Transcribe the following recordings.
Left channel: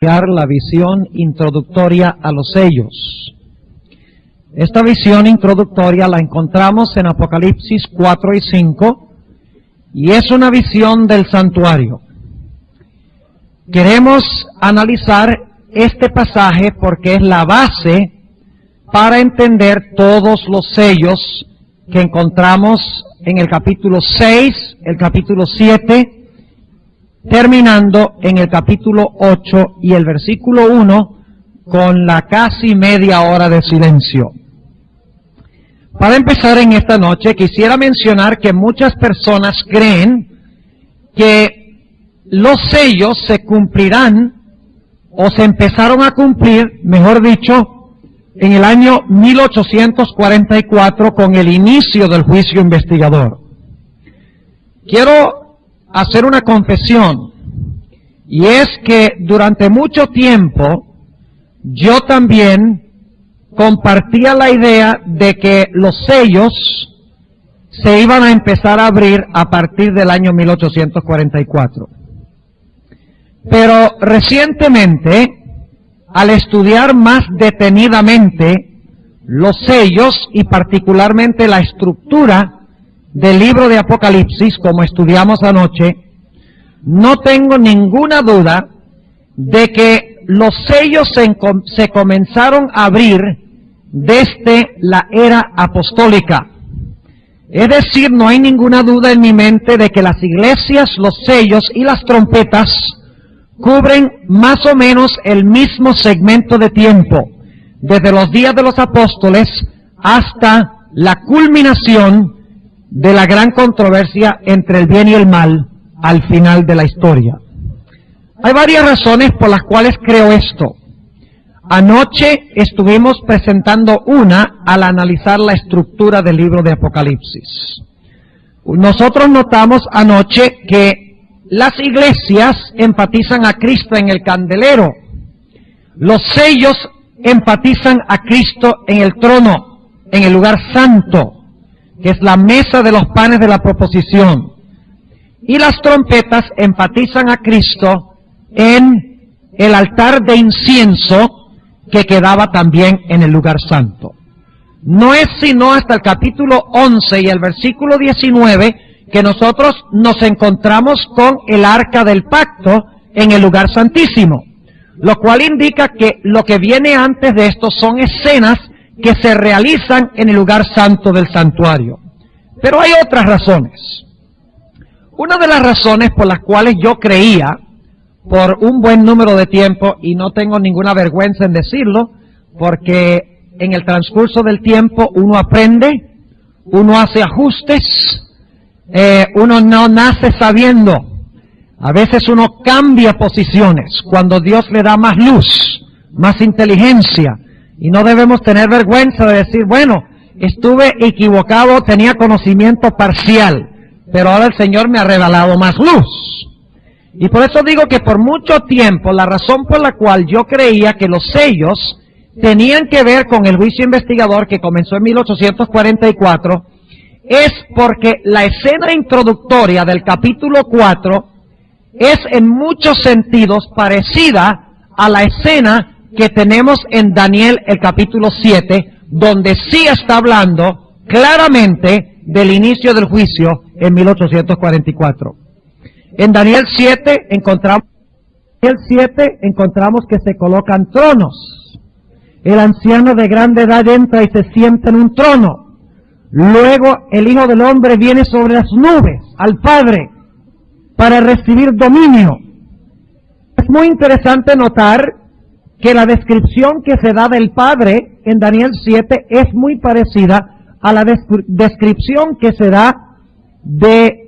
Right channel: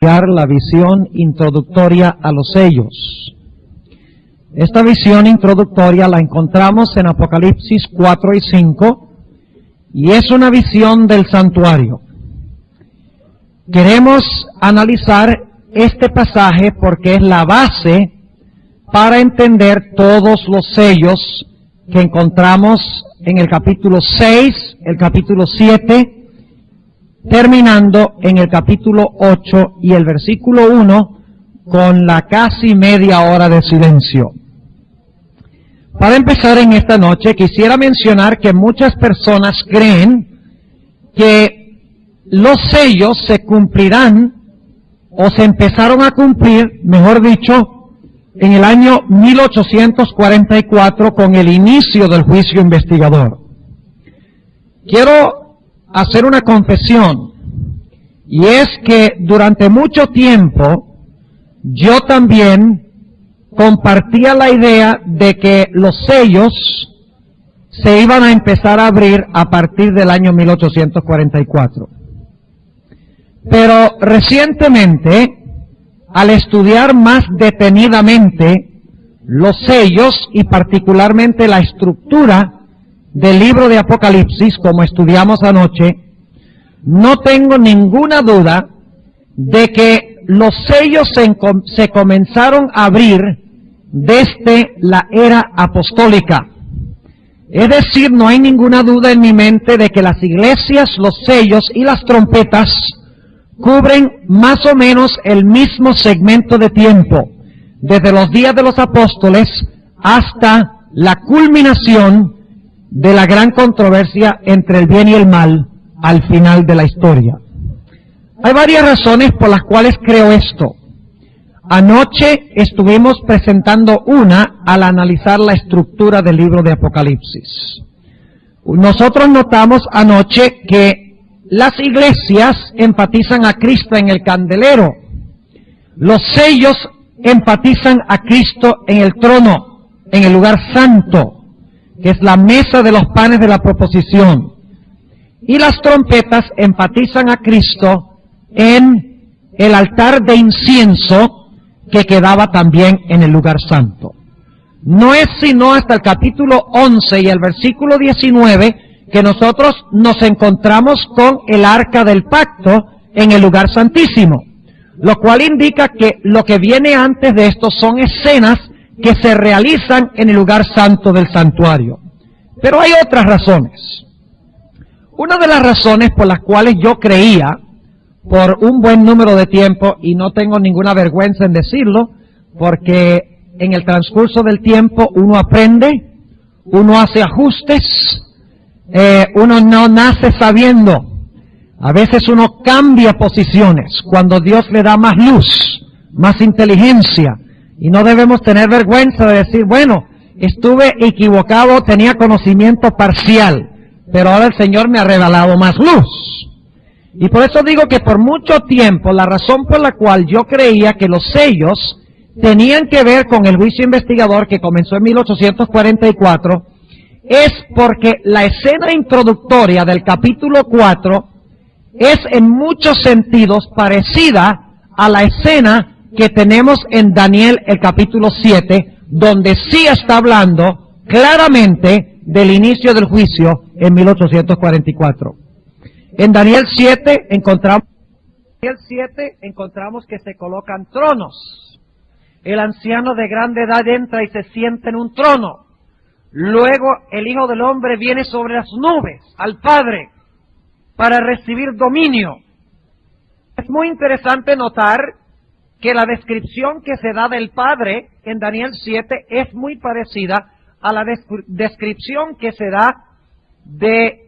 La visión introductoria a los sellos. Esta visión introductoria la encontramos en Apocalipsis 4 y 5 y es una visión del santuario. Queremos analizar este pasaje porque es la base para entender todos los sellos que encontramos en el capítulo 6, el capítulo 7, terminando en el capítulo 8 y el versículo 1 con la casi media hora de silencio. Para empezar en esta noche quisiera mencionar que muchas personas creen que los sellos se cumplirán o se empezaron a cumplir, mejor dicho, en el año 1844 con el inicio del juicio investigador. Quiero hacer una confesión, y es que durante mucho tiempo yo también compartía la idea de que los sellos se iban a empezar a abrir a partir del año 1844. Pero recientemente, al estudiar más detenidamente los sellos y particularmente la estructura del libro de Apocalipsis, como estudiamos anoche, no tengo ninguna duda de que los sellos se comenzaron a abrir desde la era apostólica. Es decir, no hay ninguna duda en mi mente de que las iglesias, los sellos y las trompetas cubren más o menos el mismo segmento de tiempo, desde los días de los apóstoles hasta la culminación de la gran controversia entre el bien y el mal al final de la historia. Hay varias razones por las cuales creo esto. Anoche estuvimos presentando una al analizar la estructura del libro de Apocalipsis. Nosotros notamos anoche que las iglesias enfatizan a Cristo en el candelero. Los sellos enfatizan a Cristo en el trono, en el lugar santo, que es la mesa de los panes de la proposición. Y las trompetas enfatizan a Cristo en el altar de incienso que quedaba también en el lugar santo. No es sino hasta el capítulo 11 y el versículo 19 que nosotros nos encontramos con el arca del pacto en el lugar santísimo, lo cual indica que lo que viene antes de esto son escenas que se realizan en el lugar santo del santuario. Pero hay otras razones. Una de las razones por las cuales yo creía, por un buen número de tiempo, y no tengo ninguna vergüenza en decirlo, porque en el transcurso del tiempo uno aprende, uno hace ajustes, uno no nace sabiendo. A veces uno cambia posiciones cuando Dios le da más luz, más inteligencia. Y no debemos tener vergüenza de decir, bueno, estuve equivocado, tenía conocimiento parcial, pero ahora el Señor me ha regalado más luz. Y por eso digo que por mucho tiempo la razón por la cual yo creía que los sellos tenían que ver con el juicio investigador que comenzó en 1844 es porque la escena introductoria del capítulo 4 es en muchos sentidos parecida a la escena que tenemos en Daniel el capítulo 7, donde sí está hablando claramente del inicio del juicio en 1844. En Daniel 7 encontramos que se colocan tronos. El anciano de grande edad entra y se sienta en un trono. Luego el Hijo del Hombre viene sobre las nubes al Padre para recibir dominio. Es muy interesante notar que la descripción que se da del Padre en Daniel 7 es muy parecida a la descripción que se da de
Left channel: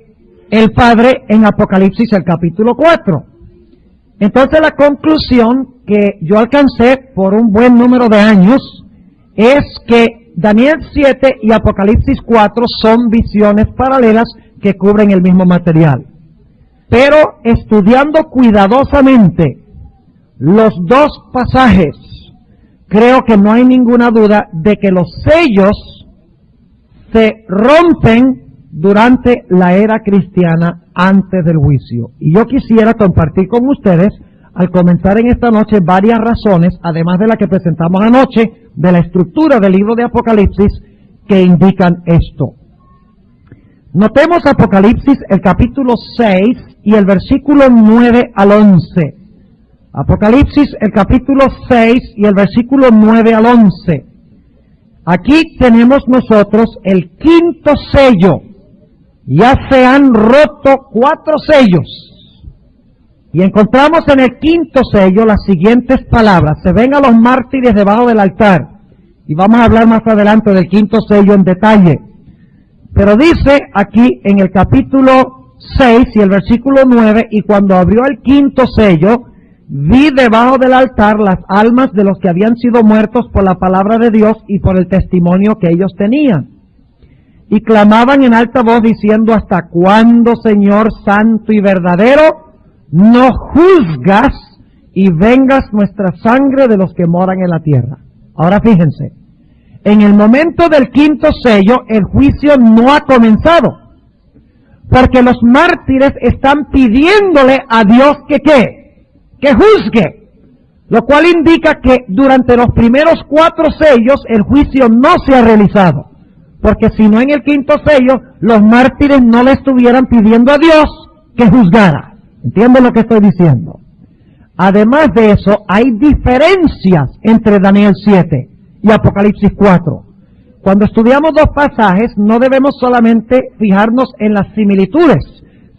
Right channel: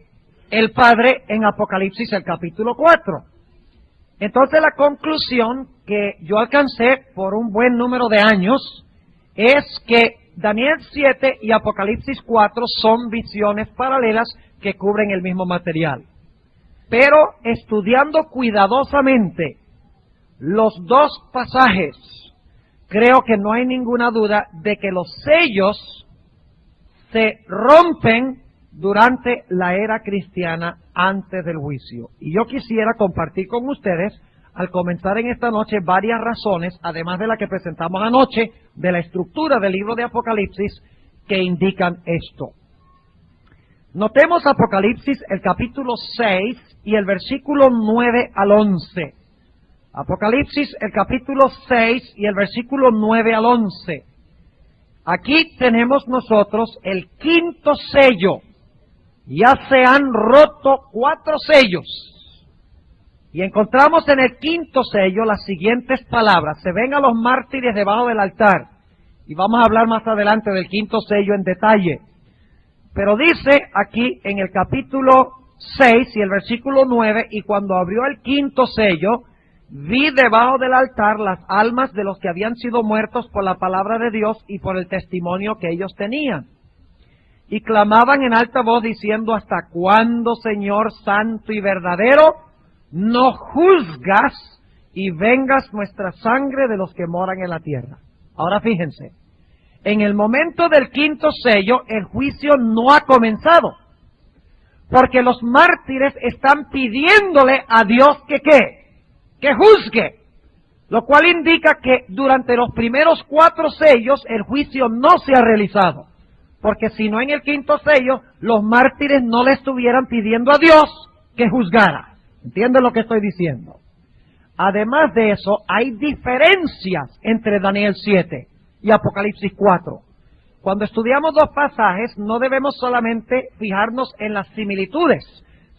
el Padre en Apocalipsis el capítulo 4. Entonces la conclusión que yo alcancé por un buen número de años es que Daniel 7 y Apocalipsis 4 son visiones paralelas que cubren el mismo material. Pero estudiando cuidadosamente los dos pasajes, creo que no hay ninguna duda de que los sellos se rompen durante la era cristiana antes del juicio. Y yo quisiera compartir con ustedes al comenzar en esta noche varias razones, además de la que presentamos anoche, de la estructura del libro de Apocalipsis, que indican esto. Notemos Apocalipsis, el capítulo 6 y el versículo 9 al 11. Apocalipsis, el capítulo 6 y el versículo 9 al 11. Aquí tenemos nosotros el quinto sello. Ya se han roto 4 sellos. Y encontramos en el quinto sello las siguientes palabras. Se ven a los mártires debajo del altar. Y vamos a hablar más adelante del quinto sello en detalle. Pero dice aquí en el capítulo 6 y el versículo 9, y cuando abrió el quinto sello, vi debajo del altar las almas de los que habían sido muertos por la palabra de Dios y por el testimonio que ellos tenían. Y clamaban en alta voz diciendo: ¿hasta cuándo, Señor santo y verdadero, no juzgas y vengas nuestra sangre de los que moran en la tierra? Ahora fíjense, en el momento del quinto sello, el juicio no ha comenzado, porque los mártires están pidiéndole a Dios que juzgue, lo cual indica que durante los primeros 4 sellos el juicio no se ha realizado. Porque si no, en el quinto sello, los mártires no le estuvieran pidiendo a Dios que juzgara. ¿Entienden lo que estoy diciendo? Además de eso, hay diferencias entre Daniel 7 y Apocalipsis 4. Cuando estudiamos 2 pasajes, no debemos solamente fijarnos en las similitudes,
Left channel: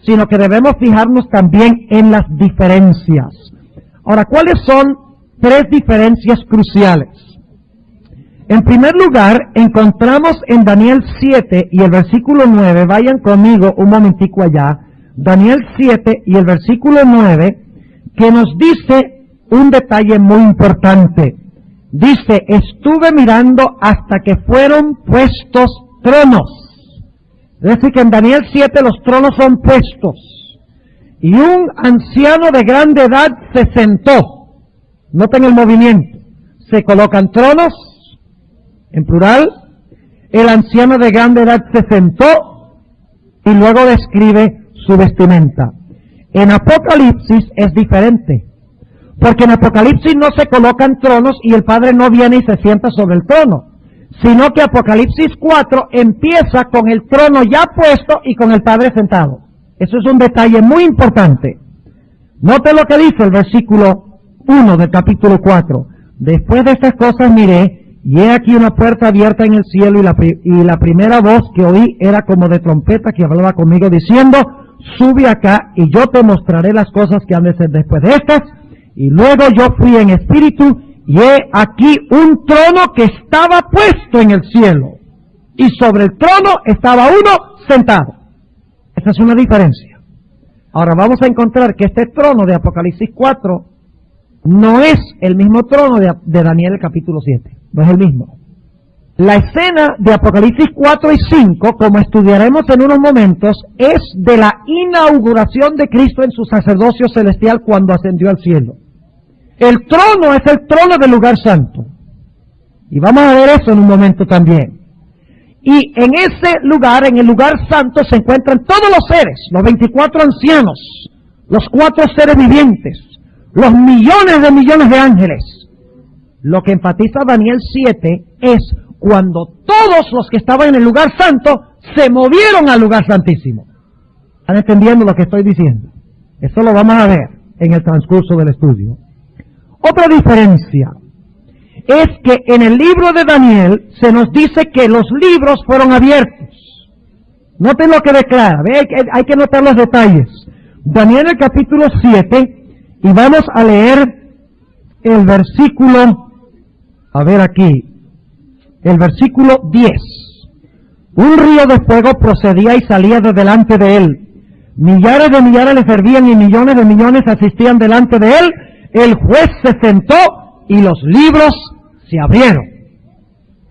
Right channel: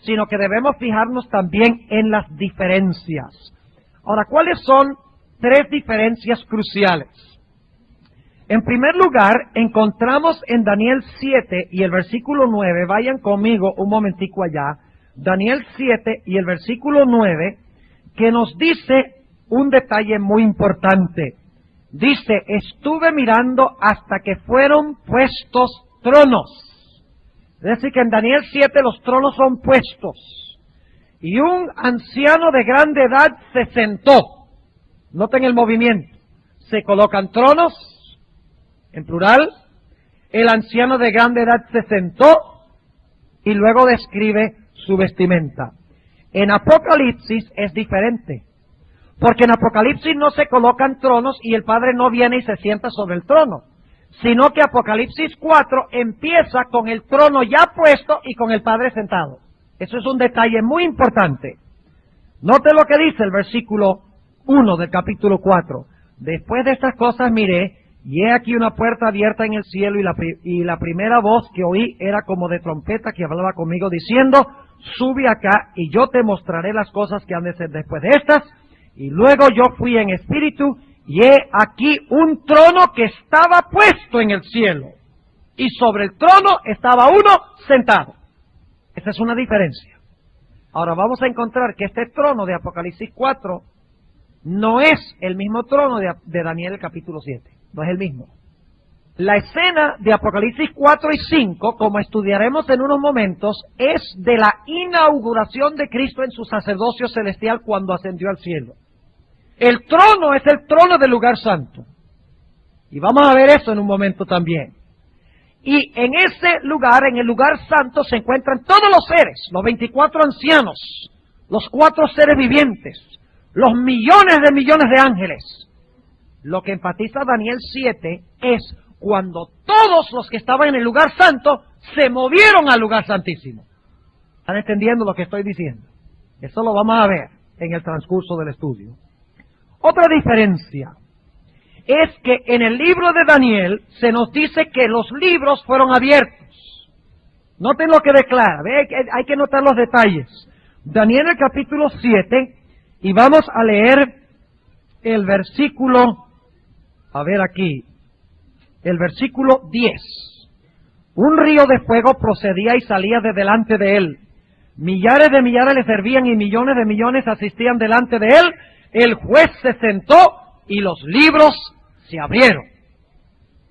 sino que debemos fijarnos también en las diferencias. Ahora, ¿cuáles son 3 diferencias cruciales? En primer lugar, encontramos en Daniel 7 y el versículo 9, vayan conmigo un momentico allá, Daniel 7 y el versículo 9, que nos dice un detalle muy importante. Dice: estuve mirando hasta que fueron puestos tronos. Es decir, que en Daniel 7 los tronos son puestos. Y un anciano de grande edad se sentó. Noten el movimiento. Se colocan tronos, en plural. El anciano de grande edad se sentó y luego describe su vestimenta. En Apocalipsis es diferente, porque en Apocalipsis no se colocan tronos y el Padre no viene y se sienta sobre el trono, sino que Apocalipsis 4 empieza con el trono ya puesto y con el Padre sentado. Eso es un detalle muy importante. Note lo que dice el versículo 1 del capítulo 4. Después de estas cosas miré, y he aquí una puerta abierta en el cielo, y la primera voz que oí era como de trompeta que hablaba conmigo diciendo: sube acá y yo te mostraré las cosas que han de ser después de estas. Y luego yo fui en espíritu, y he aquí un trono que estaba puesto en el cielo, y sobre el trono estaba uno sentado. Esa es una diferencia. Ahora vamos a encontrar que este trono de Apocalipsis 4 no es el mismo trono de Daniel el capítulo 7. No es el mismo. La escena de Apocalipsis 4 y 5, como estudiaremos en unos momentos, es de la inauguración de Cristo en su sacerdocio celestial cuando ascendió al cielo. El trono es el trono del lugar santo. Y vamos a ver eso en un momento también. Y en ese lugar, en el lugar santo, se encuentran todos los seres, los 24 ancianos, los 4 seres vivientes, los millones de ángeles. Lo que enfatiza Daniel 7 es cuando todos los que estaban en el lugar santo se movieron al lugar santísimo. ¿Están entendiendo lo que estoy diciendo? Eso lo vamos a ver en el transcurso del estudio. Otra diferencia es que en el libro de Daniel se nos dice que los libros fueron abiertos. Noten lo que declara, hay que notar los detalles. Daniel el capítulo 7, y vamos a leer el versículo, el versículo 10. Un río de fuego procedía y salía de delante de él. Millares de millares le servían y millones de millones asistían delante de él. El juez se sentó y los libros se abrieron.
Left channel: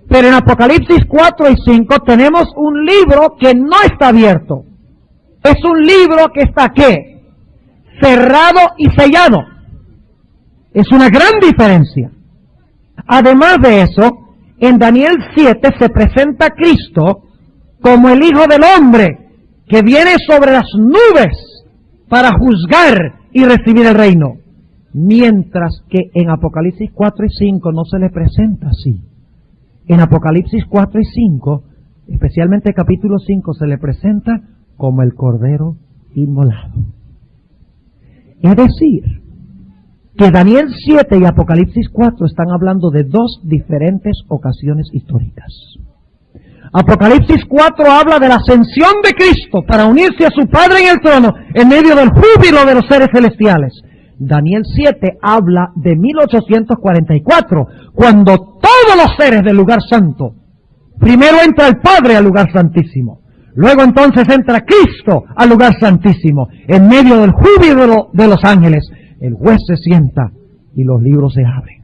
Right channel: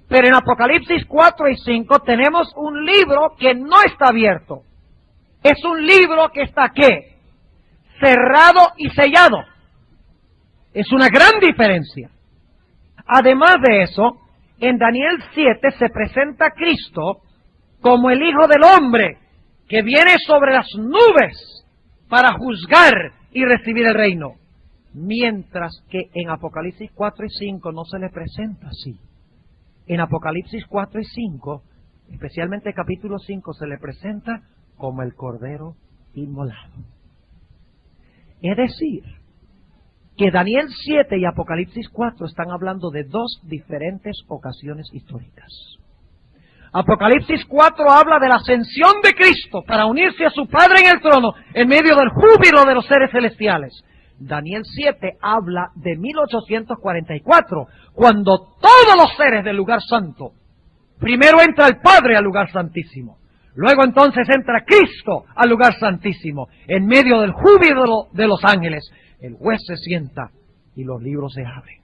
Pero en Apocalipsis 4 y 5 tenemos un libro que no está abierto. Es un libro que está ¿qué? Cerrado y sellado. Es una gran diferencia. Además de eso, en Daniel 7 se presenta a Cristo como el Hijo del Hombre que viene sobre las nubes para juzgar y recibir el reino. Mientras que en Apocalipsis 4 y 5 no se le presenta así. En Apocalipsis 4 y 5, especialmente capítulo 5, se le presenta como el Cordero inmolado. Es decir, que Daniel 7 y Apocalipsis 4 están hablando de dos diferentes ocasiones históricas. Apocalipsis 4 habla de la ascensión de Cristo para unirse a su Padre en el trono en medio del júbilo de los seres celestiales. Daniel 7 habla de 1844, cuando todos los seres del lugar santo, primero entra el Padre al lugar santísimo, luego entonces entra Cristo al lugar santísimo, en medio del júbilo de los ángeles, el juez se sienta y los libros se abren.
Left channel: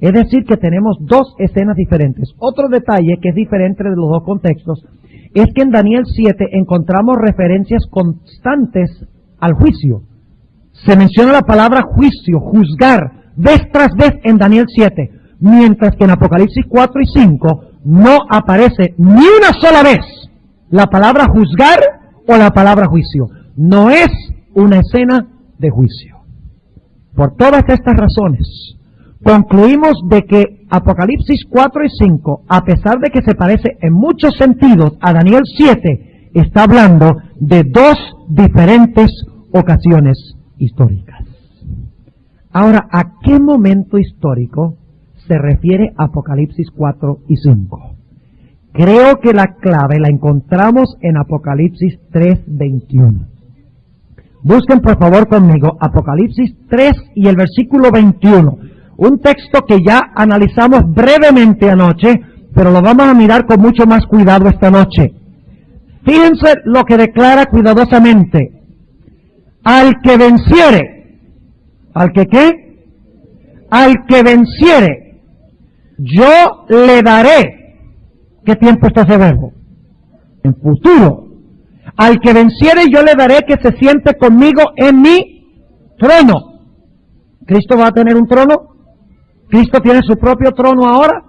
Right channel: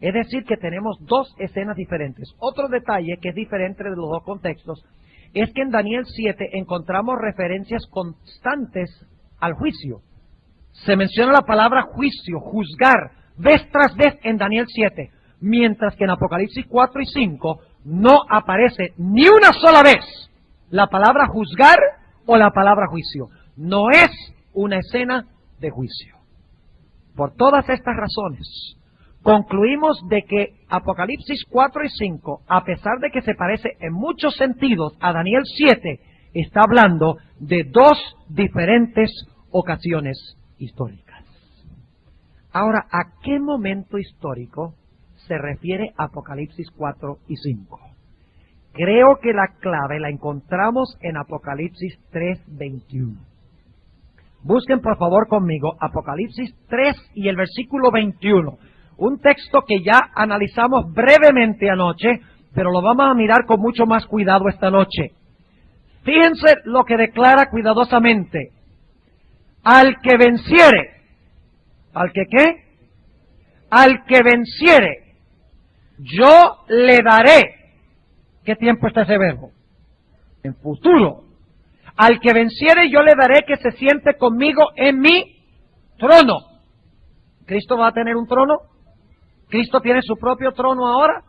Es decir, que tenemos dos escenas diferentes. Otro detalle que es diferente de los dos contextos es que en Daniel 7 encontramos referencias constantes al juicio. Se menciona la palabra juicio, juzgar, vez tras vez en Daniel 7, mientras que en Apocalipsis 4 y 5 no aparece ni una sola vez la palabra juzgar o la palabra juicio. No es una escena de juicio. Por todas estas razones, concluimos de que Apocalipsis 4 y 5, a pesar de que se parece en muchos sentidos a Daniel 7, está hablando de dos diferentes ocasiones históricas. Ahora, ¿a qué momento histórico se refiere Apocalipsis 4 y 5? Creo que la clave la encontramos en Apocalipsis 3:21. Busquen por favor conmigo Apocalipsis 3 y el versículo 21. Un texto que ya analizamos brevemente anoche, pero lo vamos a mirar con mucho más cuidado esta noche. Fíjense lo que declara cuidadosamente. Al que venciere, ¿al que qué? Al que venciere, yo le daré. ¿Qué tiempo está ese verbo? En futuro. Al que venciere, yo le daré que se siente conmigo en mi trono. ¿Cristo va a tener un trono? ¿Cristo tiene su propio trono ahora?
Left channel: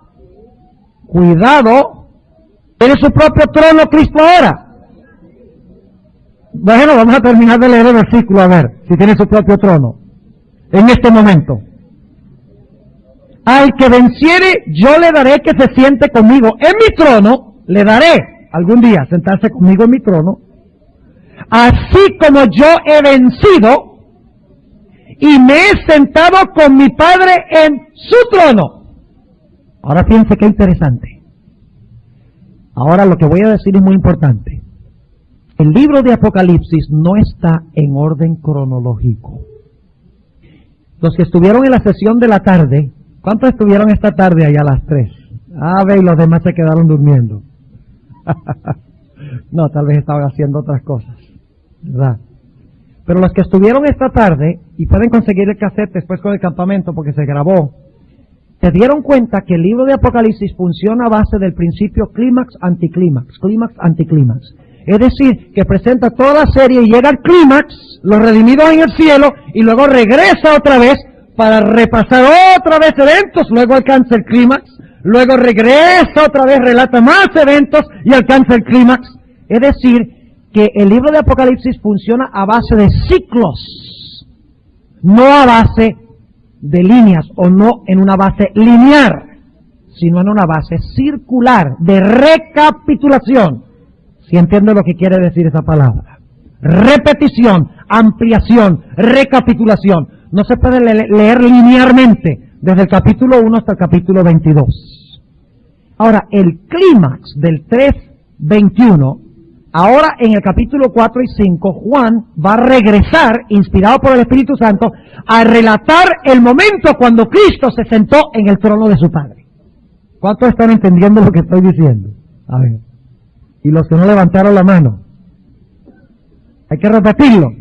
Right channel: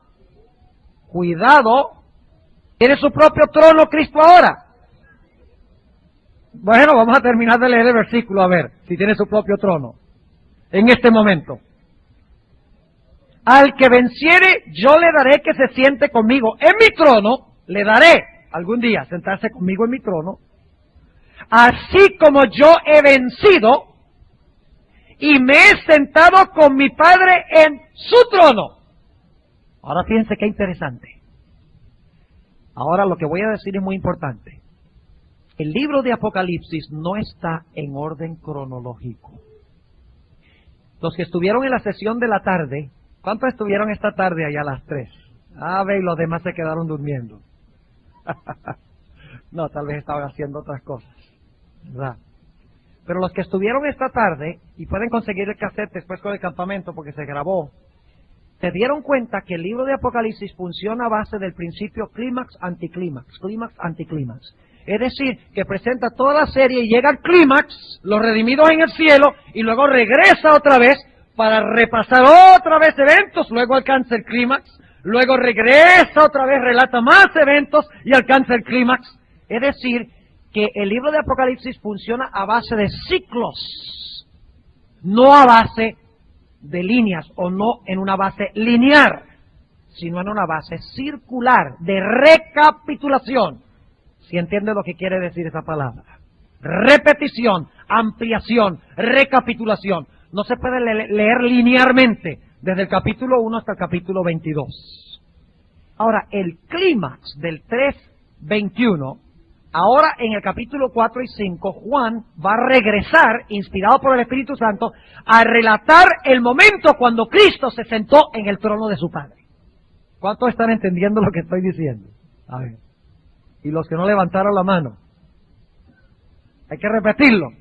Cuidado. ¿Tiene su propio trono Cristo ahora? Bueno, vamos a terminar de leer el versículo a ver si tiene su propio trono en este momento. Al que venciere, yo le daré que se siente conmigo en mi trono. Le daré algún día sentarse conmigo en mi trono, así como yo he vencido y me he sentado con mi Padre en su trono. Ahora fíjense qué interesante. Ahora lo que voy a decir es muy importante. El libro de Apocalipsis no está en orden cronológico. Los que estuvieron en la sesión de la tarde, ¿cuántos estuvieron esta tarde allá a las 3? Ve, y los demás se quedaron durmiendo. No, tal vez estaban haciendo otras cosas, ¿verdad? Pero los que estuvieron esta tarde, y pueden conseguir el cassette después con el campamento porque se grabó, se dieron cuenta que el libro de Apocalipsis funciona a base del principio clímax, anticlímax, clímax, anticlímax. Es decir, que presenta toda la serie y llega al clímax, los redimidos en el cielo, y luego regresa otra vez para repasar otra vez eventos, luego alcanza el clímax, luego regresa otra vez, relata más eventos y alcanza el clímax. Es decir, que el libro de Apocalipsis funciona a base de ciclos, no a base de líneas o no en una base lineal, sino en una base circular de recapitulación. ¿Sí entiende lo que quiere decir esa palabra? Repetición, ampliación, recapitulación. No se puede leer linealmente desde el capítulo 1 hasta el capítulo 22. Ahora, el clímax del 3:21, ahora en el capítulo 4 y 5, Juan va a regresar, inspirado por el Espíritu Santo, a relatar el momento cuando Cristo se sentó en el trono de su Padre. ¿Cuántos están entendiendo lo que estoy diciendo? A ver. Y los que no levantaron la mano. Hay que repetirlo.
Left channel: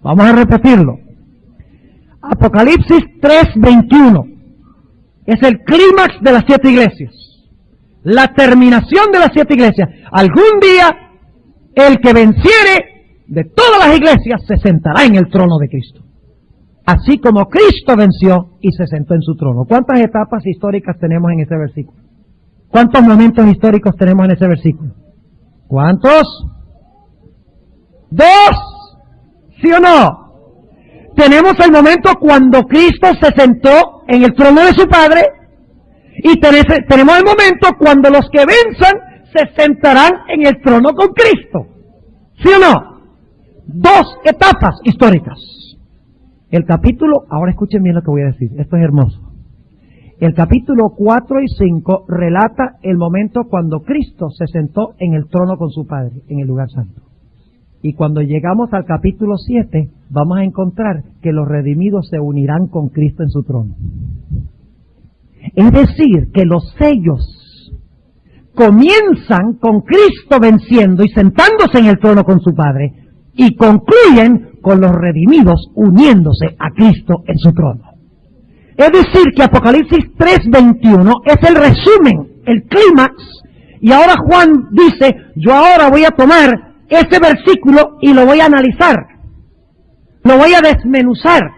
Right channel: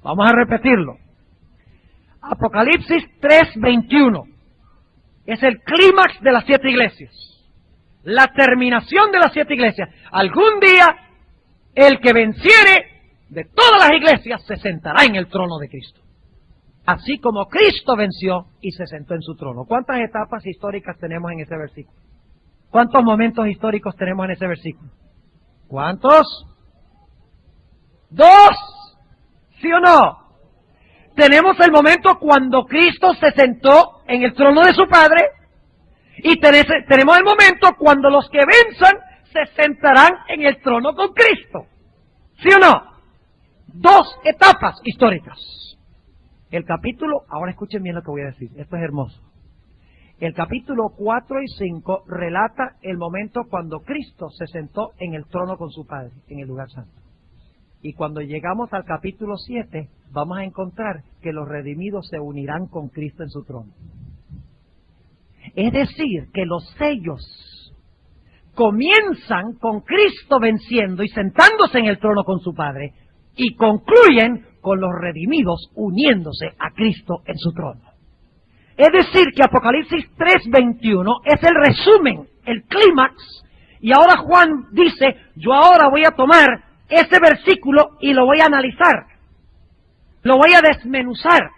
Vamos a repetirlo. Apocalipsis 3:21 es el clímax de las 7 iglesias. La terminación de las 7 iglesias. Algún día, el que venciere de todas las iglesias se sentará en el trono de Cristo. Así como Cristo venció y se sentó en su trono. ¿Cuántas etapas históricas tenemos en ese versículo? ¿Cuántos momentos históricos tenemos en ese versículo? ¿Cuántos? 2, ¿sí o no? tenemos el momento cuando Cristo se sentó en el trono de su Padre, y tenemos el momento cuando los que venzan se sentarán en el trono con Cristo. ¿Sí o no? Dos etapas históricas. El capítulo, ahora escuchen bien lo que voy a decir, esto es hermoso. El capítulo 4 y 5 relata el momento cuando Cristo se sentó en el trono con su Padre, en el lugar santo. Y cuando llegamos al capítulo 7, vamos a encontrar que los redimidos se unirán con Cristo en su trono. Es decir, que los sellos comienzan con Cristo venciendo y sentándose en el trono con su Padre, y concluyen con los redimidos uniéndose a Cristo en su trono. Es decir, que Apocalipsis 3:21 es el resumen, el clímax, y ahora Juan dice, yo ahora voy a tomar ese versículo y lo voy a analizar, lo voy a desmenuzar,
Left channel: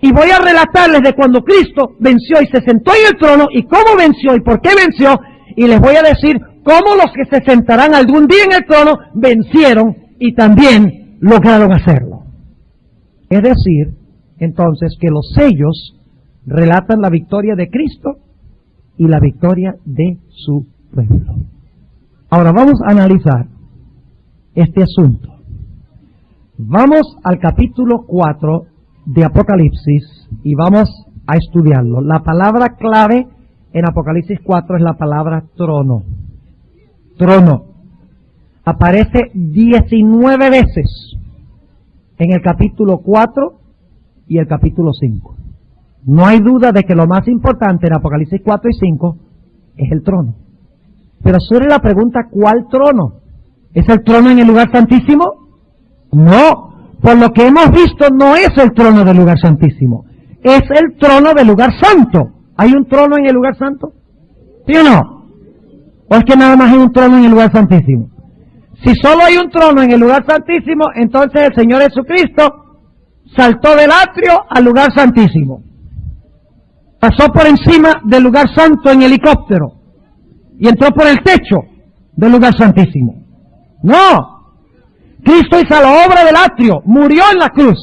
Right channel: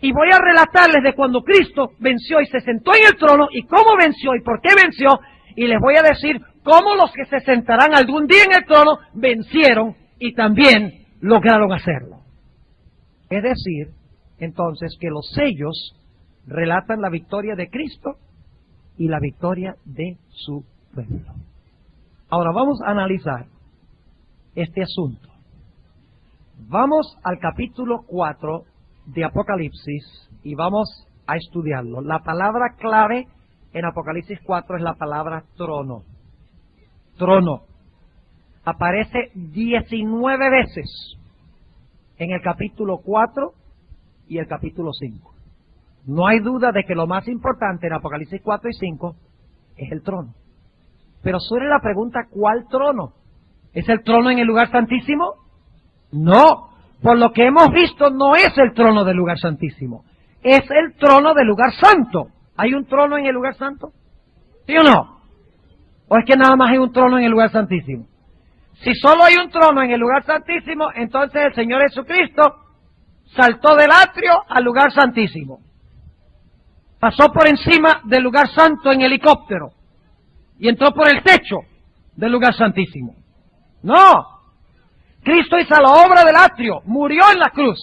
y voy a relatarles de cuando Cristo venció y se sentó en el trono, y cómo venció y por qué venció, y les voy a decir cómo los que se sentarán algún día en el trono vencieron y también lograron hacerlo. Es decir, entonces, que los sellos relatan la victoria de Cristo y la victoria de su pueblo. Ahora vamos a analizar este asunto. Vamos al capítulo 4 de Apocalipsis y vamos a estudiarlo. La palabra clave en Apocalipsis 4 es la palabra trono. Trono. Aparece 19 veces en el capítulo 4 y el capítulo 5. No hay duda de que lo más importante en Apocalipsis 4 y 5 es el trono. Pero surge la pregunta, ¿cuál trono? ¿Es el trono en el lugar santísimo? No, por lo que hemos visto no es el trono del lugar santísimo, es el trono del lugar santo. ¿Hay un trono en el lugar santo? ¿Sí o no? ¿O es que nada más hay un trono en el lugar santísimo? Si solo hay un trono en el lugar santísimo, entonces el Señor Jesucristo saltó del atrio al lugar santísimo. Pasó por encima del lugar santo en helicóptero y entró por el techo del lugar santísimo. No, Cristo hizo la obra del atrio, murió en la cruz,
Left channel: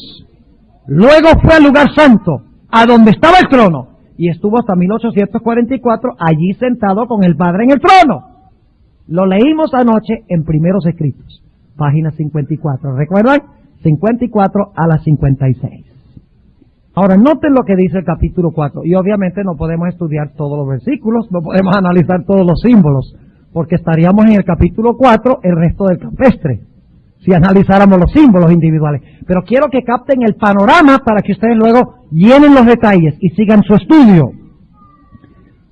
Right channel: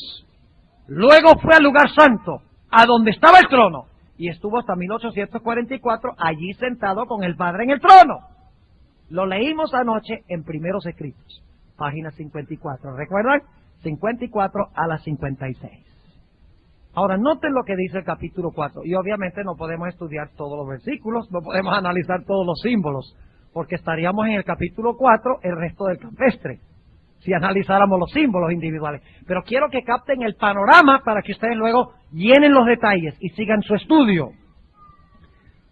luego fue al lugar santo, a donde estaba el trono, y estuvo hasta 1844 allí sentado con el Padre en el trono. Lo leímos anoche en Primeros Escritos, página 54, ¿recuerdan? 54 a la 56. Ahora, noten lo que dice el capítulo 4, y obviamente no podemos estudiar todos los versículos, no podemos analizar todos los símbolos, porque estaríamos en el capítulo 4 el resto del campestre, si analizáramos los símbolos individuales. Pero quiero que capten el panorama para que ustedes luego llenen los detalles y sigan su estudio.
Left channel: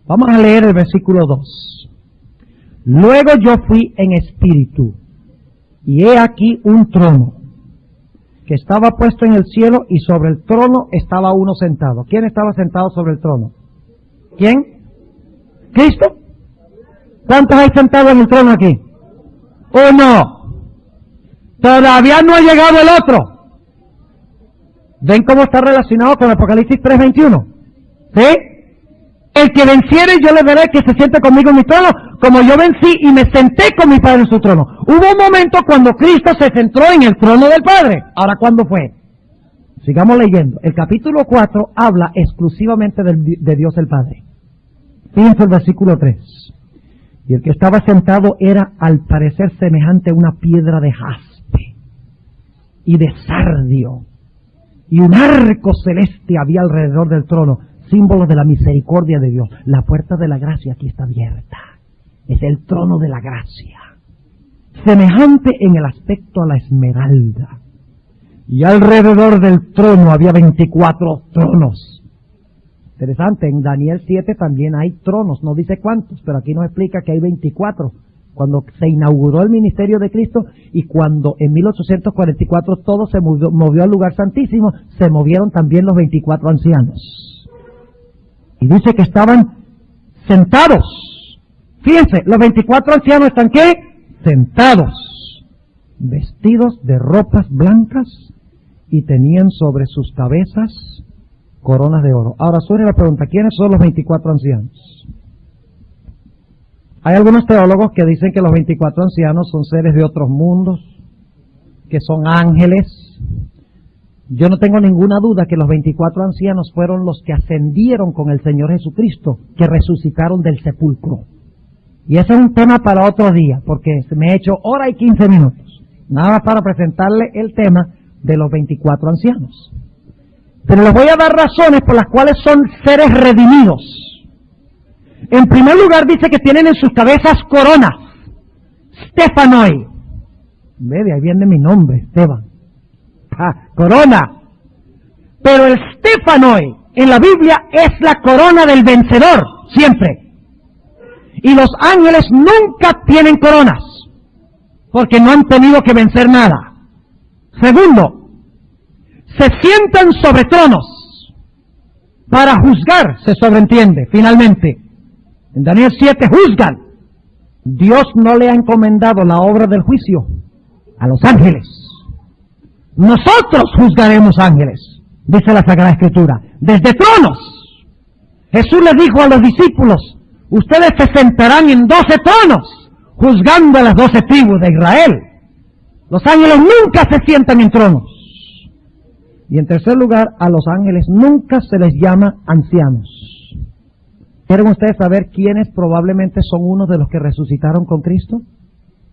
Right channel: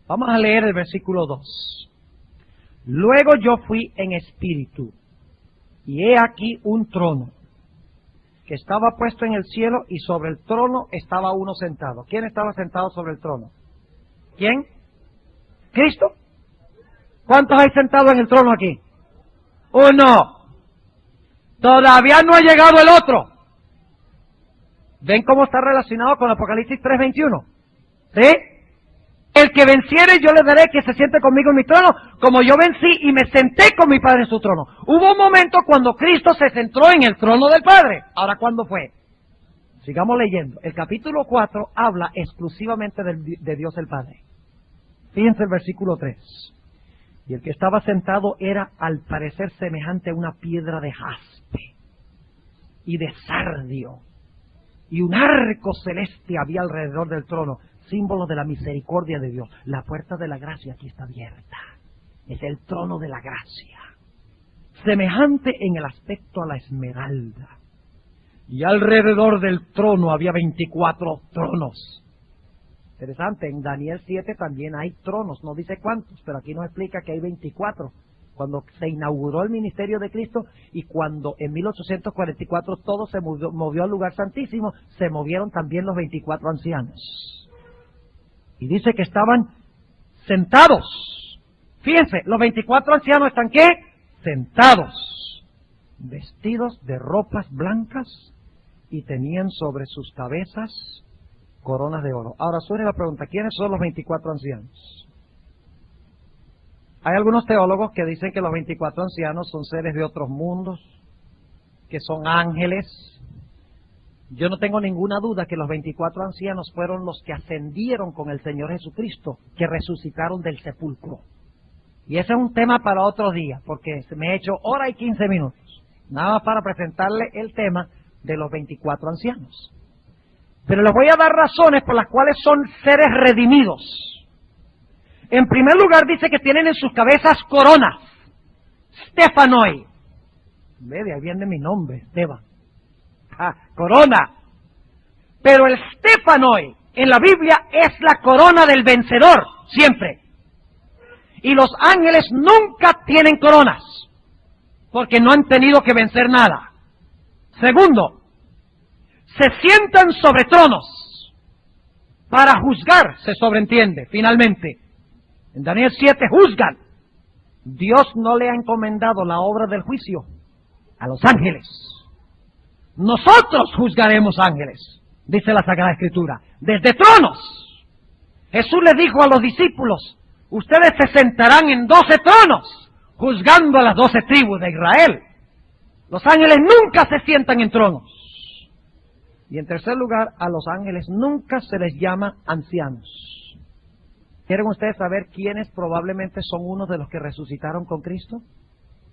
Vamos a leer el versículo 2. Luego yo fui en espíritu, y he aquí un trono, que estaba puesto en el cielo, y sobre el trono estaba uno sentado. ¿Quién estaba sentado sobre el trono? ¿Quién? ¿Cristo? ¿Cuántos hay sentados en el trono aquí? Uno. Todavía no ha llegado el otro. ¿Ven cómo está relacionado con Apocalipsis 3:21? ¿Sí? El que venciere, yo le daré que se siente conmigo en mi trono, como yo vencí y me senté con mi Padre en su trono. Hubo un momento cuando Cristo se sentó en el trono del Padre. Ahora, ¿cuándo fue? Sigamos leyendo. El capítulo 4 habla exclusivamente de Dios el Padre. Fíjense el versículo 3. Y el que estaba sentado era al parecer semejante a una piedra de jaspe y de sardio, y un arco celeste había alrededor del trono, símbolo de la misericordia de Dios. La puerta de la gracia aquí está abierta. Es el trono de la gracia, semejante en el aspecto a la esmeralda. Y alrededor del trono había 24 tronos. Interesante, en Daniel 7 también hay tronos, no dice cuántos, pero aquí nos explica que hay 24. Cuando se inauguró el ministerio de Cristo y cuando en 1844 todo se movió al lugar santísimo, se movieron también los 24 ancianos. Y dice que estaban sentados. Fíjense, los 24 ancianos están ¿qué? Sentados, vestidos de ropas blancas y tenían sobre sus cabezas coronas de oro. Ahora surge la pregunta, ¿quiénes son los 24 ancianos? Hay algunos teólogos que dicen que los 24 ancianos son seres de otros mundos, que son ángeles. Yo no tengo ninguna duda que los 24 ancianos fueron los que ascendieron con el Señor Jesucristo, que resucitaron del sepulcro. Y ese es un tema para otro día, porque se me ha hecho hora y 15 minutos, nada más para presentarle el tema de los 24 ancianos. Pero les voy a dar razones por las cuales son seres redimidos. En primer lugar dice que tienen en sus cabezas coronas, Stephanoi. Ve, de ahí viene mi nombre, Esteban. Corona. Pero el Stephanoi en la Biblia es la corona del vencedor, siempre. Y los ángeles nunca tienen coronas, porque no han tenido que vencer nada. Segundo, se sientan sobre tronos para juzgar, se sobreentiende, finalmente. En Daniel 7 juzgan. Dios no le ha encomendado la obra del juicio a los ángeles. Nosotros juzgaremos ángeles, dice la Sagrada Escritura, desde tronos. Jesús les dijo a los discípulos, ustedes se sentarán en 12 tronos, juzgando a las 12 tribus de Israel. Los ángeles nunca se sientan en tronos. Y en tercer lugar, a los ángeles nunca se les llama ancianos. ¿Quieren ustedes saber quiénes probablemente son unos de los que resucitaron con Cristo?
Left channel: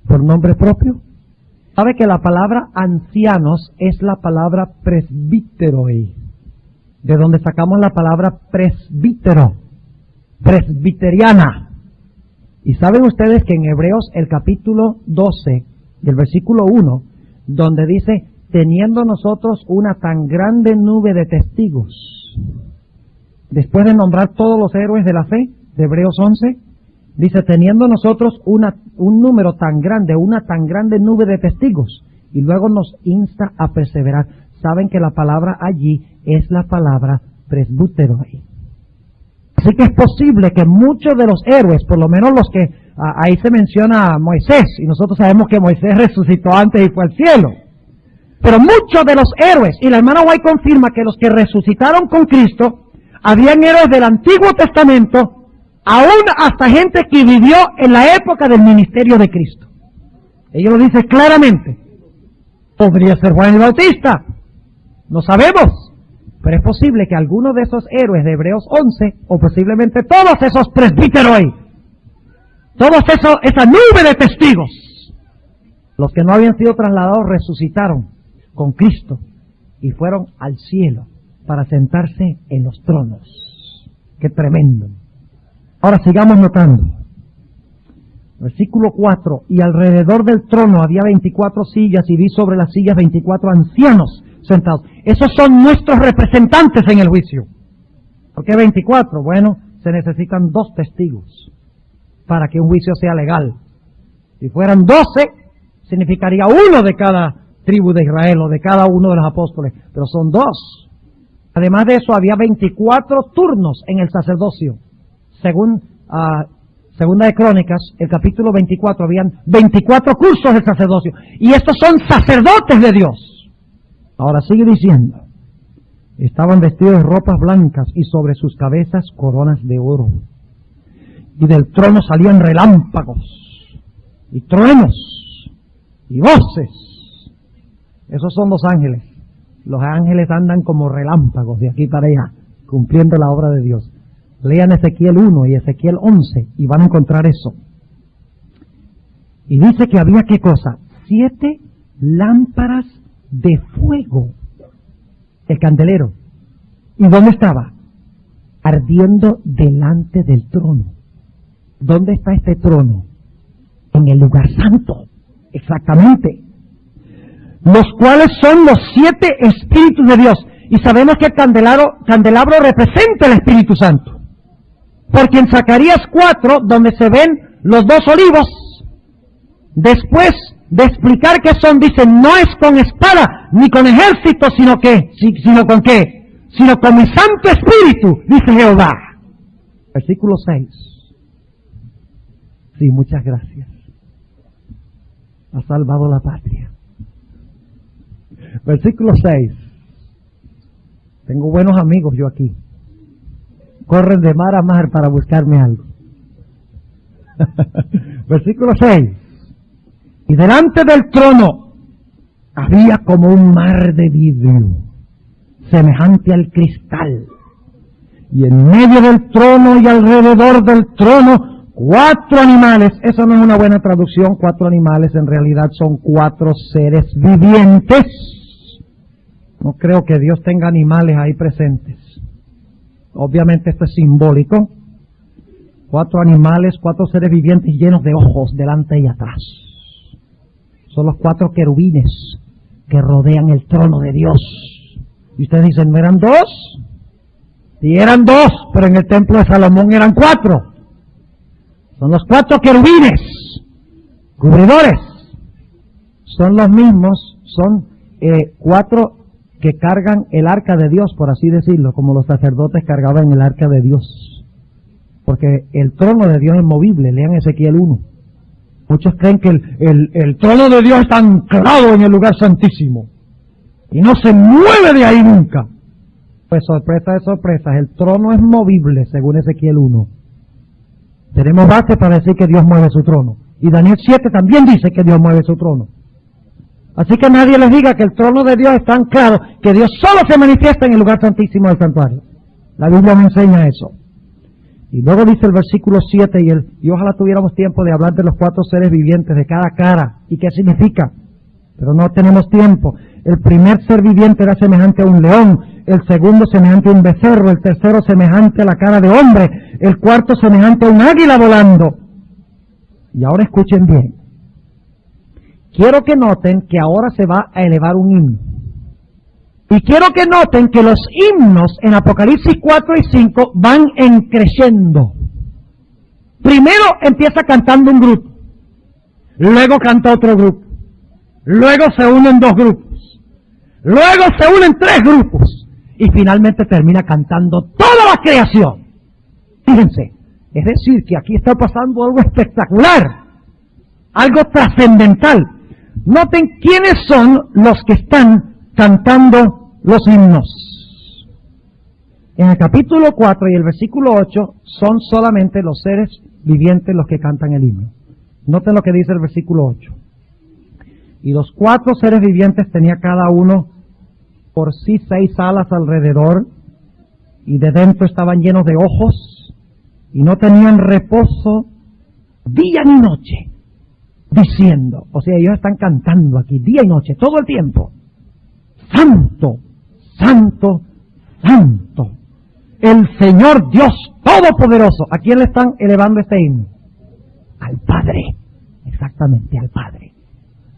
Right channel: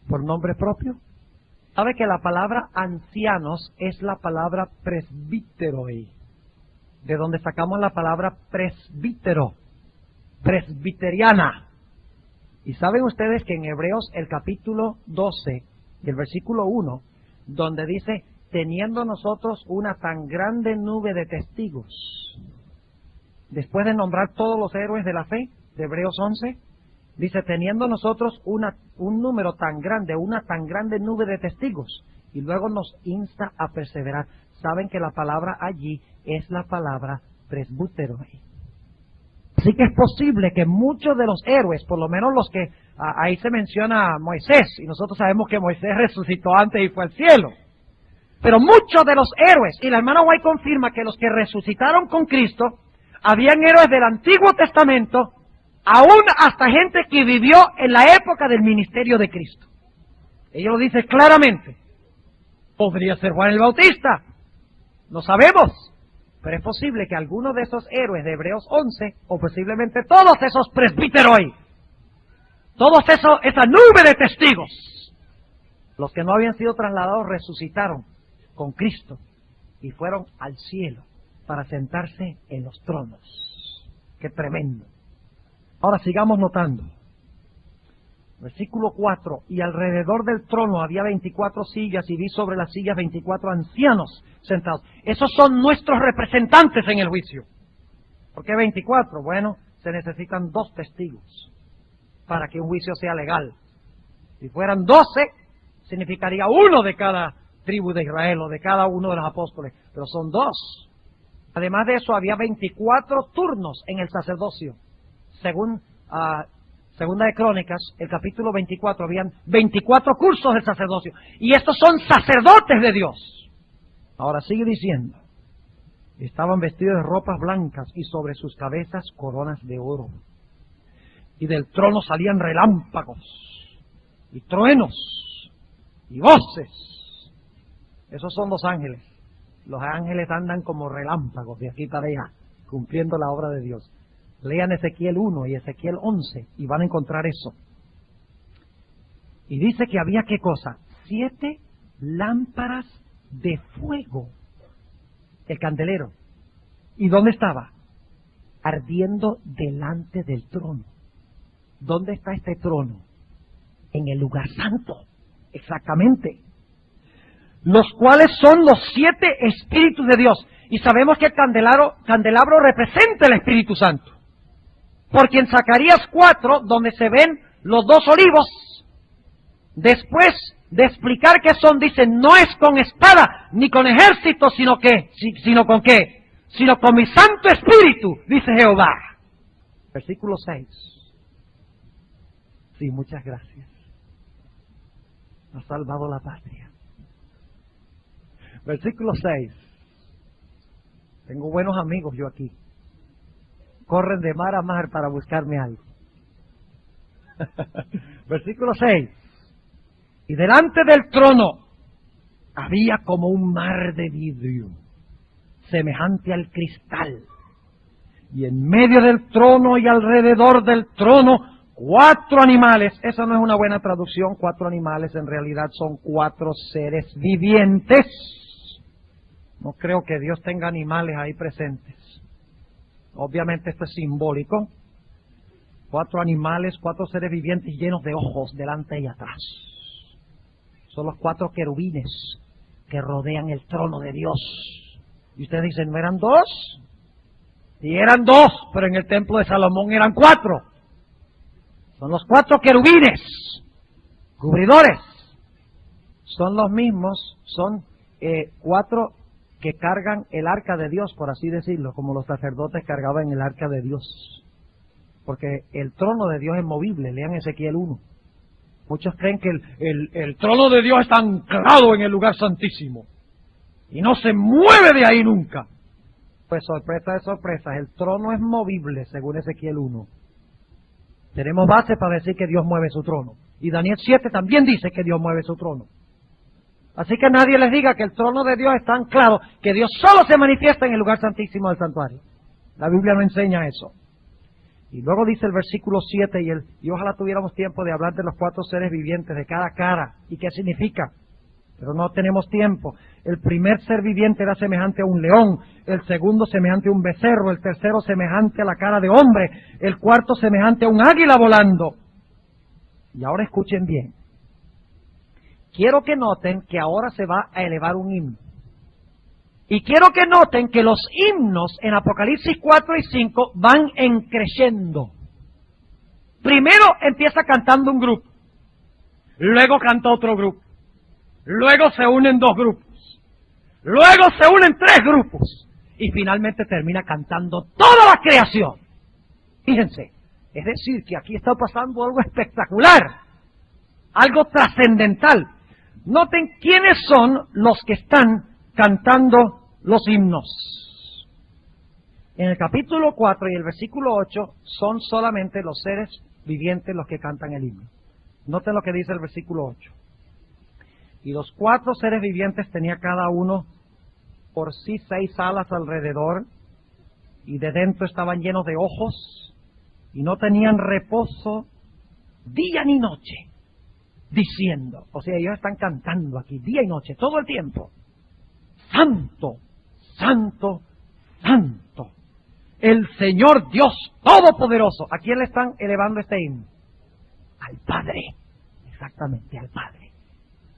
¿Por nombre propio? ¿Sabe que la palabra ancianos es la palabra presbíteroi? De donde sacamos la palabra presbítero, presbiteriana. Y saben ustedes que en Hebreos el capítulo 12 y el versículo 1, donde dice, teniendo nosotros una tan grande nube de testigos, después de nombrar todos los héroes de la fe, de Hebreos 11, dice, teniendo nosotros un número tan grande, una tan grande nube de testigos, y luego nos insta a perseverar. Saben que la palabra allí es la palabra presbítero. Así que es posible que muchos de los héroes, por lo menos los que ahí se menciona a Moisés, y nosotros sabemos que Moisés resucitó antes y fue al cielo, pero muchos de los héroes, y la hermana White confirma que los que resucitaron con Cristo, habían héroes del Antiguo Testamento, aún hasta gente que vivió en la época del ministerio de Cristo. Ella lo dice claramente. Podría ser Juan el Bautista, no sabemos, pero es posible que algunos de esos héroes de Hebreos 11, o posiblemente todos esos presbíteroi, esa nube de testigos, los que no habían sido trasladados resucitaron con Cristo y fueron al cielo para sentarse en los tronos. ¡Qué tremendo! Ahora sigamos notando. Versículo 4. Y alrededor del trono había 24 sillas y vi sobre las sillas 24 ancianos sentados. Esos son nuestros representantes en el juicio. ¿Por qué 24? Bueno, se necesitan 2 testigos para que un juicio sea legal. Si fueran 12, significaría uno de cada tribu de Israel o de cada uno de los apóstoles, pero son 2. Además de eso, había 24 turnos en el sacerdocio. Según Segunda de Crónicas, el capítulo 24, habían 24 cursos del sacerdocio. Y estos son sacerdotes de Dios. Ahora sigue diciendo, estaban vestidos de ropas blancas y sobre sus cabezas coronas de oro. Y del trono salían relámpagos y truenos y voces. Esos son los ángeles. Los ángeles andan como relámpagos de aquí para allá, cumpliendo la obra de Dios. Lean Ezequiel 1 y Ezequiel 11 y van a encontrar eso. Y dice que había, ¿qué cosa? 7 lámparas de fuego. El candelero. ¿Y dónde estaba? Ardiendo delante del trono. ¿Dónde está este trono? En el lugar santo. Exactamente. Los cuales son los 7 espíritus de Dios. Y sabemos que el candelabro representa el Espíritu Santo. Porque en Zacarías 4, donde se ven los 2 olivos, después de explicar qué son, dice, no es con espada ni con ejército, sino con qué, sino con mi Santo Espíritu, dice Jehová. Versículo 6. Sí, muchas gracias. Ha salvado la patria. Versículo 6. Tengo buenos amigos yo aquí. Corren de mar a mar para buscarme algo. Versículo 6. Y delante del trono había como un mar de vidrio. semejante al cristal. Y en medio del trono y alrededor del trono, 4 animales. Eso no es una buena traducción, 4 animales, en realidad son 4 seres vivientes. No creo que Dios tenga animales ahí presentes. Obviamente esto es simbólico. 4 animales, 4 seres vivientes llenos de ojos delante y atrás. Son los 4 querubines que rodean el trono de Dios. Y ustedes dicen, ¿no eran 2? Sí, eran 2, pero en el templo de Salomón eran 4. Son los 4 querubines, cubridores. Son los mismos, son 4 que cargan el arca de Dios, por así decirlo, como los sacerdotes cargaban el arca de Dios. Porque el trono de Dios es movible, lean Ezequiel 1. Muchos creen que el trono de Dios está anclado en el lugar santísimo y no se mueve de ahí nunca. Pues sorpresa de sorpresas, el trono es movible, según Ezequiel 1. Tenemos base para decir que Dios mueve su trono. Y Daniel 7 también dice que Dios mueve su trono. Así que nadie les diga que el trono de Dios está anclado, que Dios solo se manifiesta en el lugar santísimo del santuario. La Biblia me enseña eso. Y luego dice el versículo 7, y ojalá tuviéramos tiempo de hablar de los 4 seres vivientes, de cada cara, y qué significa. Pero no tenemos tiempo. El primer ser viviente era semejante a un león, el segundo semejante a un becerro, el tercero semejante a la cara de hombre, el cuarto semejante a un águila volando. Y ahora escuchen bien. Quiero que noten que ahora se va a elevar un himno. Y quiero que noten que los himnos en Apocalipsis 4 y 5 van creciendo. Primero empieza cantando un grupo, luego canta otro grupo, luego se unen 2 grupos, luego se unen 3 grupos y finalmente termina cantando toda la creación. Fíjense, es decir, que aquí está pasando algo espectacular, algo trascendental. Noten quiénes son los que están cantando los himnos. En el capítulo 4 y el versículo 8 son solamente los seres vivientes los que cantan el himno. Noten lo que dice el versículo 8. Y los 4 seres vivientes tenía cada uno por sí 6 alas alrededor, y de dentro estaban llenos de ojos, y no tenían reposo día ni noche, diciendo, o sea, ellos están cantando aquí día y noche, todo el tiempo: Santo, Santo, Santo, el Señor Dios Todopoderoso. ¿A quién le están elevando este himno? Al Padre, exactamente, al Padre.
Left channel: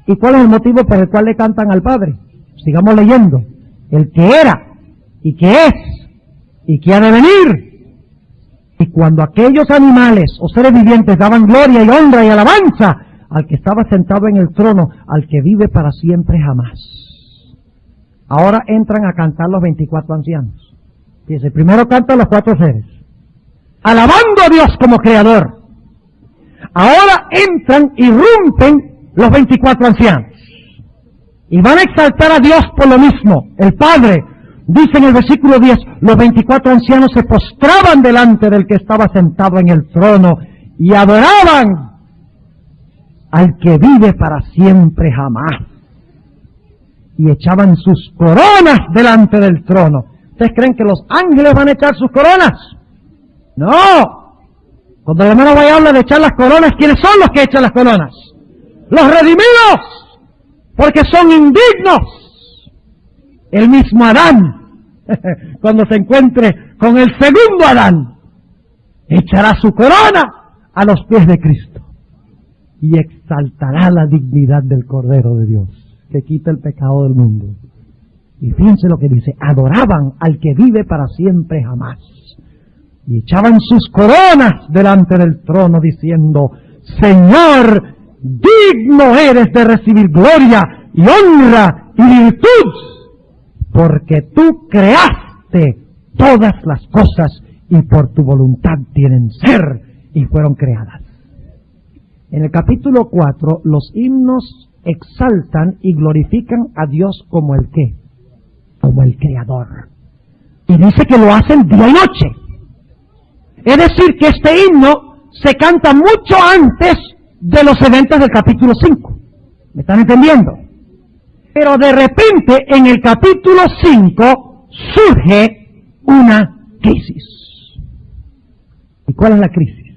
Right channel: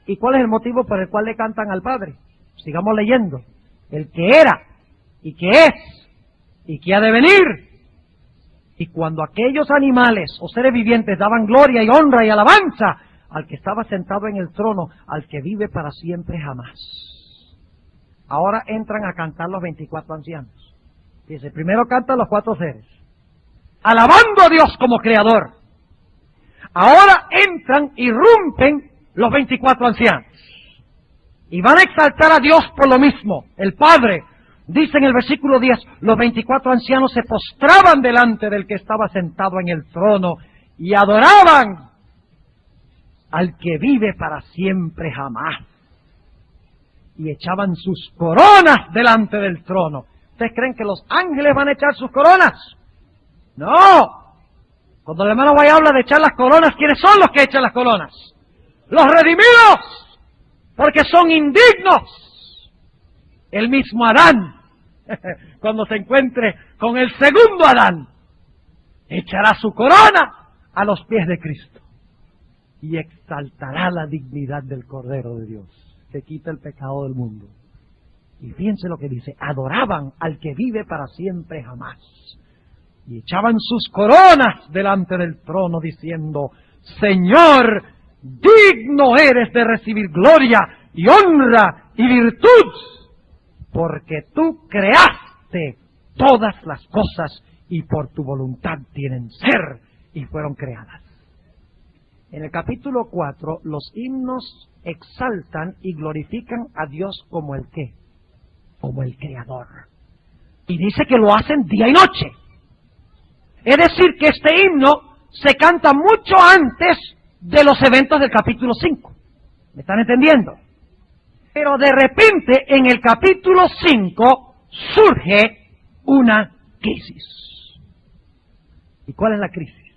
¿Y cuál es el motivo por el cual le cantan al Padre? Sigamos leyendo. El que era, y que es, y que ha de venir. Y cuando aquellos animales o seres vivientes daban gloria y honra y alabanza al que estaba sentado en el trono, al que vive para siempre jamás. Ahora entran a cantar los 24 ancianos. Fíjense, primero cantan los 4 seres, alabando a Dios como creador. Ahora entran, irrumpen los 24 ancianos. Y van a exaltar a Dios por lo mismo. El Padre, dice en el versículo 10, los 24 ancianos se postraban delante del que estaba sentado en el trono y adoraban al que vive para siempre jamás. Y echaban sus coronas delante del trono. ¿Ustedes creen que los ángeles van a echar sus coronas? No. Cuando el hermano vaya a hablar de echar las coronas, ¿quiénes son los que echan las coronas? Los redimidos, porque son indignos. El mismo Adán, cuando se encuentre con el segundo Adán, echará su corona a los pies de Cristo y exaltará la dignidad del Cordero de Dios, que quita el pecado del mundo. Y fíjense lo que dice: adoraban al que vive para siempre jamás. Y echaban sus coronas delante del trono diciendo: Señor, digno eres de recibir gloria y honra y virtud, porque tú creaste todas las cosas y por tu voluntad tienen ser y fueron creadas. En el capítulo 4, los himnos exaltan y glorifican a Dios como el ¿qué? Como el Creador. Y dice que lo hacen día y noche. Es decir, que este himno se canta mucho antes de los eventos del capítulo 5. ¿Me están entendiendo? Pero de repente, en el capítulo 5, surge una crisis. ¿Y cuál es la crisis?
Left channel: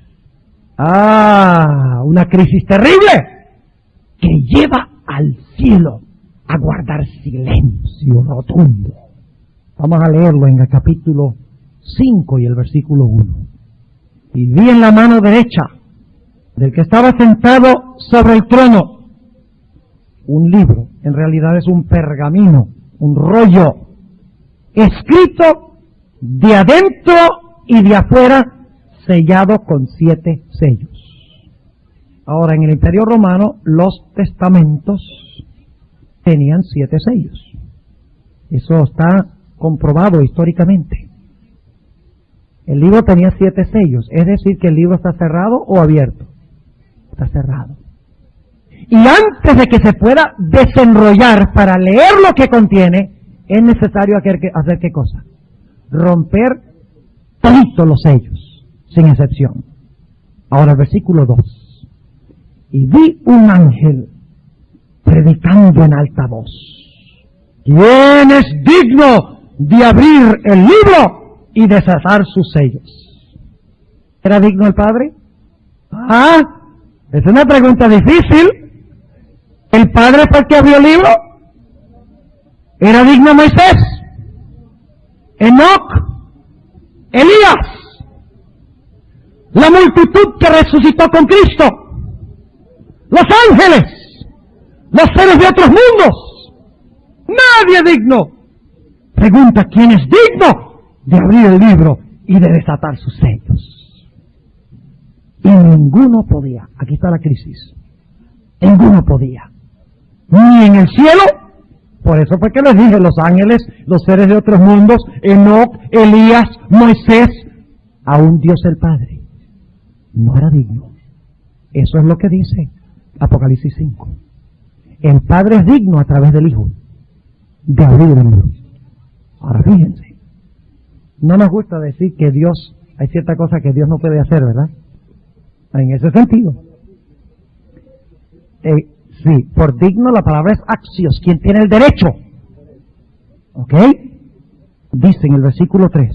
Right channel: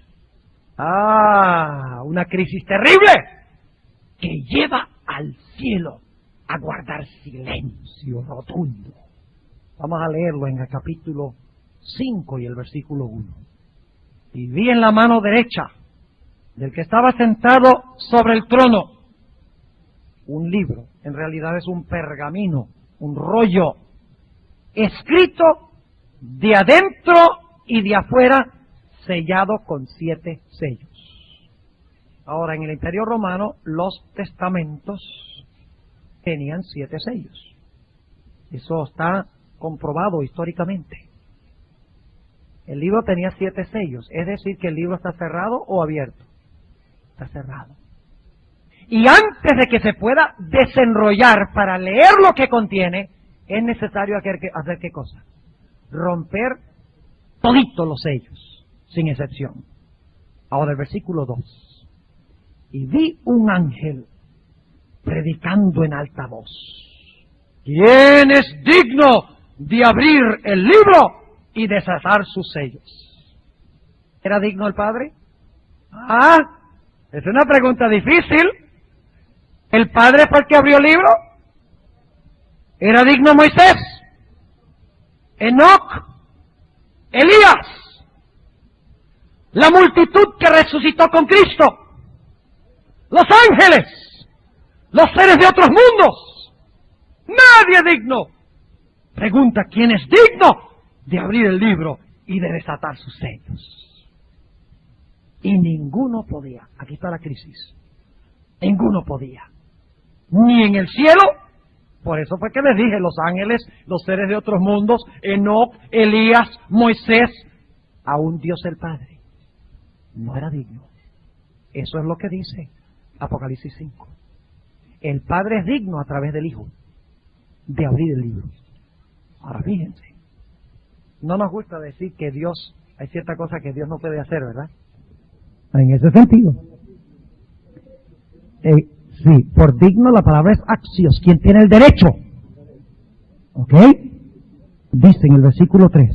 Una crisis terrible que lleva al cielo a guardar silencio rotundo. Vamos a leerlo en el capítulo 5 y el versículo 1. Y vi en la mano derecha del que estaba sentado sobre el trono un libro, en realidad es un pergamino, un rollo, escrito de adentro y de afuera, sellado con 7 sellos. Ahora, en el Imperio Romano, los testamentos tenían 7 sellos. Eso está comprobado históricamente. El libro tenía 7 sellos, es decir, que el libro está cerrado o abierto. Está cerrado. Y antes de que se pueda desenrollar para leer lo que contiene, es necesario hacer ¿qué cosa? Romper toditos los sellos, sin excepción. Ahora el versículo 2. Y vi un ángel predicando en alta voz. ¿Quién es digno de abrir el libro y desatar sus sellos? ¿Era digno el Padre? Es una pregunta difícil. ¿El Padre fue el que abrió el libro? ¿Era digno Moisés? ¿Enoc? ¿Elías? ¿La multitud que resucitó con Cristo? ¿Los ángeles? ¿Los seres de otros mundos? Nadie es digno. Pregunta, ¿quién es digno de abrir el libro y de desatar sus sellos? Y ninguno podía. Aquí está la crisis. Ninguno podía. Ni en el cielo. Por eso fue que les dije, los ángeles, los seres de otros mundos, Enoc, Elías, Moisés, aún Dios el Padre no era digno. Eso es lo que dice Apocalipsis 5. El Padre es digno a través del Hijo de abrir el libro. Ahora fíjense, no nos gusta decir que Dios, hay cierta cosa que Dios no puede hacer, ¿verdad? En ese sentido. Sí, por digno la palabra es axios, quien tiene el derecho. ¿Ok? Dice en el versículo 3,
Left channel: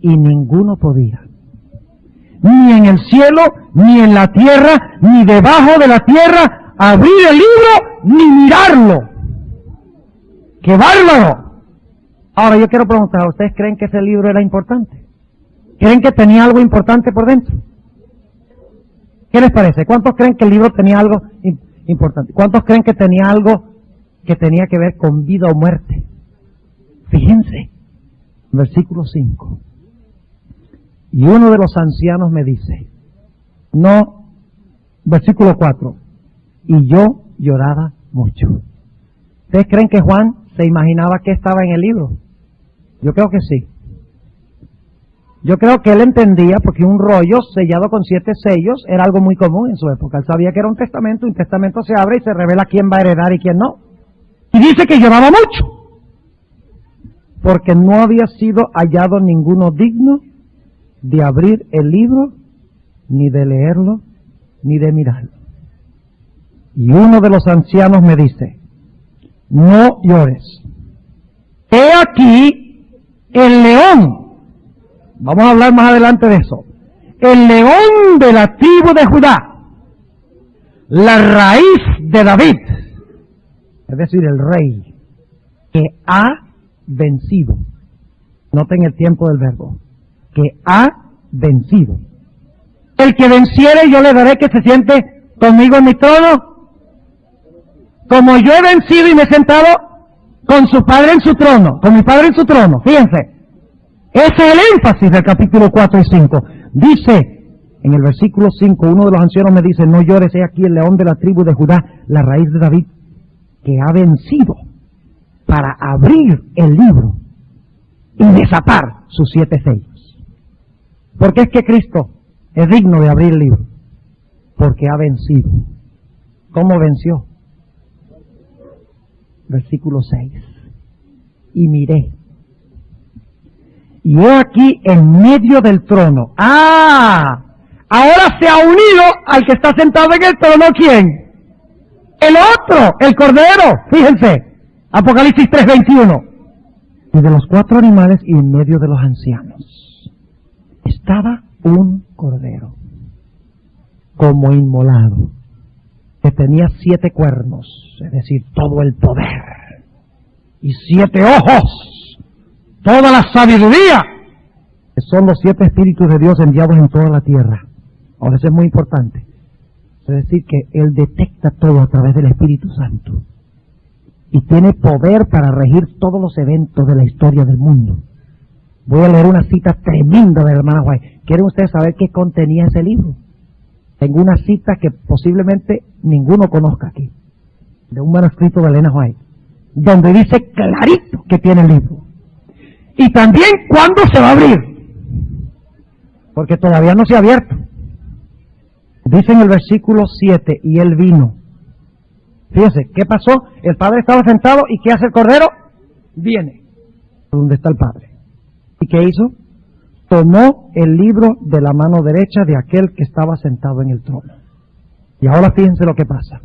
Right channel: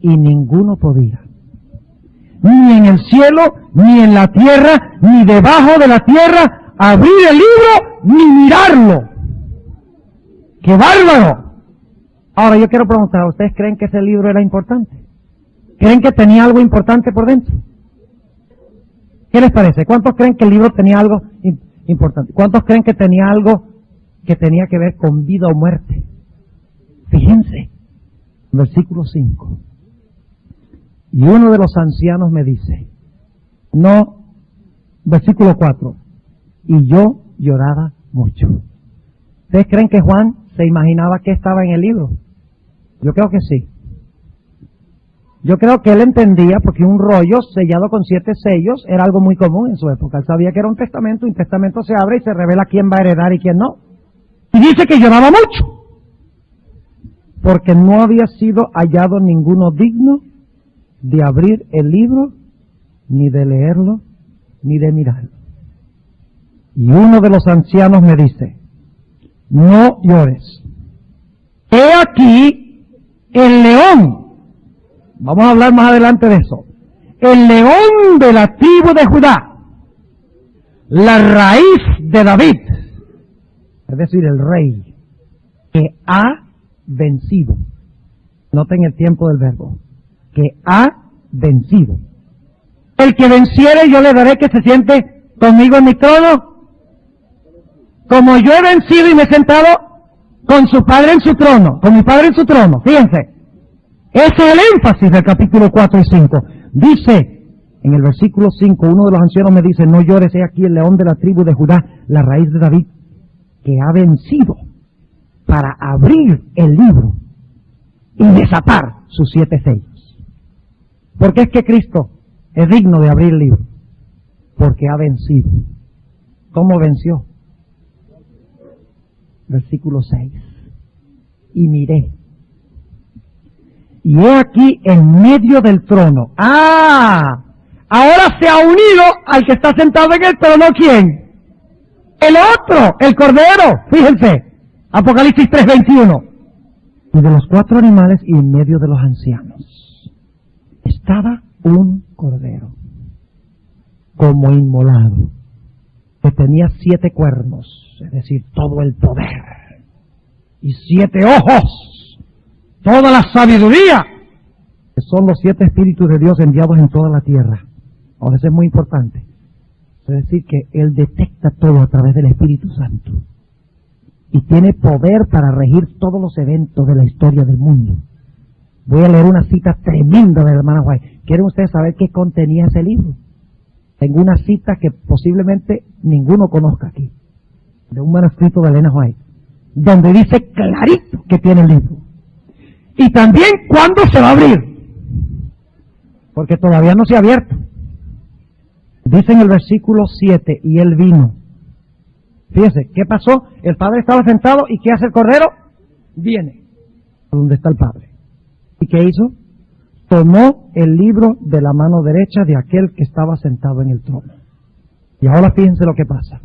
y ninguno podía, ni en el cielo, ni en la tierra, ni debajo de la tierra, abrir el libro, ni mirarlo. ¡Qué bárbaro! Ahora yo quiero preguntar, ¿ustedes creen que ese libro era importante? ¿Creen que tenía algo importante por dentro? ¿Qué les parece? ¿Cuántos creen que el libro tenía algo importante? ¿Cuántos creen que tenía algo que tenía que ver con vida o muerte? Fíjense, versículo 5. Y uno de los ancianos me dice, no, versículo 4, y yo lloraba mucho. ¿Ustedes creen que Juan se imaginaba que estaba en el libro? Yo creo que sí. Yo creo que él entendía, porque un rollo sellado con 7 sellos era algo muy común en su época. Él sabía que era un testamento se abre y se revela quién va a heredar y quién no. Y dice que lloraba mucho, porque no había sido hallado ninguno digno de abrir el libro, ni de leerlo, ni de mirarlo. Y uno de los ancianos me dice, no llores. He aquí el león. Vamos a hablar más adelante de eso. El león de la tribu de Judá, la raíz de David, es decir, el rey, que ha vencido. Noten el tiempo del verbo. Que ha vencido. El que venciere, yo le daré que se siente conmigo en mi trono, como yo he vencido y me he sentado con su padre en su trono, con mi padre en su trono. Fíjense. Ese es el énfasis del capítulo 4 y 5. Dice, en el versículo 5, uno de los ancianos me dice, no llores, he aquí el león de la tribu de Judá, la raíz de David, que ha vencido para abrir el libro y desatar sus 7 sellos. ¿Por qué es que Cristo es digno de abrir el libro? Porque ha vencido. ¿Cómo venció? Versículo 6. Y miré. Y he aquí en medio del trono. Ahora se ha unido al que está sentado en el trono, ¿quién? El otro, el Cordero. Fíjense, Apocalipsis 3:21. Y de los 4 animales y en medio de los ancianos estaba un cordero, como inmolado, que tenía 7 cuernos, es decir, todo el poder, y 7 ojos, toda la sabiduría, que son los 7 espíritus de Dios enviados en toda la tierra. Ahora, eso es muy importante. Es decir, que Él detecta todo a través del Espíritu Santo. Y tiene poder para regir todos los eventos de la historia del mundo. Voy a leer una cita tremenda de la hermana White. ¿Quieren ustedes saber qué contenía ese libro? Tengo una cita que posiblemente ninguno conozca aquí, de un manuscrito de Elena White, donde dice clarito que tiene el libro. Y también cuándo se va a abrir, porque todavía no se ha abierto. Dice en el versículo 7, y él vino. Fíjense, ¿qué pasó? El Padre estaba sentado, ¿y qué hace el Cordero? Viene a donde está el Padre. ¿Y qué hizo? Tomó el libro de la mano derecha de aquel que estaba sentado en el trono. Y ahora fíjense lo que pasa.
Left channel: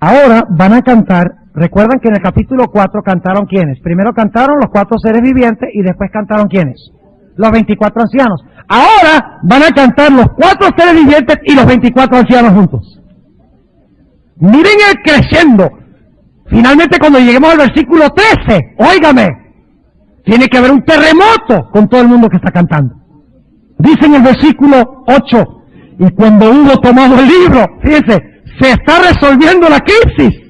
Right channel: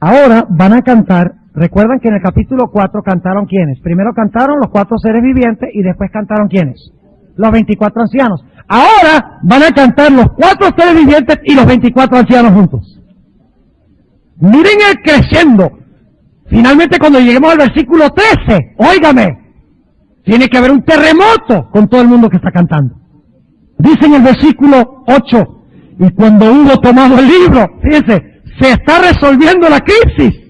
Ahora van a cantar, recuerdan que en el capítulo 4 cantaron ¿quiénes? Primero cantaron los 4 seres vivientes y después cantaron ¿quiénes? Los 24 ancianos. Ahora van a cantar los 4 seres vivientes y los 24 ancianos juntos. Miren el creciendo. Finalmente cuando lleguemos al versículo 13, óigame, tiene que haber un terremoto con todo el mundo que está cantando. Dice en el versículo 8, y cuando hubo tomado el libro, fíjense, se está resolviendo la crisis.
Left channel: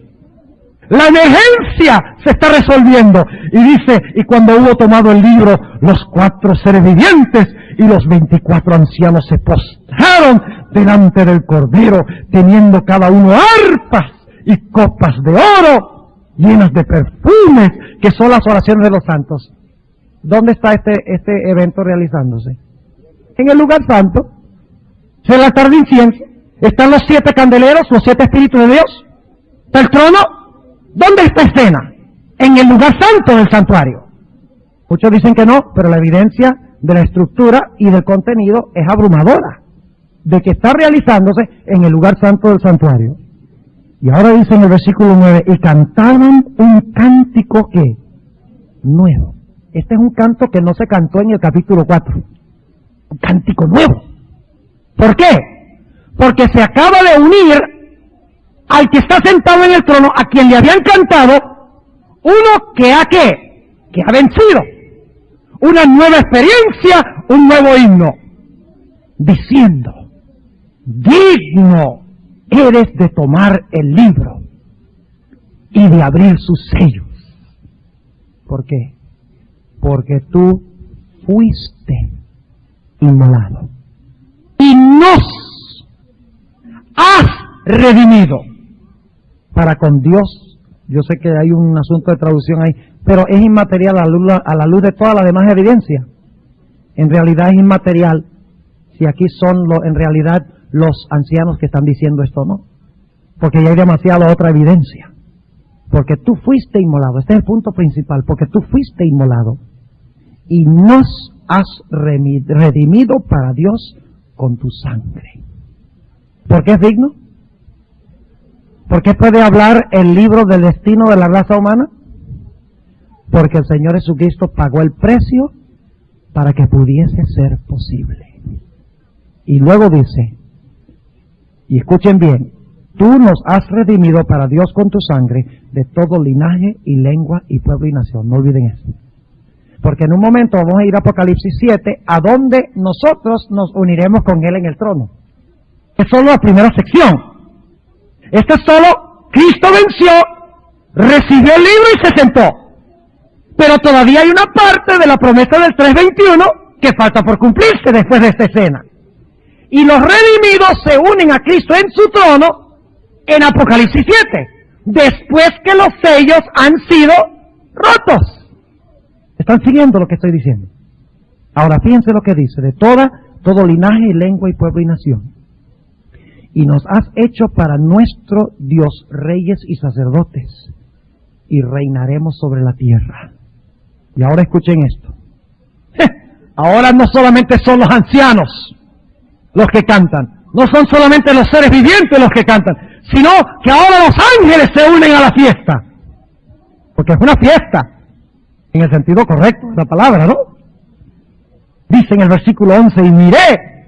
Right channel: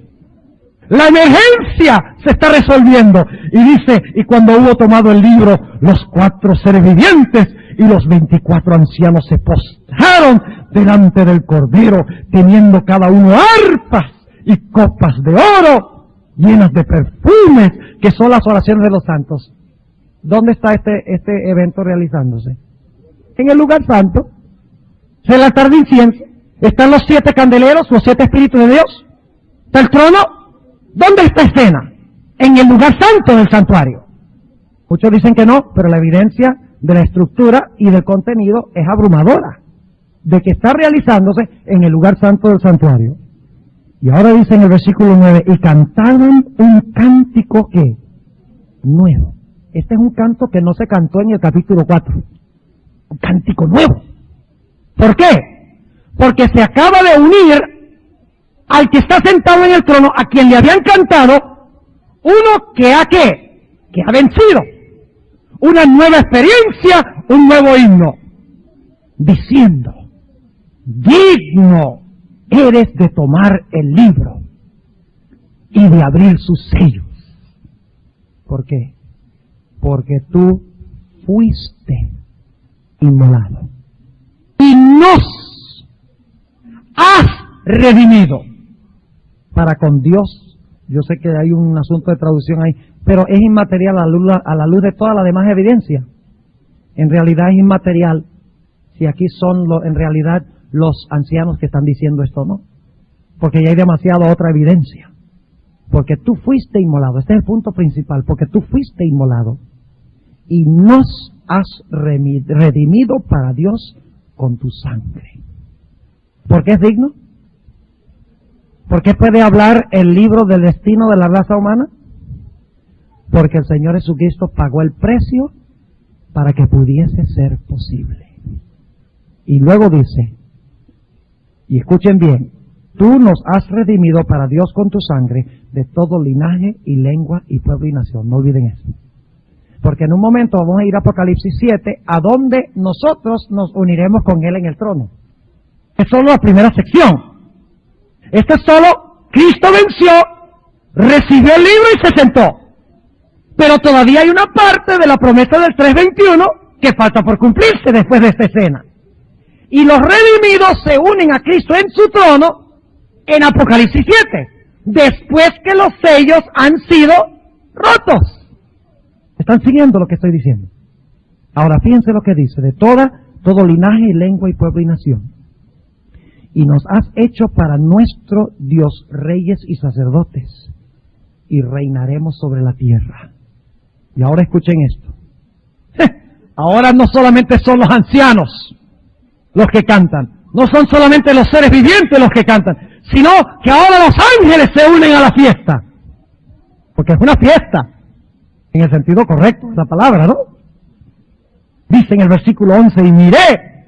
La emergencia se está resolviendo. Y dice, y cuando hubo tomado el libro, los 4 seres vivientes y los 24 ancianos se postraron delante del Cordero, teniendo cada uno arpas y copas de oro llenas de perfumes, que son las oraciones de los santos. ¿Dónde está este evento realizándose? En el lugar santo. Es el altar de incienso. Están los 7 candeleros, los 7 espíritus de Dios. Está el trono. ¿Dónde está escena? En el lugar santo del santuario. Muchos dicen que no, pero la evidencia de la estructura y del contenido es abrumadora, de que está realizándose en el lugar santo del santuario. Y ahora dice en el versículo 9, y cantaban un cántico que nuevo. Este es un canto que no se cantó en el capítulo 4. Un cántico nuevo. ¿Por qué? Porque se acaba de unir al que está sentado en el trono, a quien le habían cantado, uno que ha ¿qué? Que ha vencido. Una nueva experiencia, un nuevo himno. Diciendo, digno eres de tomar el libro y de abrir sus sellos. ¿Por qué? Porque tú fuiste inmolado y nos has redimido para con Dios. Yo sé que hay un asunto de traducción ahí, pero es inmaterial a la luz de toda la demás evidencia. En realidad es inmaterial si aquí son en realidad los ancianos que están diciendo esto, ¿no? Porque ya hay demasiada otra evidencia. Porque tú fuiste inmolado, este es el punto principal, porque tú fuiste inmolado y nos has redimido para Dios con tu sangre. ¿Por qué es digno? ¿Por qué puede hablar el libro del destino de la raza humana? Porque el Señor Jesucristo pagó el precio para que pudiese ser posible. Y luego dice, y escuchen bien, tú nos has redimido para Dios con tu sangre de todo linaje y lengua y pueblo y nación. No olviden eso. Porque en un momento vamos a ir a Apocalipsis 7, a donde nosotros nos uniremos con Él en el trono. Es solo la primera sección. Esto es solo, Cristo venció, recibió el libro y se sentó. Pero todavía hay una parte de la promesa del 3:21 que falta por cumplirse después de esta escena. Y los redimidos se unen a Cristo en su trono en Apocalipsis 7, después que los sellos han sido rotos. ¿Están siguiendo lo que estoy diciendo? Ahora fíjense lo que dice, de todo linaje y lengua y pueblo y nación. Y nos has hecho para nuestro Dios reyes y sacerdotes, y reinaremos sobre la tierra. Y ahora escuchen esto. Ahora no solamente son los ancianos los que cantan, no son solamente los seres vivientes los que cantan, sino que ahora los ángeles se unen a la fiesta. Porque es una fiesta. En el sentido correcto de la palabra, ¿no? Dice en el versículo 11, y miré,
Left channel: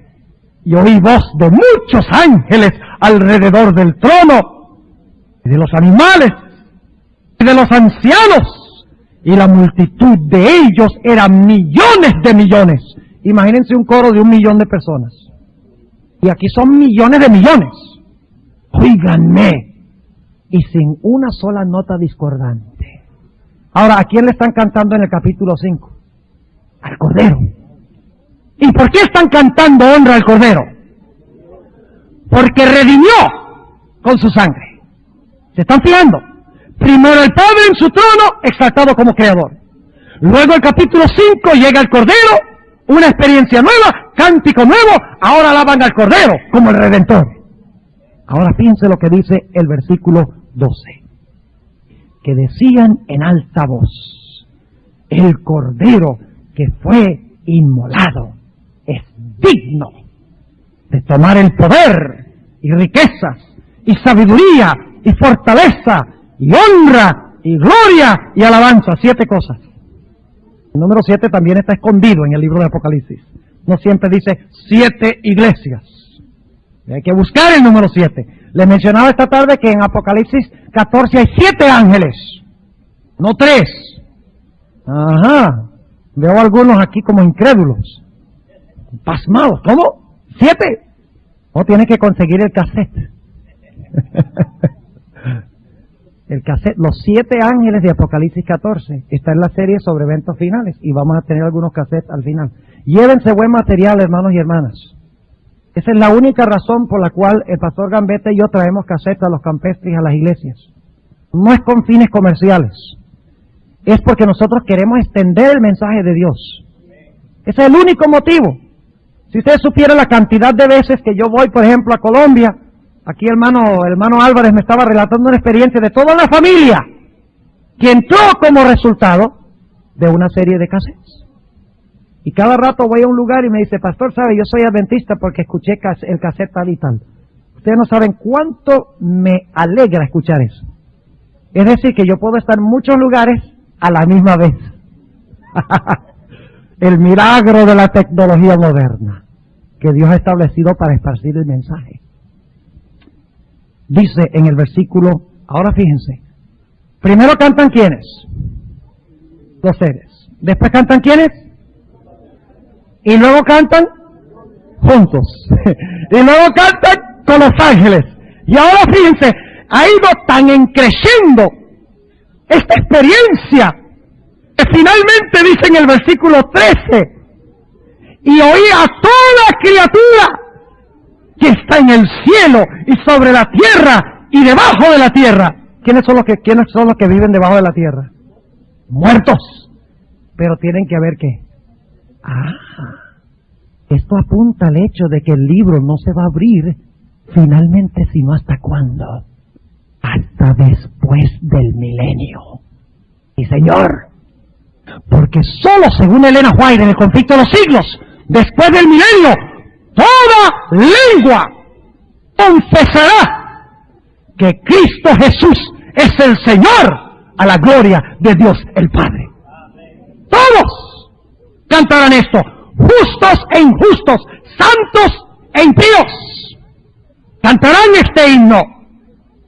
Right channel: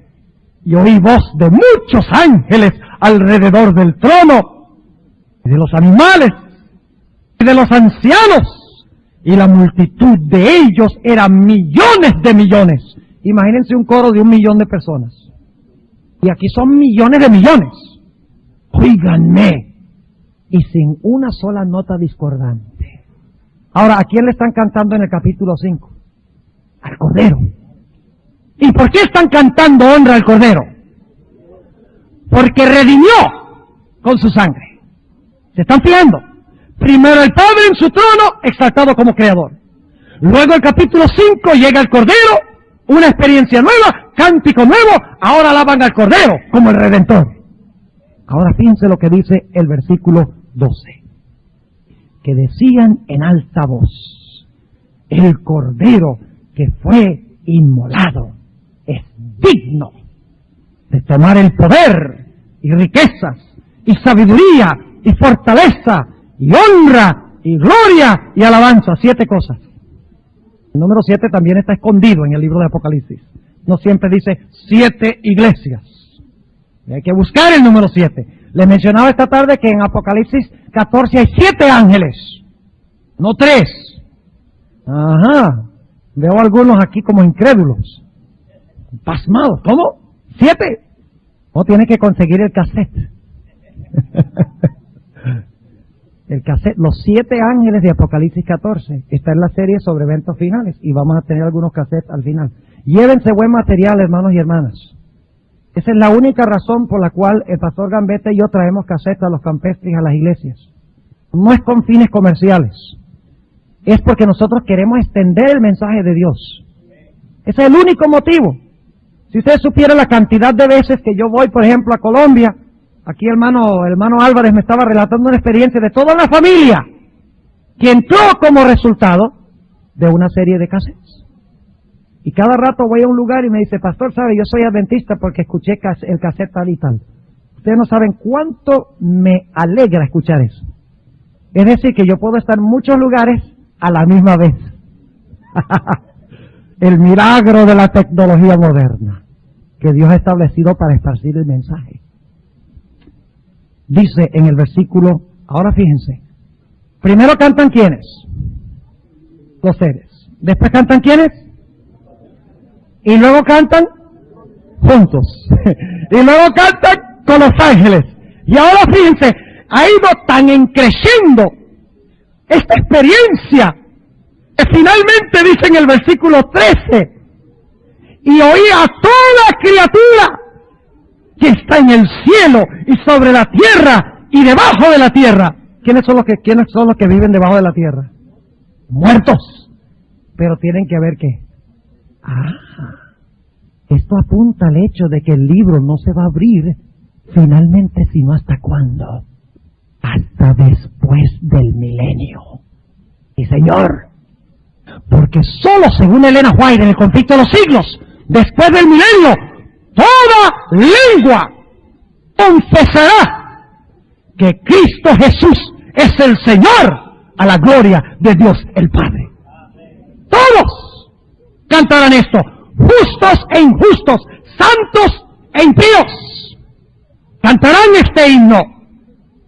y oí voz de muchos ángeles alrededor del trono, y de los animales, y de los ancianos, y la multitud de ellos eran millones de millones. Imagínense un coro de 1 millón de personas. Y aquí son millones de millones. Óiganme. Y sin una sola nota discordante. Ahora, ¿a quién le están cantando en el capítulo 5? Al Cordero. ¿Y por qué están cantando honra al Cordero? Porque redimió con su sangre. ¿Se están fijando? Primero el Padre en su trono, exaltado como Creador. Luego el capítulo 5 llega el Cordero, una experiencia nueva, cántico nuevo, ahora alaban al Cordero como el Redentor. Ahora fíjense lo que dice el versículo 12. Que decían en alta voz, el Cordero que fue inmolado es digno de tomar el poder y riquezas y sabiduría y fortaleza y honra y gloria y alabanza. 7 cosas. El número 7 también está escondido en el libro de Apocalipsis. No siempre dice 7 iglesias. Hay que buscar el número 7. Les mencionaba esta tarde que en Apocalipsis 14 hay 7 ángeles, no 3. Ajá. Veo algunos aquí como incrédulos, pasmados. ¿Cómo? 7. No, tiene que conseguir el cassette. El cassette, los 7 ángeles de Apocalipsis 14, está en la serie sobre eventos finales y vamos a tener algunos cassettes al final. Llévense buen material, hermanos y hermanas. Esa es la única razón por la cual el pastor Gambetta y yo traemos cassettes a los campestres y a las iglesias. No es con fines comerciales, es porque nosotros queremos extender el mensaje de Dios. Ese es el único motivo. Si usted supiera la cantidad de veces que yo voy, por ejemplo, a Colombia, aquí hermano Álvarez me estaba relatando una experiencia de toda la familia que entró como resultado de una serie de cassettes. Y cada rato voy a un lugar y me dice, pastor, ¿sabe? Yo soy adventista porque escuché el cassette tal y tal. Ustedes no saben cuánto me alegra escuchar eso. Es decir, que yo puedo estar en muchos lugares a la misma vez. El milagro de la tecnología moderna que Dios ha establecido para esparcir el mensaje. Dice en el versículo, ahora fíjense, primero cantan ¿quiénes? Los seres. Después cantan ¿quiénes? Y luego cantan juntos. Y luego cantan con los ángeles. Y ahora fíjense, ha ido tan encreciendo esta experiencia que finalmente dice en el versículo 13, y oí a toda criatura que está en el cielo y sobre la tierra y debajo de la tierra. ¿Quiénes son los que viven debajo de la tierra? Muertos. Pero tienen que ver qué. Esto apunta al hecho de que el libro no se va a abrir finalmente, sino ¿hasta cuándo? Hasta después del milenio. Sí, señor. Porque solo según Elena White en el conflicto de los siglos, después del milenio, toda lengua confesará que Cristo Jesús es el Señor, a la gloria de Dios el Padre. Todos cantarán esto, justos e injustos, santos e impíos. Cantarán este himno.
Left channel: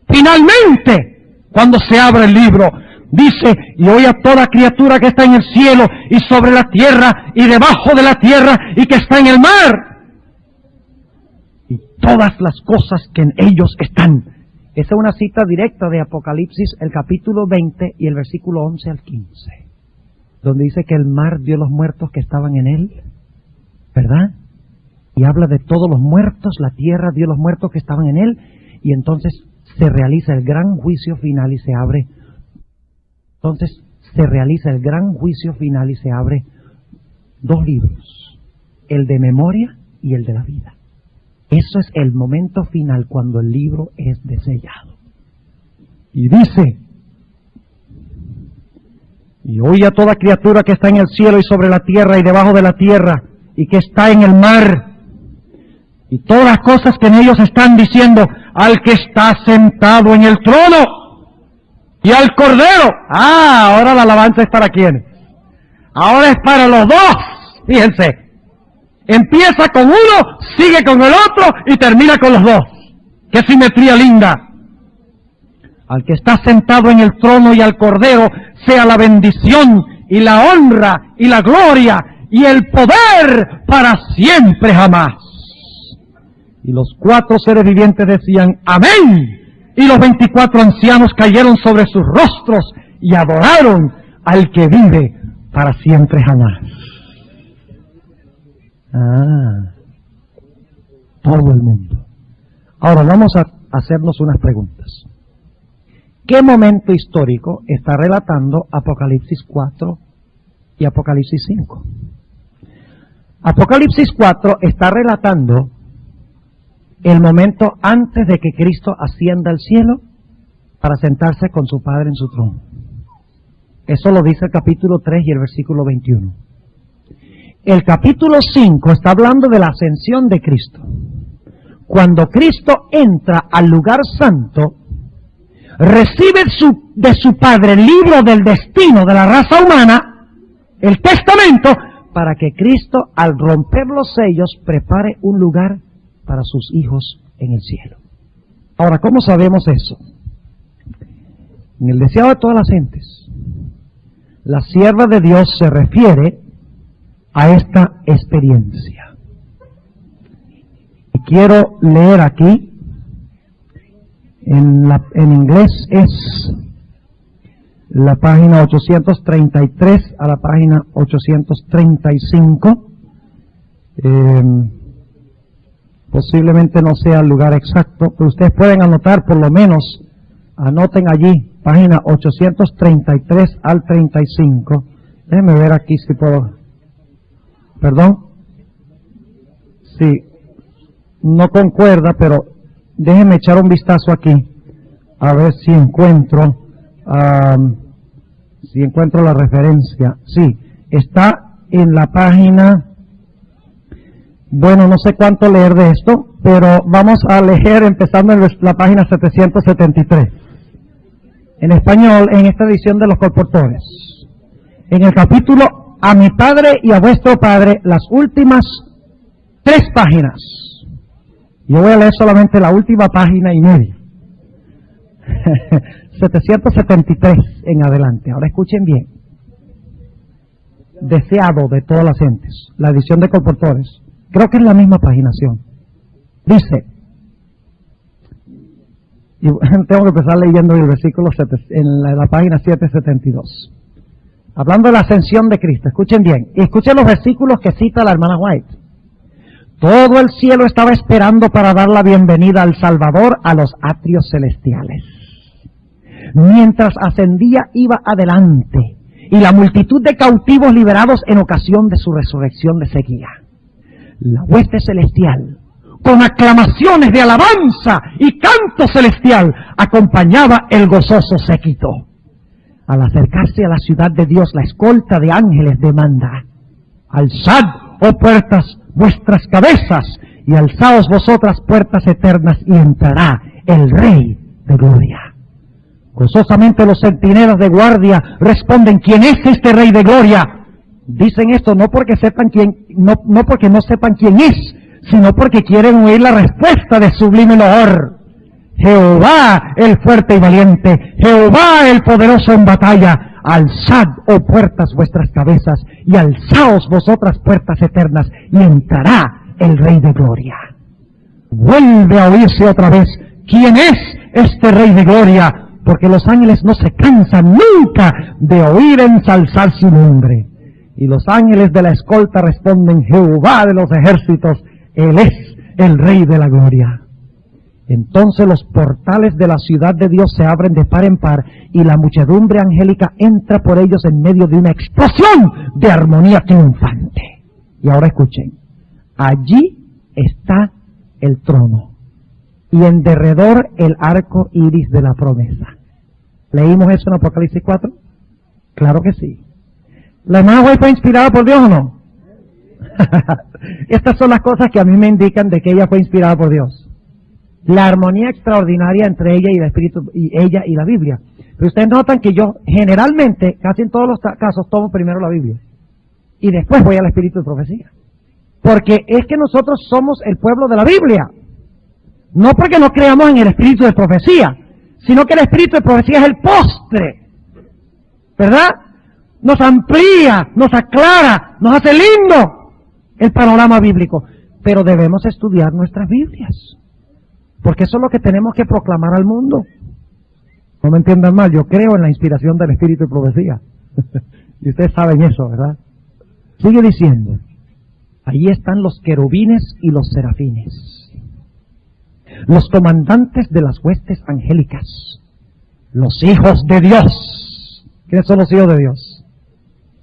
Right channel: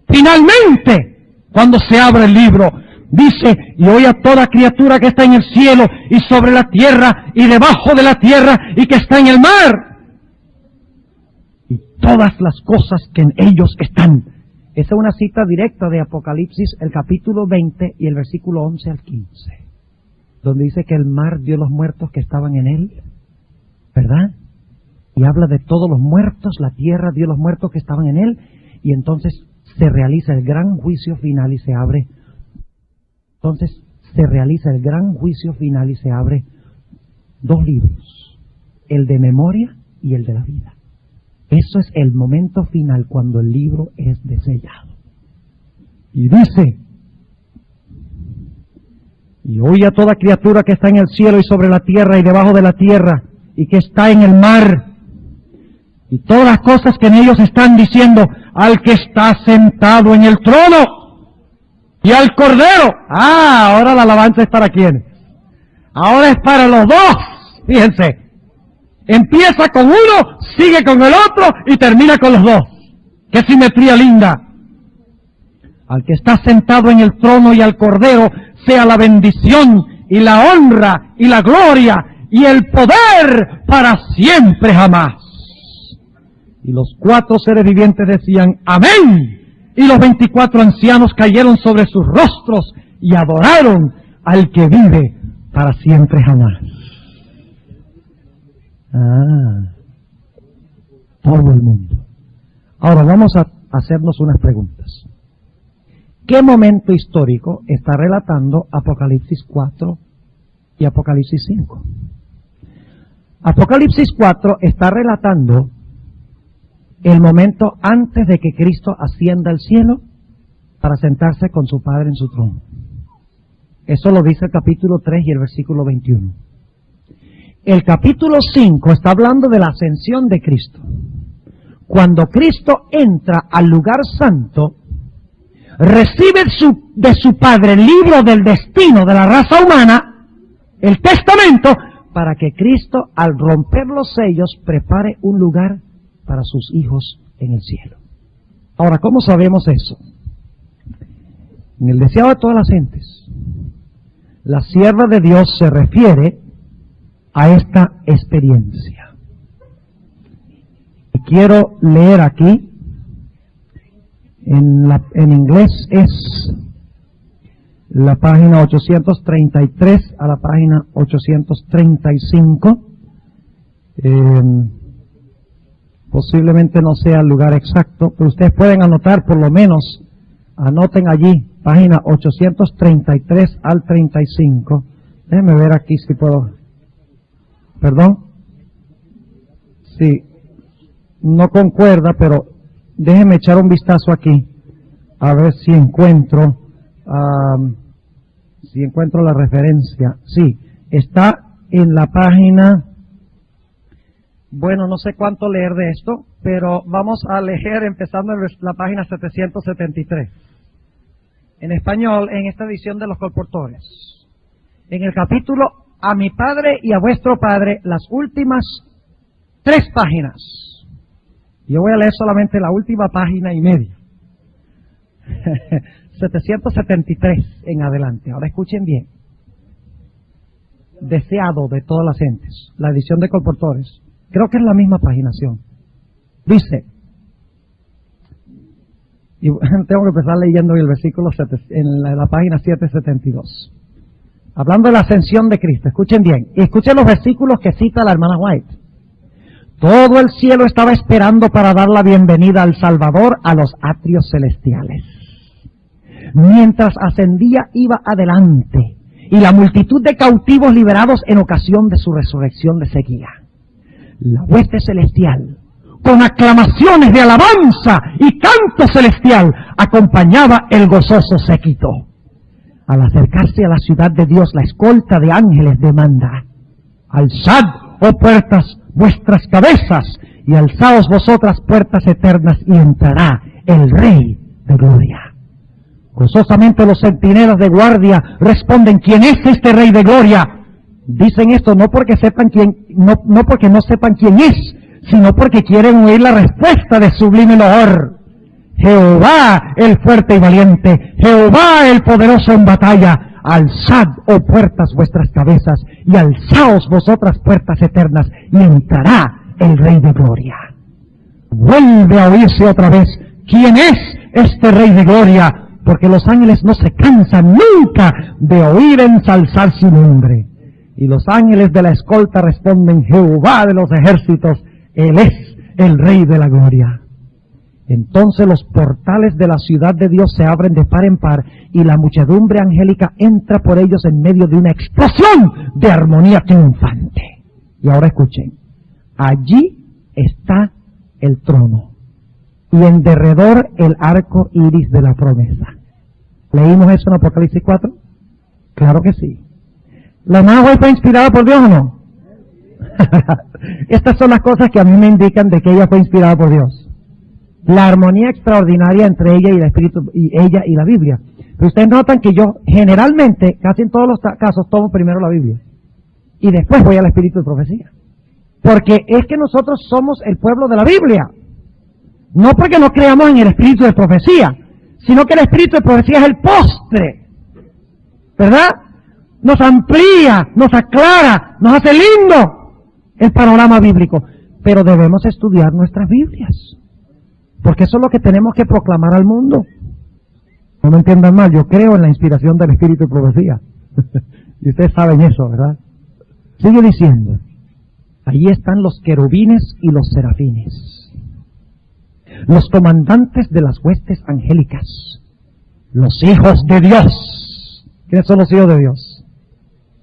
Finalmente, cuando se abra el libro, dice, y oí a toda criatura que está en el cielo y sobre la tierra y debajo de la tierra y que está en el mar, y todas las cosas que en ellos están. Esta es una cita directa de Apocalipsis, el capítulo 20 y el versículo 11 al 15, donde dice que el mar dio los muertos que estaban en él, ¿verdad? Y habla de todos los muertos, la tierra dio los muertos que estaban en él, y entonces se realiza el gran juicio final y se abre. Entonces se realiza el gran juicio final y se abre 2 libros, el de memoria y el de la vida. Eso es el momento final cuando el libro es desellado. Y dice, y oí a toda criatura que está en el cielo y sobre la tierra y debajo de la tierra y que está en el mar, y todas las cosas que en ellos están diciendo, al que está sentado en el trono y al Cordero. Ahora la alabanza es para quién. Ahora es para los dos. Fíjense. Empieza con uno, sigue con el otro y termina con los dos. ¡Qué simetría linda! Al que está sentado en el trono y al Cordero sea la bendición y la honra y la gloria y el poder para siempre jamás. Y los 4 seres vivientes decían amén. Y los 24 ancianos cayeron sobre sus rostros y adoraron al que vive para siempre jamás. Todo el mundo. Ahora vamos a hacernos unas preguntas. ¿Qué momento histórico está relatando Apocalipsis 4 y Apocalipsis 5? Apocalipsis 4 está relatando el momento antes de que Cristo ascienda al cielo para sentarse con su Padre en su trono. Eso lo dice el capítulo 3 y el versículo 21. El capítulo 5 está hablando de la ascensión de Cristo. Cuando Cristo entra al lugar santo, recibe de su Padre el libro del destino de la raza humana, el testamento, para que Cristo, al romper los sellos, prepare un lugar para sus hijos en el cielo. Ahora, ¿cómo sabemos eso? En el deseado de todas las gentes, la sierva de Dios se refiere a esta experiencia. Quiero leer aquí, en inglés es la página 833 a la página 835. Posiblemente no sea el lugar exacto, pero ustedes pueden anotar, por lo menos, anoten allí, página 833 al 35. Déjenme ver aquí si puedo. ¿Perdón? Sí, no concuerda, pero déjenme echar un vistazo aquí, a ver si encuentro la referencia. Sí, está en la página. Bueno, no sé cuánto leer de esto, pero vamos a leer empezando en la página 773. En español, en esta edición de los colportores. En el capítulo A mi Padre y a vuestro Padre, las últimas 3 páginas. Yo voy a leer solamente la última página y media. 773 en adelante. Ahora escuchen bien. Deseado de todas las gentes. La edición de colportores. Creo que es la misma paginación. Dice, y tengo que empezar leyendo el versículo en la página 772. Hablando de la ascensión de Cristo. Escuchen bien. Y escuchen los versículos que cita la hermana White. Todo el cielo estaba esperando para dar la bienvenida al Salvador a los atrios celestiales. Mientras ascendía, iba adelante, y la multitud de cautivos liberados en ocasión de su resurrección le seguía. La hueste celestial, con aclamaciones de alabanza y canto celestial, acompañaba el gozoso séquito. Al acercarse a la ciudad de Dios, la escolta de ángeles demanda: alzad, oh puertas, vuestras cabezas, y alzaos vosotras puertas eternas, y entrará el Rey de Gloria. Gozosamente los centinelas de guardia responden: ¿quién es este Rey de Gloria? Dicen esto no porque sepan no porque no sepan quién es, sino porque quieren oír la respuesta de sublime loor. Jehová el fuerte y valiente, Jehová el poderoso en batalla. Alzad, oh puertas, vuestras cabezas, y alzaos vosotras puertas eternas, y entrará el Rey de Gloria. Vuelve a oírse otra vez: ¿quién es este Rey de Gloria? Porque los ángeles no se cansan nunca de oír ensalzar su nombre. Y los ángeles de la escolta responden: Jehová de los ejércitos, Él es el Rey de la Gloria. Entonces los portales de la ciudad de Dios se abren de par en par, y la muchedumbre angélica entra por ellos en medio de una explosión de armonía triunfante. Y ahora escuchen: allí está el trono, y en derredor el arco iris de la promesa. ¿Leímos eso en Apocalipsis 4? Claro que sí. ¿La hermana White fue inspirada por Dios o no? Estas son las cosas que a mí me indican de que ella fue inspirada por Dios. La armonía extraordinaria entre ella y el Espíritu, y ella y la Biblia. Pero ustedes notan que yo generalmente, casi en todos los casos, tomo primero la Biblia. y después voy al espíritu de profecía. Porque es que nosotros somos el pueblo de la Biblia. No porque no creamos en el espíritu de profecía, sino que el espíritu de profecía es el postre. ¿Verdad? Nos amplía, nos aclara, nos hace lindo el panorama bíblico. Pero debemos estudiar nuestras Biblias. Porque eso es lo que tenemos que proclamar al mundo. No me entiendan mal, yo creo en la inspiración del espíritu de profecía. Y ustedes saben eso, ¿verdad? Sigue diciendo, ahí están los querubines y los serafines, los comandantes de las huestes angélicas, los hijos de Dios. ¿Quiénes son los hijos de Dios?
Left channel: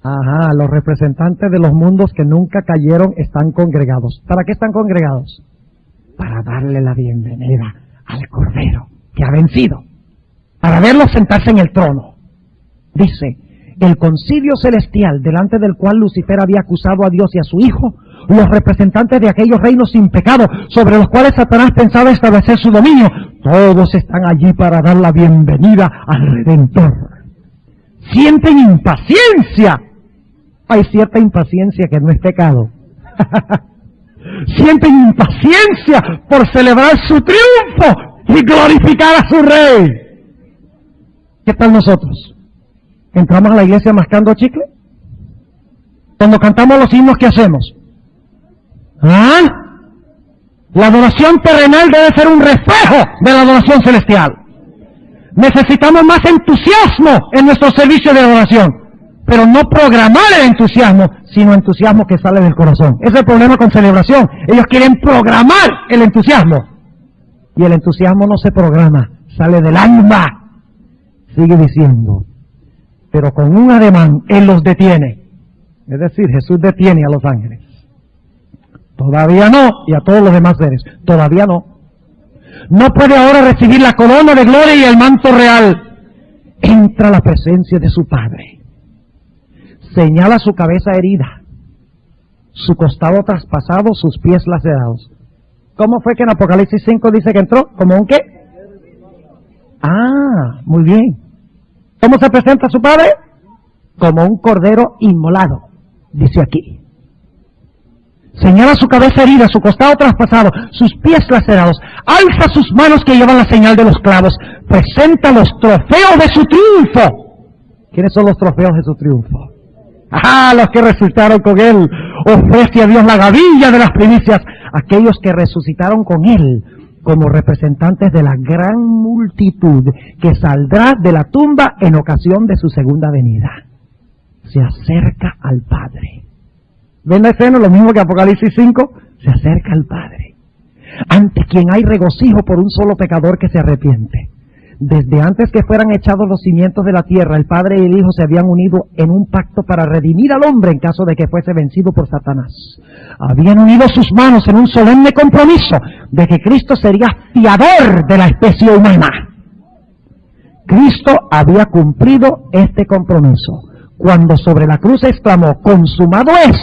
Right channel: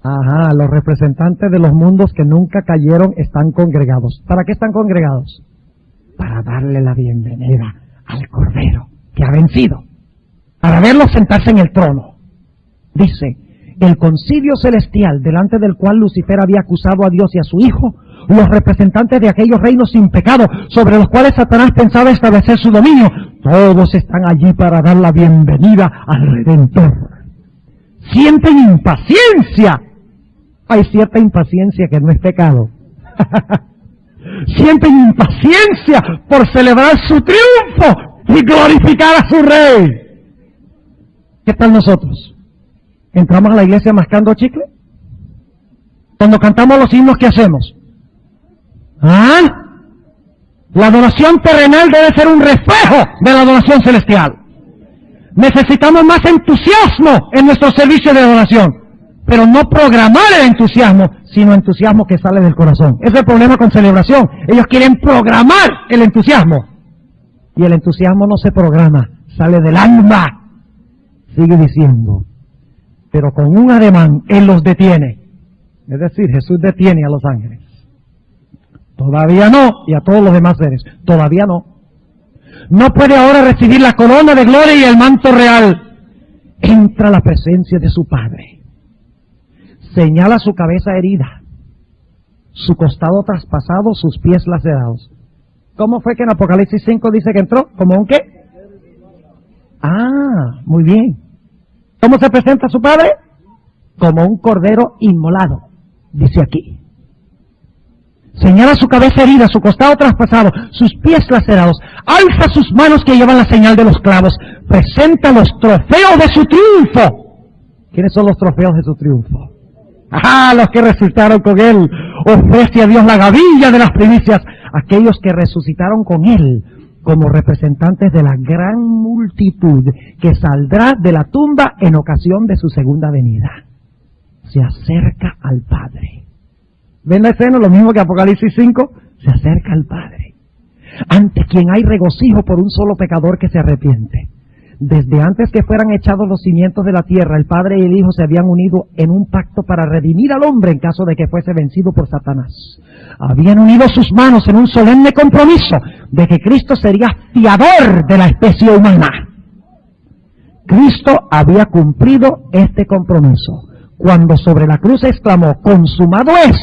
Ajá, los representantes de los mundos que nunca cayeron están congregados. ¿Para qué están congregados? Para darle la bienvenida al Cordero que ha vencido, para verlo sentarse en el trono. Dice, el concilio celestial delante del cual Lucifer había acusado a Dios y a su Hijo, los representantes de aquellos reinos sin pecado sobre los cuales Satanás pensaba establecer su dominio, todos están allí para dar la bienvenida al Redentor. Sienten impaciencia. Hay cierta impaciencia que no es pecado. Sienten impaciencia por celebrar su triunfo y glorificar a su Rey. ¿Qué tal nosotros? ¿Entramos a la iglesia mascando chicle? Cuando cantamos los himnos, ¿qué hacemos? ¿Ah? La adoración terrenal debe ser un reflejo de la adoración celestial. Necesitamos más entusiasmo en nuestro servicio de adoración, pero no programar el entusiasmo, sino entusiasmo que sale del corazón. Ese es el problema con celebración. Ellos quieren programar el entusiasmo, y el entusiasmo no se programa, sale del alma. Sigue diciendo, pero con un ademán Él los detiene. Es decir, Jesús detiene a los ángeles. Todavía no, y a todos los demás seres. Todavía no. No puede ahora recibir la corona de gloria y el manto real. Entra a la presencia de su Padre. Señala su cabeza herida, su costado traspasado, sus pies lacerados. ¿Cómo fue que en Apocalipsis 5 dice que entró? ¿Como un qué? Ah, muy bien. ¿Cómo se presenta su Padre? Como un cordero inmolado, dice aquí. Señala su cabeza herida, su costado traspasado, sus pies lacerados. Alza sus manos que llevan la señal de los clavos. Presenta los trofeos de su triunfo. ¿Quiénes son los trofeos de su triunfo? ¡Ah! Los que resucitaron con Él. Ofrece a Dios la gavilla de las primicias. Aquellos que resucitaron con Él como representantes de la gran multitud que saldrá de la tumba en ocasión de su segunda venida. Se acerca al Padre. ¿Ven la escena? Lo mismo que Apocalipsis 5. Se acerca al Padre, ante quien hay regocijo por un solo pecador que se arrepiente. Desde antes que fueran echados los cimientos de la tierra, el Padre y el Hijo se habían unido en un pacto para redimir al hombre en caso de que fuese vencido por Satanás. Habían unido sus manos en un solemne compromiso de que Cristo sería fiador de la especie humana. Cristo había cumplido este compromiso. Cuando sobre la cruz exclamó, consumado es,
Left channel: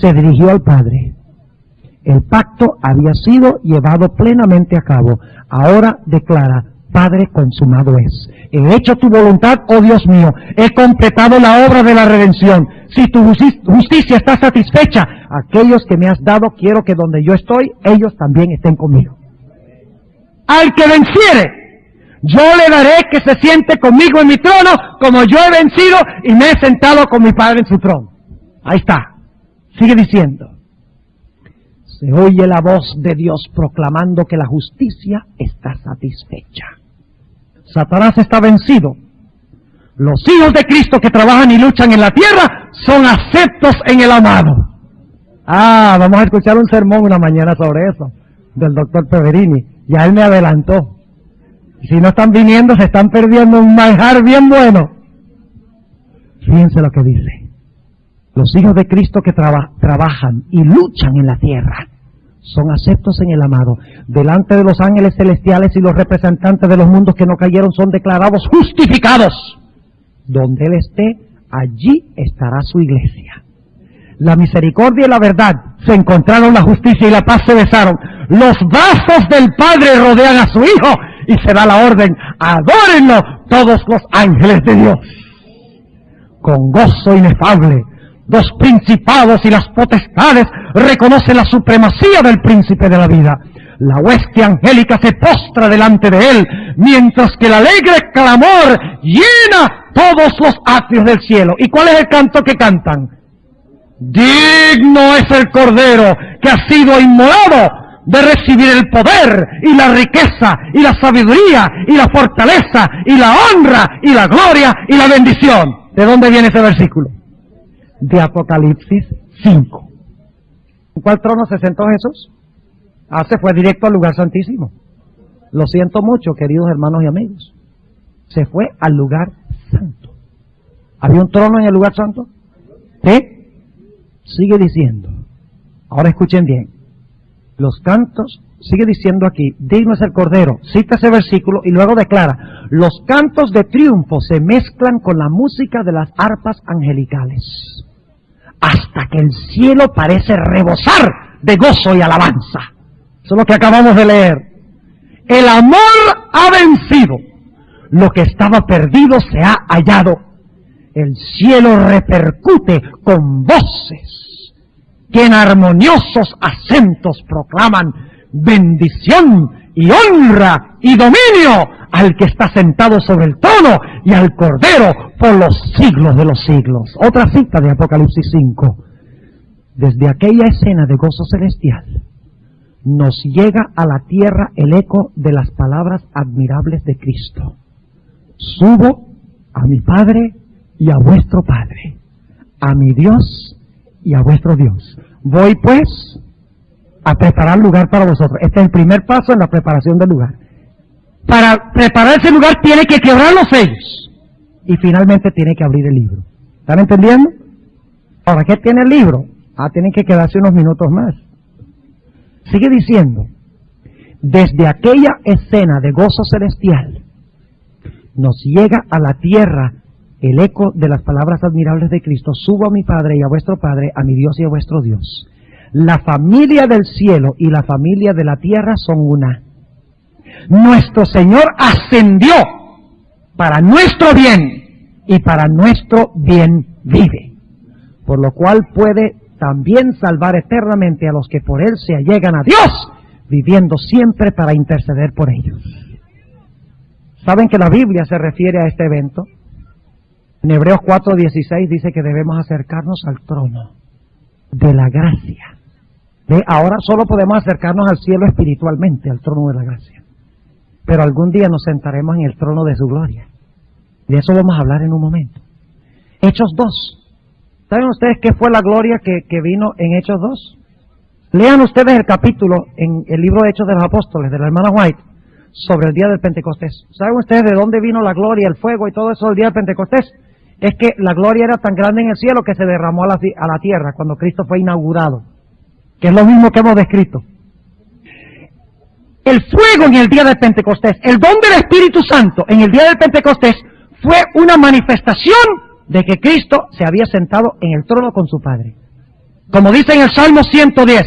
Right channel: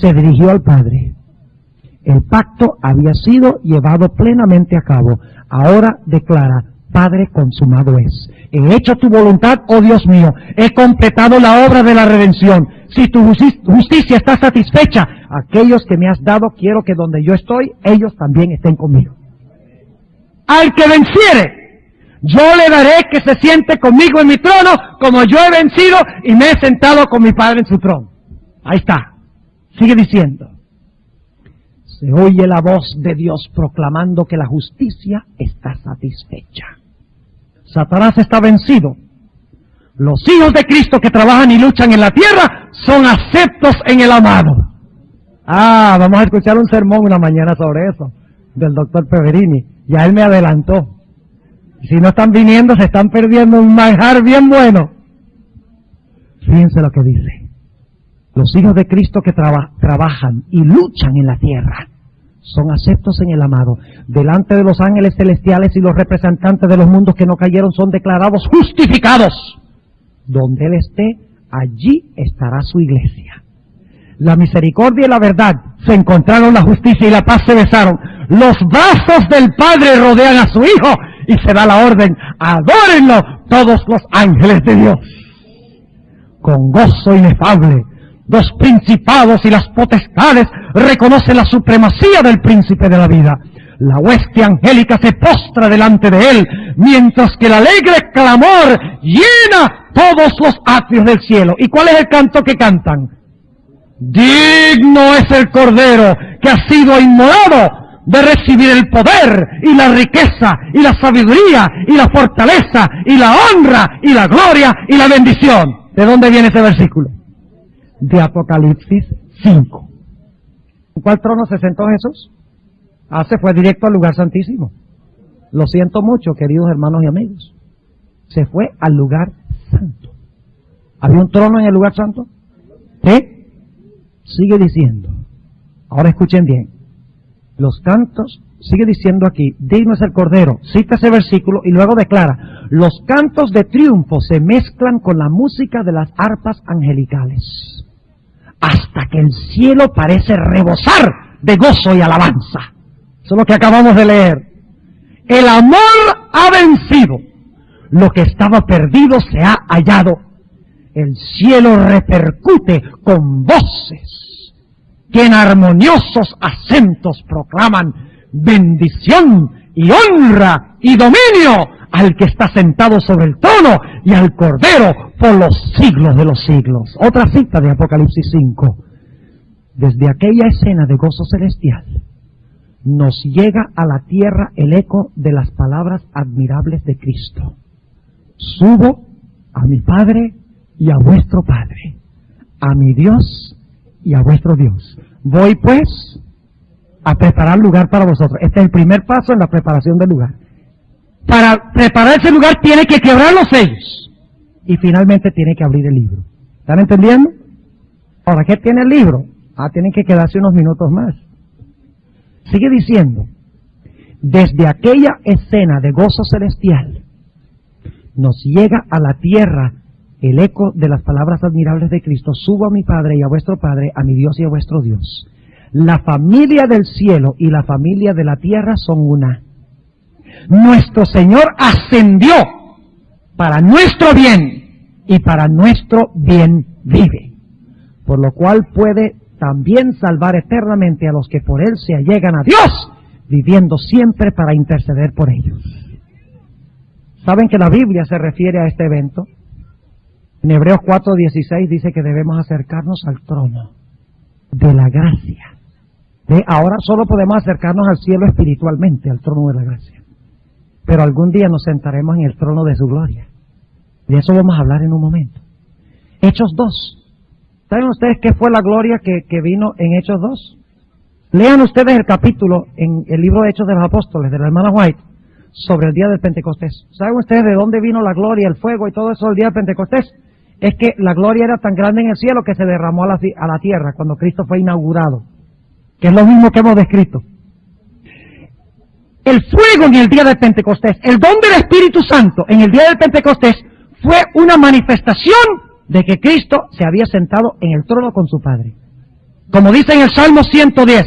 se dirigió al Padre. El pacto había sido llevado plenamente a cabo. Ahora declara, Padre, consumado es. He hecho tu voluntad, oh Dios mío. He completado la obra de la redención. Si tu justicia está satisfecha, aquellos que me has dado, quiero que donde yo estoy, ellos también estén conmigo. Al que venciere, yo le daré que se siente conmigo en mi trono, como yo he vencido y me he sentado con mi Padre en su trono. Ahí está. Sigue diciendo. Se oye la voz de Dios proclamando que la justicia está satisfecha. Satanás está vencido. Los hijos de Cristo que trabajan y luchan en la tierra son aceptos en el amado. Ah, vamos a escuchar un sermón una mañana sobre eso, del doctor Peverini. Ya él me adelantó. Si no están viniendo, se están perdiendo un manjar bien bueno. Fíjense lo que dice. Los hijos de Cristo que trabajan y luchan en la tierra son aceptos en el amado. Delante de los ángeles celestiales y los representantes de los mundos que no cayeron son declarados justificados. Donde Él esté, allí estará su iglesia. La misericordia y la verdad se encontraron, la justicia y la paz se besaron. Los brazos del Padre rodean a su Hijo y se da la orden, adórenlo todos los ángeles de Dios. Con gozo inefable, Los principados y las potestades reconocen la supremacía del príncipe de la vida. La hueste angélica se postra delante de él, mientras que el alegre clamor llena todos los atrios del cielo. ¿Y cuál es el canto que cantan? Digno es el Cordero que ha sido inmolado de recibir el poder y la riqueza y la sabiduría y la fortaleza y la honra y la gloria y la bendición. ¿De dónde viene este versículo? De Apocalipsis 5. ¿En cuál trono se sentó Jesús? Se fue directo al lugar santísimo. Lo siento mucho, queridos hermanos y amigos. Se fue al lugar santo. ¿Había un trono en el lugar santo? ¿Sí? Sigue diciendo. Ahora escuchen bien. Los cantos, sigue diciendo aquí, digno es el Cordero. Cita ese versículo y luego declara, los cantos de triunfo se mezclan con la música de las arpas angelicales, hasta que el cielo parece rebosar de gozo y alabanza. Eso es lo que acabamos de leer. El amor ha vencido. Lo que estaba perdido se ha hallado. El cielo repercute con voces que en armoniosos acentos proclaman bendición y honra y dominio al que está sentado sobre el trono y al Cordero por los siglos de los siglos. Otra cita de Apocalipsis 5. Desde aquella escena de gozo celestial nos llega a la tierra el eco de las palabras admirables de Cristo. Subo a mi Padre y a vuestro Padre, a mi Dios y a vuestro Dios. Voy pues a preparar lugar para vosotros. Este es el primer paso en la preparación del lugar. Para preparar ese lugar tiene que quebrar los sellos y finalmente tiene que abrir el libro. ¿Están entendiendo? Ahora, ¿qué tiene el libro? Tienen que quedarse unos minutos más. Sigue diciendo, desde aquella escena de gozo celestial nos llega a la tierra el eco de las palabras admirables de Cristo. Subo a mi Padre y a vuestro Padre, a mi Dios y a vuestro Dios. La familia del cielo y la familia de la tierra son una. Nuestro Señor ascendió para nuestro bien y para nuestro bien vive, por lo cual puede también salvar eternamente a los que por Él se allegan a Dios, viviendo siempre para interceder por ellos. ¿Saben que la Biblia se refiere a este evento? En Hebreos 4:16 dice que debemos acercarnos al trono de la gracia. Ahora solo podemos acercarnos al cielo espiritualmente, al trono de la gracia. Pero algún día nos sentaremos en el trono de su gloria. De eso vamos a hablar en un momento. Hechos 2. ¿Saben ustedes qué fue la gloria que vino en Hechos 2? Lean ustedes el capítulo en el libro de Hechos de los Apóstoles, de la hermana White, sobre el día del Pentecostés. ¿Saben ustedes de dónde vino la gloria, el fuego y todo eso del día del Pentecostés? Es que la gloria era tan grande en el cielo que se derramó a la tierra cuando Cristo fue inaugurado, que es lo mismo que hemos descrito. El fuego en el día del Pentecostés, el don del Espíritu Santo en el día del Pentecostés fue una manifestación de que Cristo se había sentado en el trono con su Padre. Como dice en el Salmo 110,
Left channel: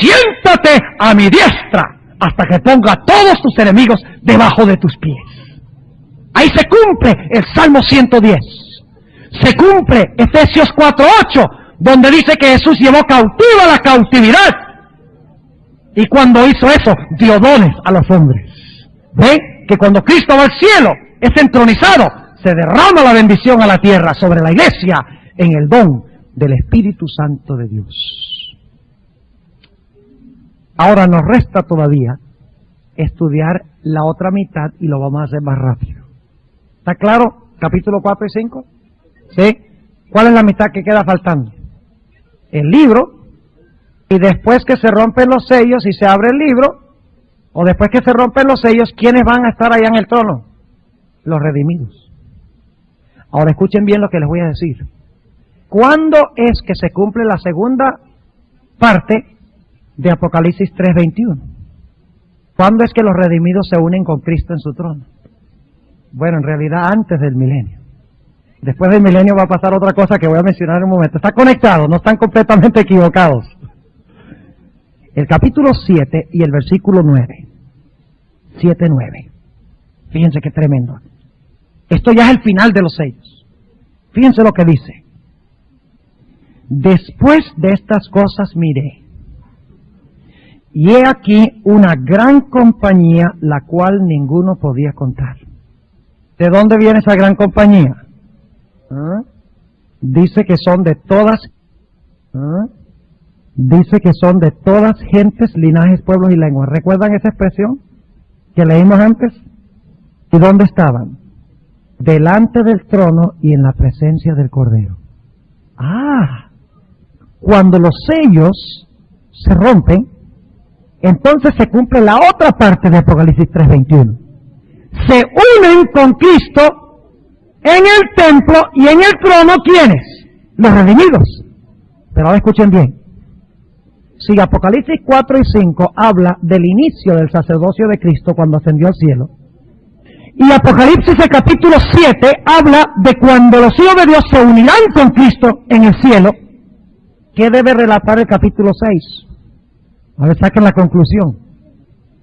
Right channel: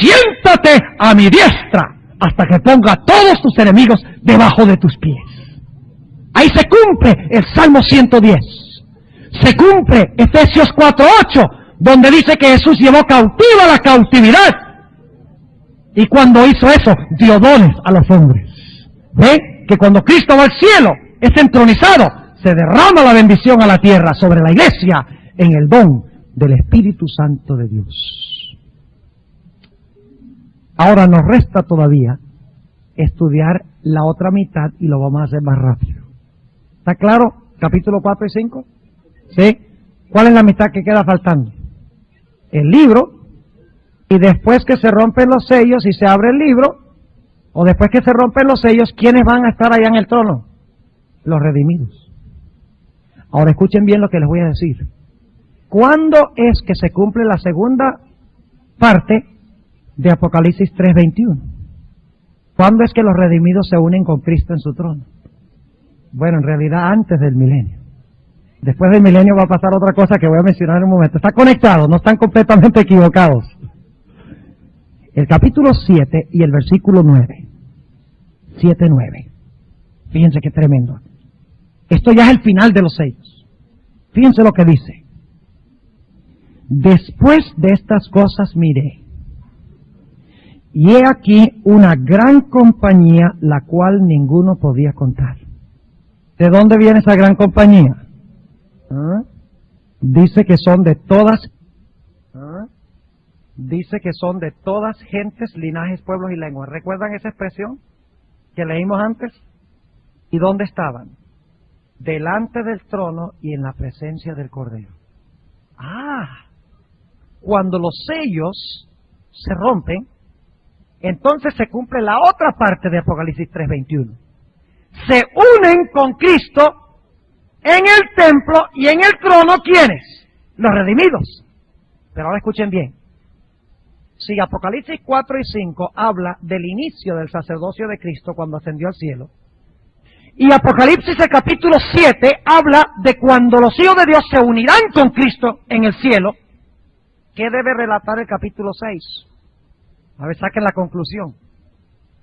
siéntate a mi diestra hasta que ponga a todos tus enemigos debajo de tus pies. Ahí se cumple el Salmo 110. Se cumple Efesios 4:8, donde dice que Jesús llevó cautiva la cautividad. Y cuando hizo eso, dio dones a los hombres. ¿Ve? Que cuando Cristo va al cielo, es entronizado, se derrama la bendición a la tierra sobre la iglesia en el don del Espíritu Santo de Dios. Ahora nos resta todavía estudiar la otra mitad y lo vamos a hacer más rápido. ¿Está claro? Capítulo 4 y 5. ¿Sí? ¿Cuál es la mitad que queda faltando? El libro. Y después que se rompen los sellos y se abre el libro, o después que se rompen los sellos, ¿quiénes van a estar allá en el trono? Los redimidos. Ahora escuchen bien lo que les voy a decir. ¿Cuándo es que se cumple la segunda parte de Apocalipsis 3:21? ¿Cuándo es que los redimidos se unen con Cristo en su trono? Bueno, en realidad antes del milenio. Después del milenio va a pasar otra cosa que voy a mencionar en un momento. Está conectado, no están completamente equivocados. El capítulo 7 y el versículo 9. 7:9. Fíjense qué tremendo. Esto ya es el final de los sellos. Fíjense lo que dice. Después de estas cosas miré, y he aquí una gran compañía, la cual ninguno podía contar. ¿De dónde viene esa gran compañía? Dice que son de todas, gentes, linajes, pueblos y lenguas. ¿Recuerdan esa expresión que leímos antes? ¿Y dónde estaban? Delante del trono y en la presencia del Cordero. Cuando los sellos se rompen, entonces se cumple la otra parte de Apocalipsis 3:21. Se unen con Cristo en el templo y en el trono, ¿quiénes? Los redimidos. Pero ahora escuchen bien. Si Apocalipsis 4 y 5 habla del inicio del sacerdocio de Cristo cuando ascendió al cielo, y Apocalipsis el capítulo 7 habla de cuando los hijos de Dios se unirán con Cristo en el cielo, ¿qué debe relatar el capítulo 6? A ver, saquen la conclusión.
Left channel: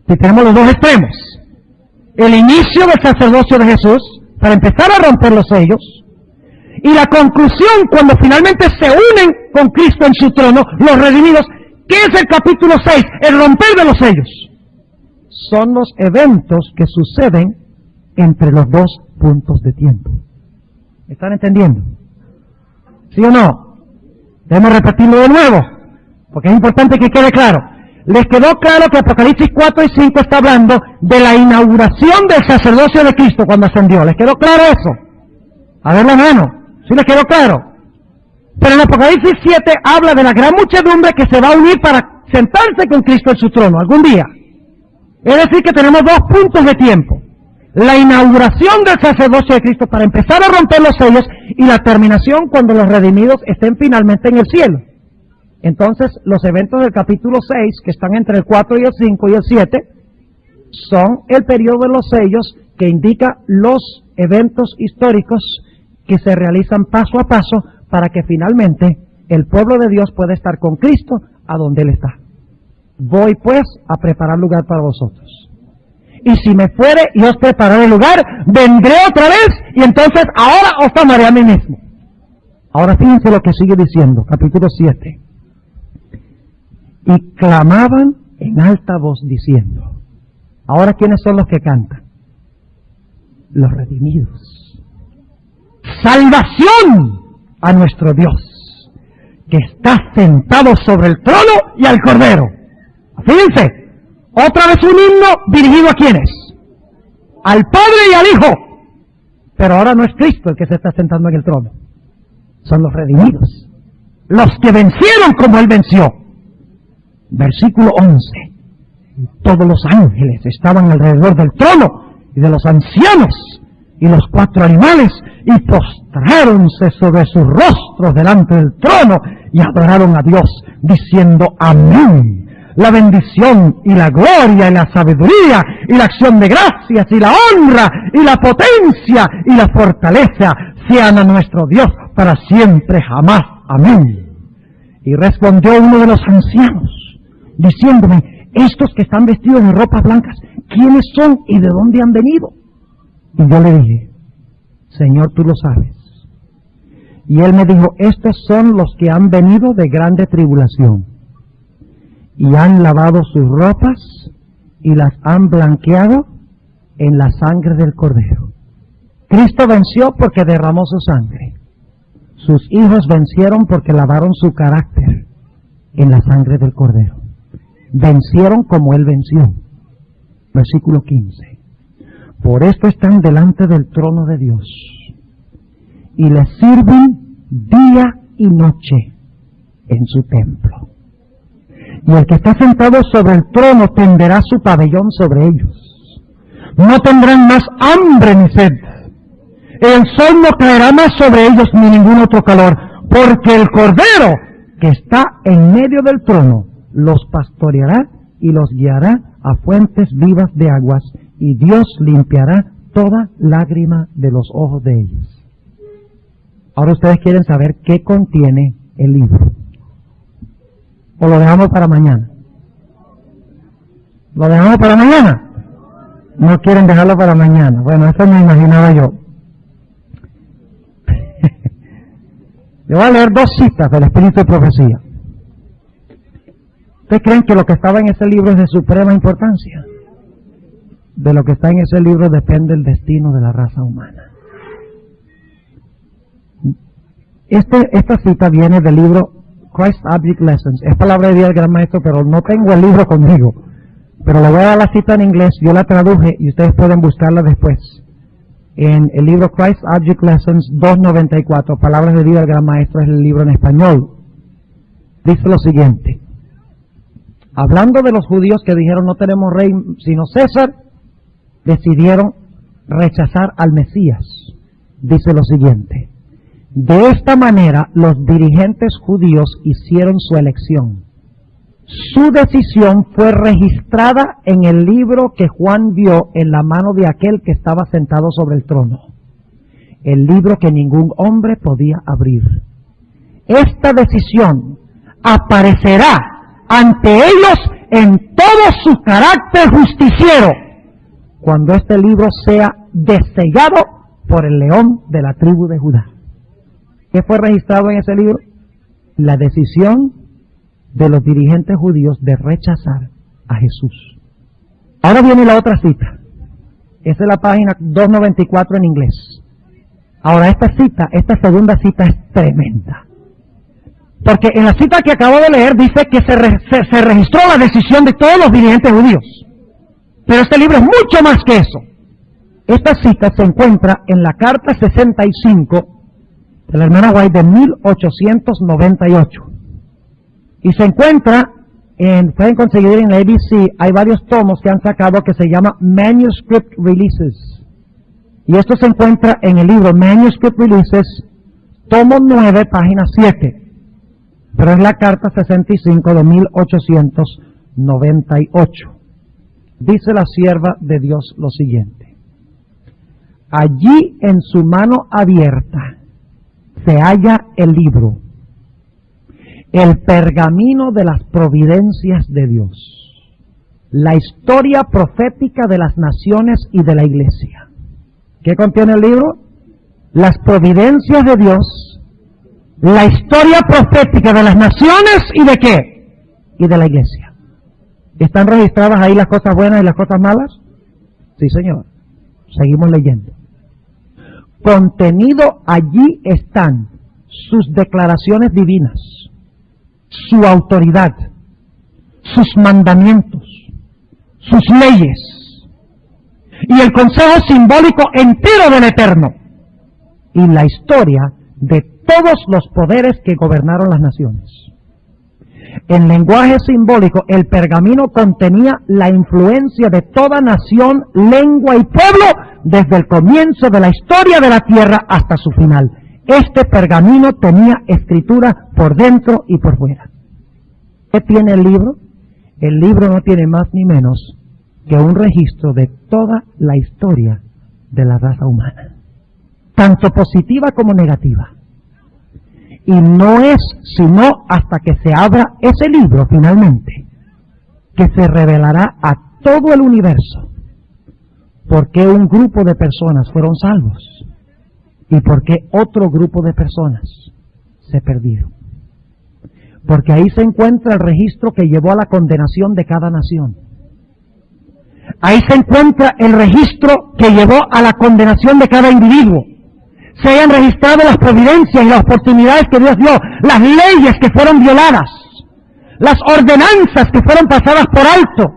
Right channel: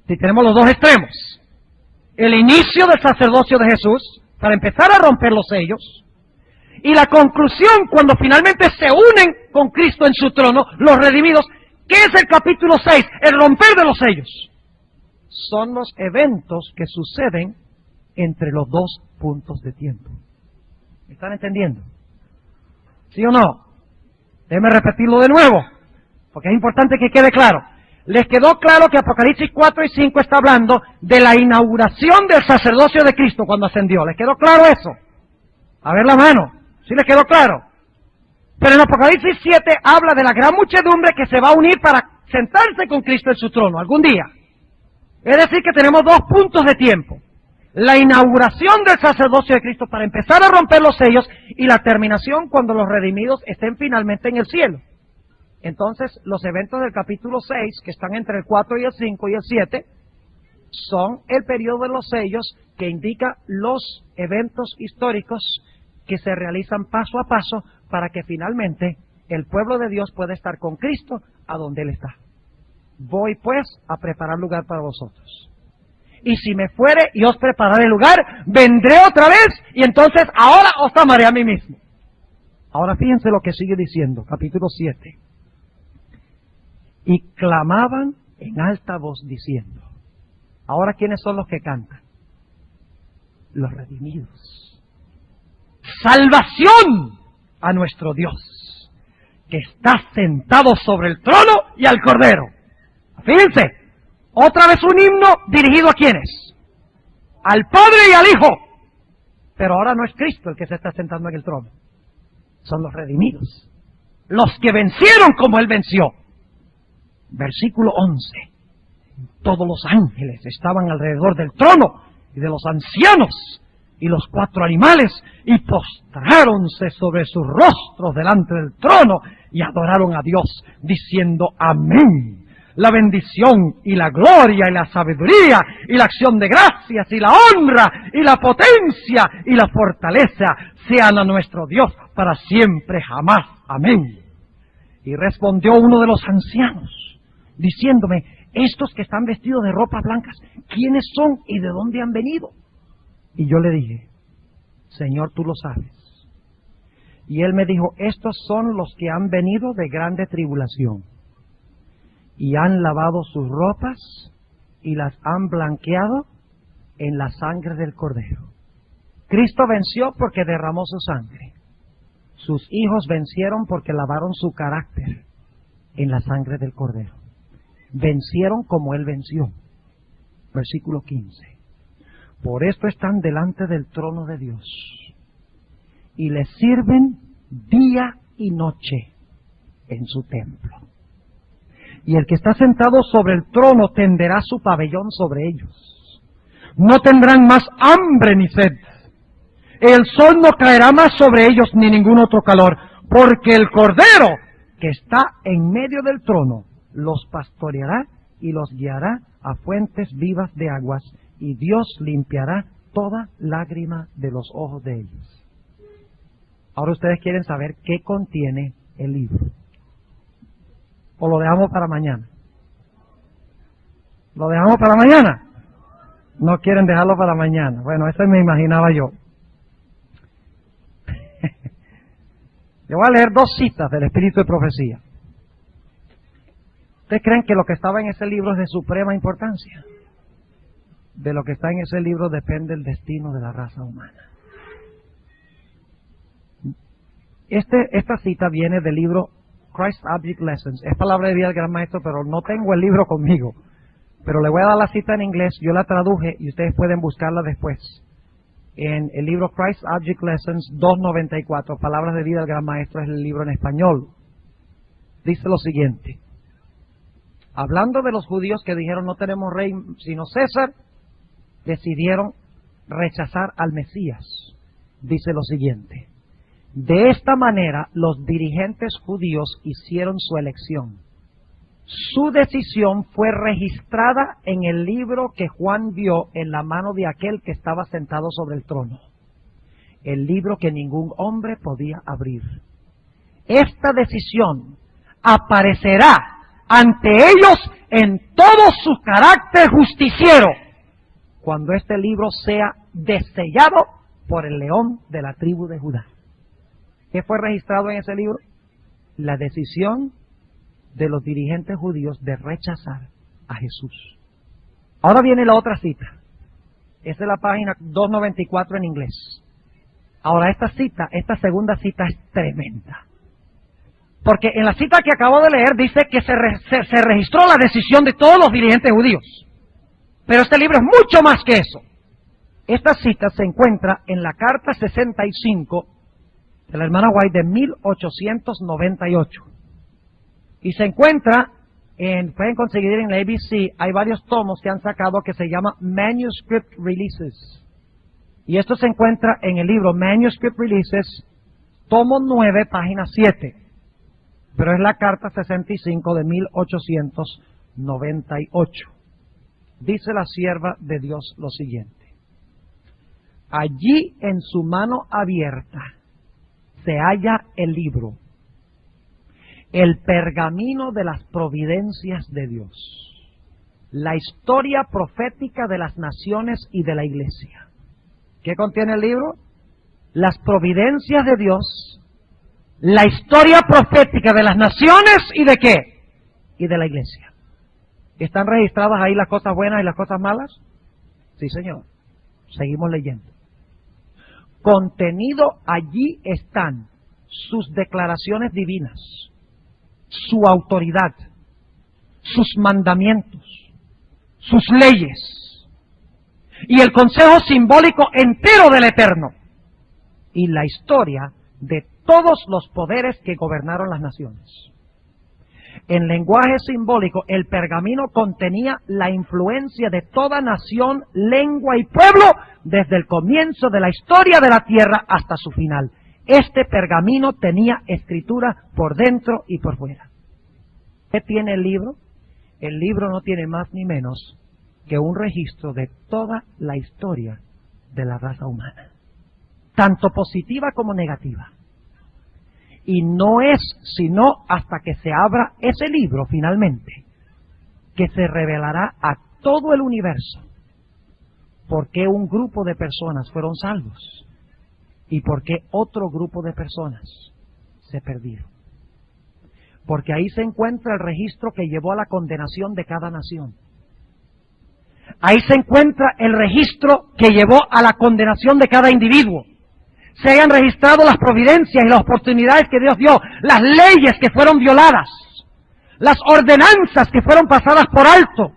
Si tenemos los dos extremos, el inicio del sacerdocio de Jesús, para empezar a romper los sellos, y la conclusión cuando finalmente se unen con Cristo en su trono, los redimidos. ¿Qué es el capítulo 6? El romper de los sellos. Son los eventos que suceden entre los dos puntos de tiempo. ¿Me están entendiendo? ¿Sí o no? Debemos repetirlo de nuevo, porque es importante que quede claro. ¿Les quedó claro que Apocalipsis 4 y 5 está hablando de la inauguración del sacerdocio de Cristo cuando ascendió? ¿Les quedó claro eso? A ver la mano. ¿Sí les quedó claro? Pero en Apocalipsis 7 habla de la gran muchedumbre que se va a unir para sentarse con Cristo en su trono algún día. Es decir, que tenemos dos puntos de tiempo. La inauguración del sacerdocio de Cristo para empezar a romper los sellos y la terminación cuando los redimidos estén finalmente en el cielo. Entonces, los eventos del capítulo 6, que están entre el 4 y el 5 y el 7, son el periodo de los sellos que indica los eventos históricos que se realizan paso a paso para que finalmente el pueblo de Dios pueda estar con Cristo a donde Él está. Voy pues a preparar lugar para vosotros. Y si me fuere y os prepararé el lugar, vendré otra vez y entonces ahora os tomaré a mí mismo. Ahora fíjense lo que sigue diciendo, capítulo 7. Y clamaban en alta voz diciendo. Ahora, ¿quiénes son los que cantan? Los redimidos. Salvación a nuestro Dios, que está sentado sobre el trono y al Cordero. Fíjense, otra vez un himno dirigido a ¿quiénes? Al Padre y al Hijo. Pero ahora no es Cristo el que se está sentando en el trono. Son los redimidos. Los que vencieron como Él venció. Versículo 11. Todos los ángeles estaban alrededor del trono y de los ancianos y los 4 animales y postráronse sobre sus rostros delante del trono y adoraron a Dios diciendo amén. La bendición y la gloria y la sabiduría y la acción de gracias y la honra y la potencia y la fortaleza sean a nuestro Dios para siempre jamás. Amén. Y respondió uno de los ancianos diciéndome, estos que están vestidos de ropas blancas, ¿quiénes son y de dónde han venido? Y yo le dije, Señor, tú lo sabes. Y él me dijo, estos son los que han venido de grande tribulación y han lavado sus ropas y las han blanqueado en la sangre del Cordero. Cristo venció porque derramó su sangre. Sus hijos vencieron porque lavaron su carácter en la sangre del Cordero. Vencieron como Él venció. Versículo 15. Por esto están delante del trono de Dios y le sirven día y noche en su templo. Y el que está sentado sobre el trono tenderá su pabellón sobre ellos. No tendrán más hambre ni sed. El sol no caerá más sobre ellos ni ningún otro calor, porque el Cordero que está en medio del trono los pastoreará y los guiará a fuentes vivas de aguas, y Dios limpiará toda lágrima de los ojos de ellos. Ahora ustedes quieren saber qué contiene el libro. ¿O lo dejamos para mañana? ¿Lo dejamos para mañana? No quieren dejarlo para mañana. Bueno, eso me imaginaba yo. Le voy a leer dos citas del Espíritu de Profecía. ¿Ustedes creen que lo que estaba en ese libro es de suprema importancia? De lo que está en ese libro depende el destino de la raza humana. Esta cita viene del libro Christ Object Lessons. Es palabra de Dios del Gran Maestro, pero no tengo el libro conmigo. Pero le voy a dar la cita en inglés, yo la traduje y ustedes pueden buscarla después. En el libro Christ Object Lessons 294, Palabras de Vida del Gran Maestro, es el libro en español. Dice lo siguiente: hablando de los judíos que dijeron no tenemos rey sino César, decidieron rechazar al Mesías. Dice lo siguiente: de esta manera los dirigentes judíos hicieron su elección. Su decisión fue registrada en el libro que Juan vio en la mano de aquel que estaba sentado sobre el trono, el libro que ningún hombre podía abrir. Esta decisión aparecerá ante ellos en todo su carácter justiciero cuando este libro sea desellado por el león de la tribu de Judá. ¿Qué fue registrado en ese libro? La decisión de los dirigentes judíos de rechazar a Jesús. Ahora viene la otra cita. Esa es la página 294 en inglés. Ahora esta segunda cita es tremenda. Porque en la cita que acabo de leer dice que se registró la decisión de todos los dirigentes judíos. Pero este libro es mucho más que eso. Esta cita se encuentra en la carta 65 de la hermana White de 1898. Y se encuentra, pueden conseguir en la ABC, hay varios tomos que han sacado que se llama Manuscript Releases. Y esto se encuentra en el libro Manuscript Releases, tomo 9, página 7. Pero es la carta 65 de 1898. Dice la sierva de Dios lo siguiente: allí en su mano abierta se halla el libro, el pergamino de las providencias de Dios, la historia profética de las naciones y de la iglesia. ¿Qué contiene el libro? Las providencias de Dios, la historia profética de las naciones y de qué? Y de la iglesia. ¿Están registradas ahí las cosas buenas y las cosas malas? Sí, señor. Seguimos leyendo. Contenido allí están sus declaraciones divinas, su autoridad, sus mandamientos, sus leyes y el consejo simbólico entero del Eterno y la historia de todos los poderes que gobernaron las naciones. En lenguaje simbólico, el pergamino contenía la influencia de toda nación, lengua y pueblo desde el comienzo de la historia de la tierra hasta su final. Este pergamino tenía escritura por dentro y por fuera. ¿Qué tiene el libro? El libro no tiene más ni menos que un registro de toda la historia de la raza humana, tanto positiva como negativa. Y no es sino hasta que se abra ese libro finalmente que se revelará a todo el universo por qué un grupo de personas fueron salvos y por qué otro grupo de personas se perdieron. Porque ahí se encuentra el registro que llevó a la condenación de cada nación. Ahí se encuentra el registro que llevó a la condenación de cada individuo. Se hayan registrado las providencias y las oportunidades que Dios dio, las leyes que fueron violadas, las ordenanzas que fueron pasadas por alto,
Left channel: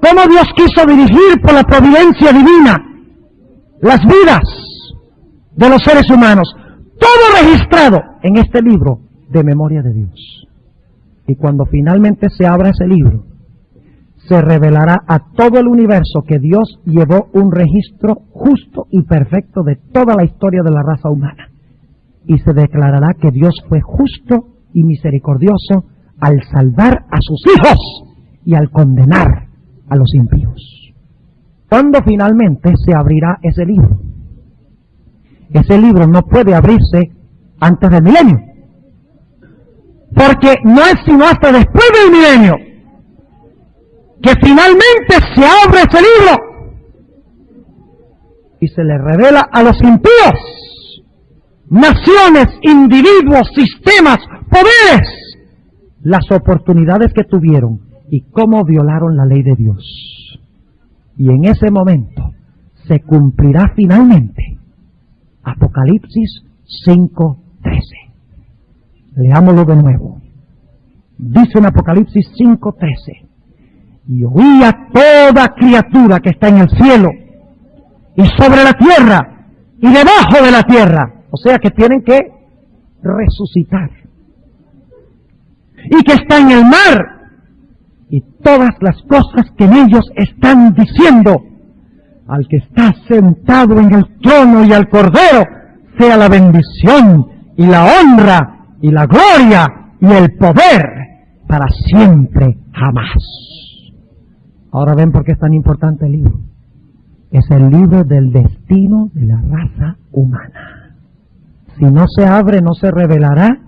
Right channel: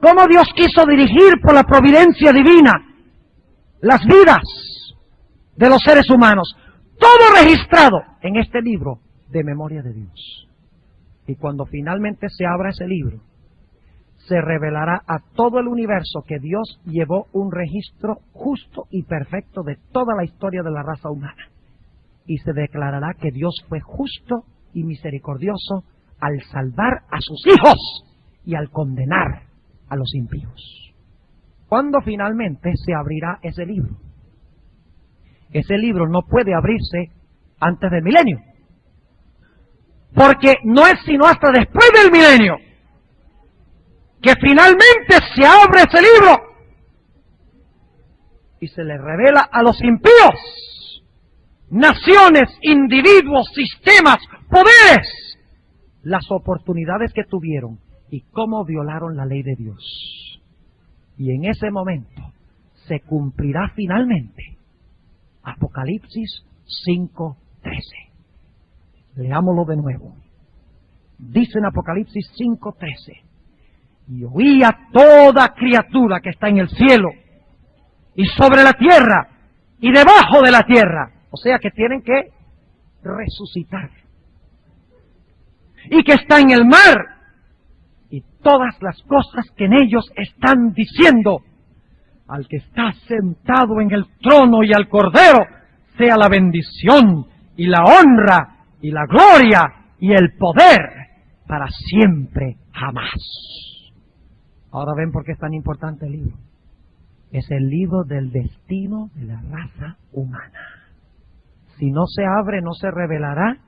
cómo Dios quiso dirigir por la providencia divina las vidas de los seres humanos, todo registrado en este libro de memoria de Dios. Y cuando finalmente se abra ese libro, se revelará a todo el universo que Dios llevó un registro justo y perfecto de toda la historia de la raza humana. Y se declarará que Dios fue justo y misericordioso al salvar a sus hijos y al condenar a los impíos. ¿Cuándo finalmente se abrirá ese libro? Ese libro no puede abrirse antes del milenio, porque no es sino hasta después del milenio que finalmente se abre ese libro y se le revela a los impíos naciones, individuos, sistemas, poderes, las oportunidades que tuvieron y cómo violaron la ley de Dios. Y en ese momento se cumplirá finalmente Apocalipsis 5:13. Leámoslo de nuevo. Dice en Apocalipsis 5:13: y oí a toda criatura que está en el cielo y sobre la tierra y debajo de la tierra, o sea que tienen que resucitar, y que está en el mar, y todas las cosas que en ellos están diciendo: al que está sentado en el trono y al Cordero sea la bendición y la honra y la gloria y el poder para siempre jamás. Ahora ven por qué es tan importante el libro. Es el libro del destino de la raza humana. Si no se abre, no se revelará